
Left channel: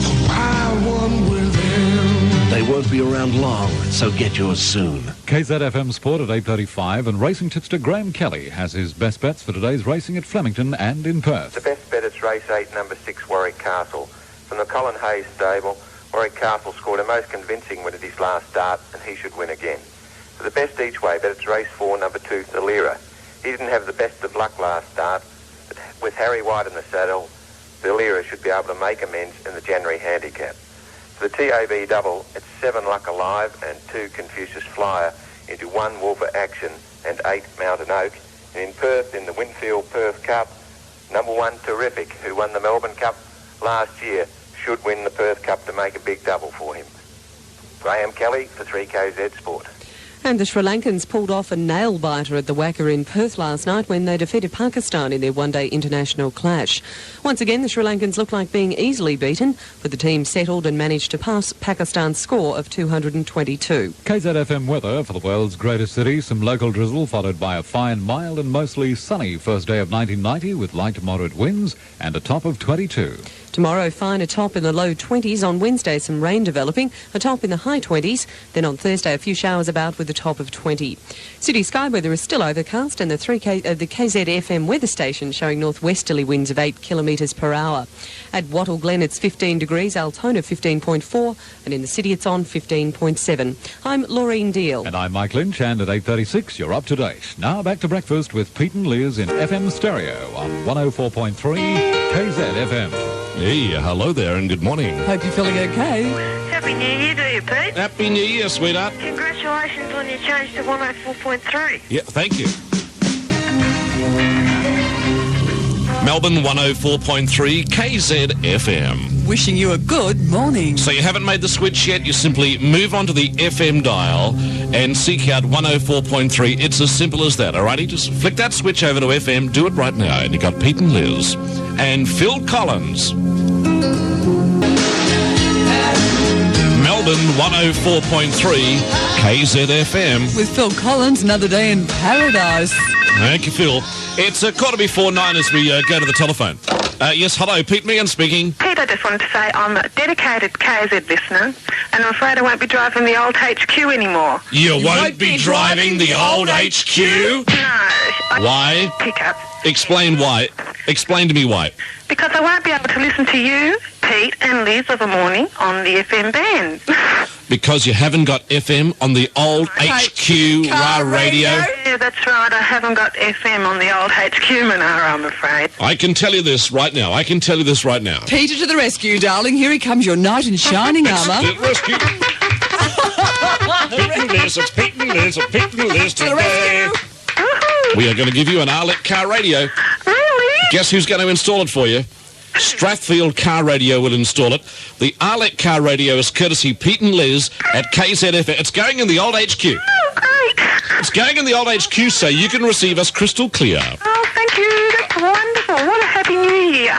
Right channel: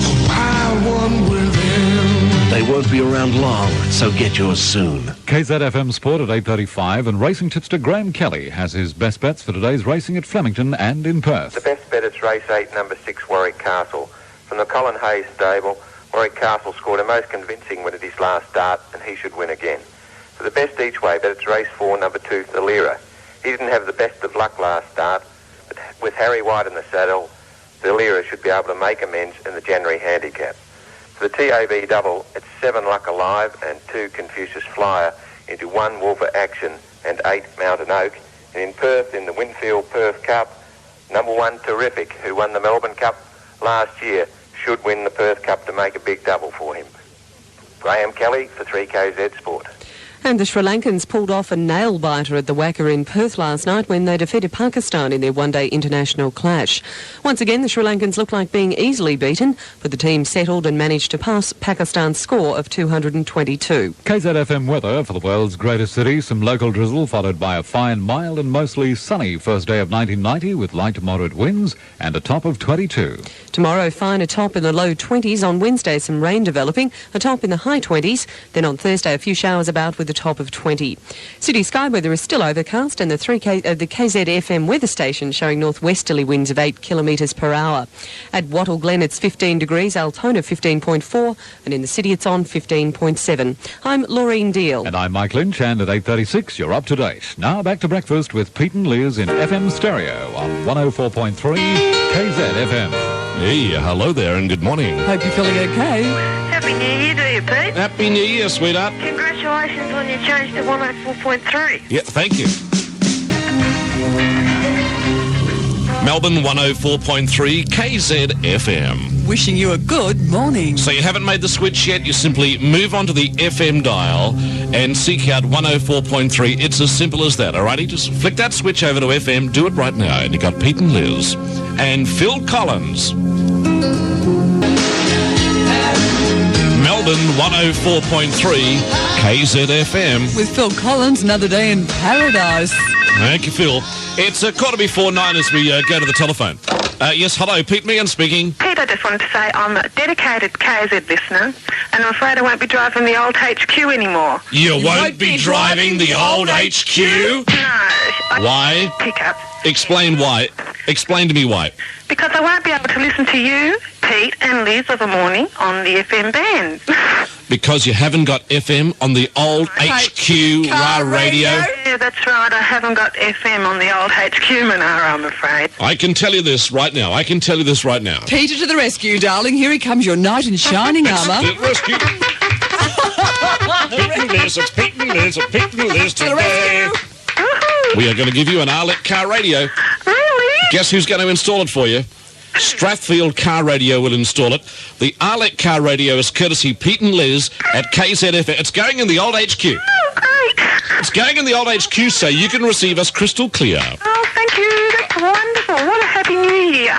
the wild one within. They won't be around long, so get yours soon. KZFM Sport at 8:35 and racing tipster Graham Kelly has his best bets for today's racing at Flemington and in Perth. The best bet is race 8, number 6, Warwick Castle. From the Colin Hayes stable, Warwick Castle scored a most convincing win at his last start, and he should win again. For the best each way, but it's race 4, number 2, The Lira. He didn't have the best of luck last start, but with Harry White in the saddle, The Lira should be able to make amends in the January handicap. For the TAB double, it's 7 Luck Alive and 2 Confucius Flyer into 1 Wolfer Action and 8 Mountain Oak. And in Perth, in the Winfield Perth Cup, number 1 Terrific, who won the Melbourne Cup last year, should win the Perth Cup to make a big double for him. Graham Kelly for 3KZ Sport. And the Sri Lankans pulled off a nail-biter at the Wacker in Perth last night when they defeated Pakistan in their one-day international clash. Once again, the Sri Lankans looked like being easily beaten, but the team settled and managed to pass Pakistan's score of 222. KZFM weather for the world's greatest city. Some local drizzle followed by a fine, mild and mostly sunny first day of 1990 with light to moderate winds and a top of 22. Tomorrow, fine, a top in the low 20s. On Wednesday, some rain developing, a top in the high 20s. Then on Thursday, a few showers about with a top of 20. City sky weather is still overcast, and the KZFM weather station showing northwesterly winds of 8 kilometres per hour. At Wattle Glen, it's 15 degrees, Altona 15.4, and in the city, it's on 15.7. I'm Laureen Deal. And I'm Mike Lynch, and at 8:36, you're up to date. Now back to breakfast with Pete and Liz in FM stereo on 104.3 KZFM. Hey, hello there and good morning. Hope you're feeling okay. Happy New Year to you, Pete. Happy New Year, sweetheart. Congratulations on your change to 104.3. Yeah, thank you. Melbourne 104.3 KZFM. Wishing you a good morning. So you haven't made the switch yet, you simply move on to the FM dial and seek out 104.3. It's as simple as that, alrighty? Just flick that switch over to FM, do it right now. And you got Pete and Liz and Phil Collins. Melbourne 104.3 KZFM. With Phil Collins, another day in paradise. Thank you, Phil. It's 9:15 as we go to the telephone. Yes, hello, Pete Meehan speaking. Pete, I just wanted to say I'm a dedicated KZ listener, and I'm afraid I won't be driving the old HQ anymore. You won't be driving the old HQ? No. Why? Pickup. Explain why. Explain to me why. Because I won't be able to listen to you, Pete, and Liz of a morning on the FM band. Because you haven't got FM on the old HQ radio? Yeah, that's right. I haven't got FM on the old HQ Monaro, I'm afraid. I can tell you this right now. Peter to the rescue, darling. Here he comes, your knight in shining armour. Rescue. Pete and Liz, it's Pete and Liz, it's Pete and Liz today. We are going to give you an Arlette car radio. Really? Guess who's going to install it for you? Strathfield Car Radio will install it. The Arlette car radio is courtesy Pete and Liz at KZFM. It's going in the old HQ. Oh, great. It's going in the old HQ so you can receive us crystal clear. Oh, thank you. That's wonderful. What a happy new year.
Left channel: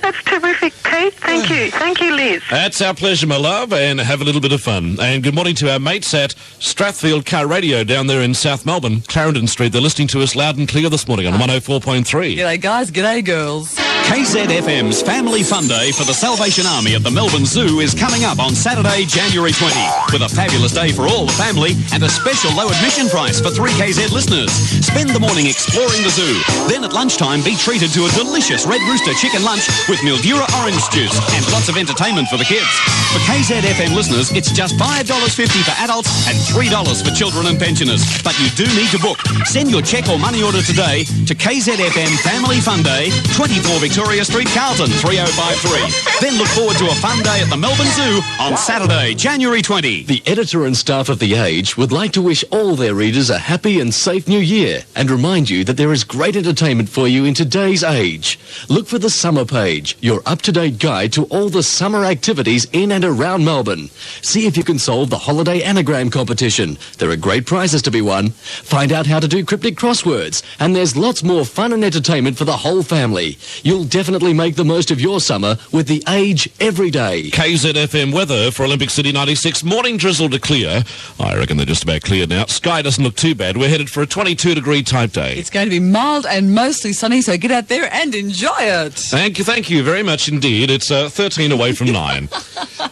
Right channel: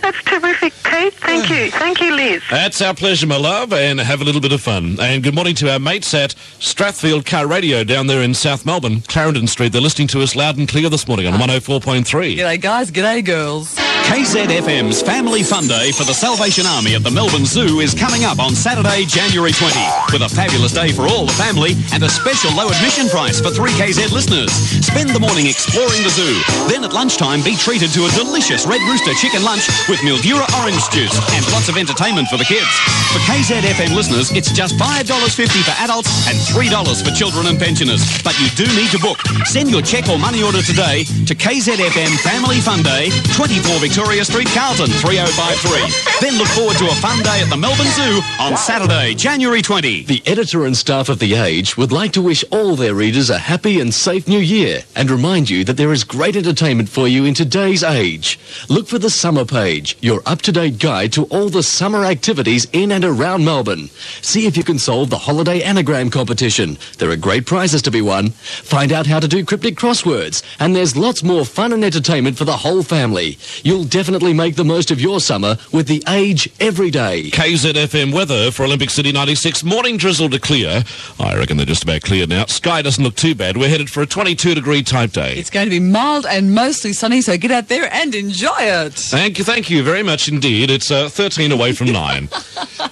That's terrific, Pete. Thank you. Thank you, Liz. That's our pleasure, my love, and have a little bit of fun. And good morning to our mates at Strathfield Car Radio down there in South Melbourne, Clarendon Street. They're listening to us loud and clear this morning on 104.3. G'day, guys. G'day, girls. KZFM's Family Fun Day for the Salvation Army at the Melbourne Zoo is coming up on Saturday, January 20, with a fabulous day for all the family and a special low admission price for 3KZ listeners. Spend the morning exploring the zoo. Then at lunchtime, be treated to a delicious Red Rooster chicken lunch with Mildura orange juice and lots of entertainment for the kids. For KZFM listeners, it's just $5.50 for adults and $3 for children and pensioners. But you do need to book. Send your cheque or money order today to KZFM Family Fun Day, 24 Victoria Street, Carlton, 3053. Then look forward to a fun day at the Melbourne Zoo on Saturday, January 20. The editor and staff of The Age would like to wish all their readers a happy and safe new year and remind you that there is great entertainment for you in today's age. Look for the summer page, your up-to-date guide to all the summer activities in and around Melbourne. See if you can solve the holiday anagram competition. There are great prizes to be won. Find out how to do cryptic crosswords, and there's lots more fun and entertainment for the whole family. You'll definitely make the most of your summer with The Age every day. KZFM weather for Olympic City 96. Morning drizzle to clear. I reckon they're just about cleared now. Sky doesn't look too bad. We're headed for a 22-degree type day. It's going to be mild and mostly sunny, so get out there and enjoy it. Thank you very much indeed. It's 13 away from 9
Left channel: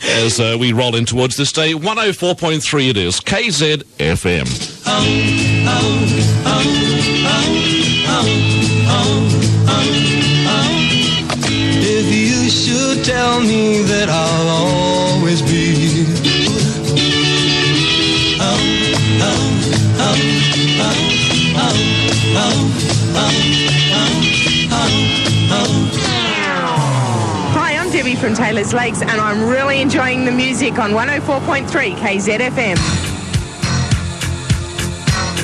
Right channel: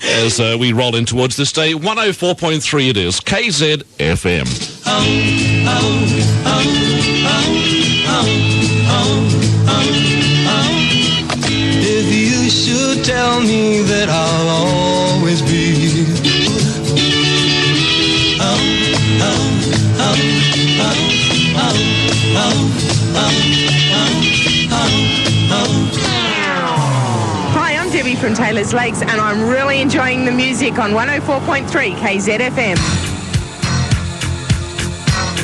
as we roll in towards this day. 104.3 it is. KZFM. If you should tell me that I'll Debbie from Taylor's Lakes, and I'm really enjoying the music on 104.3 KZFM.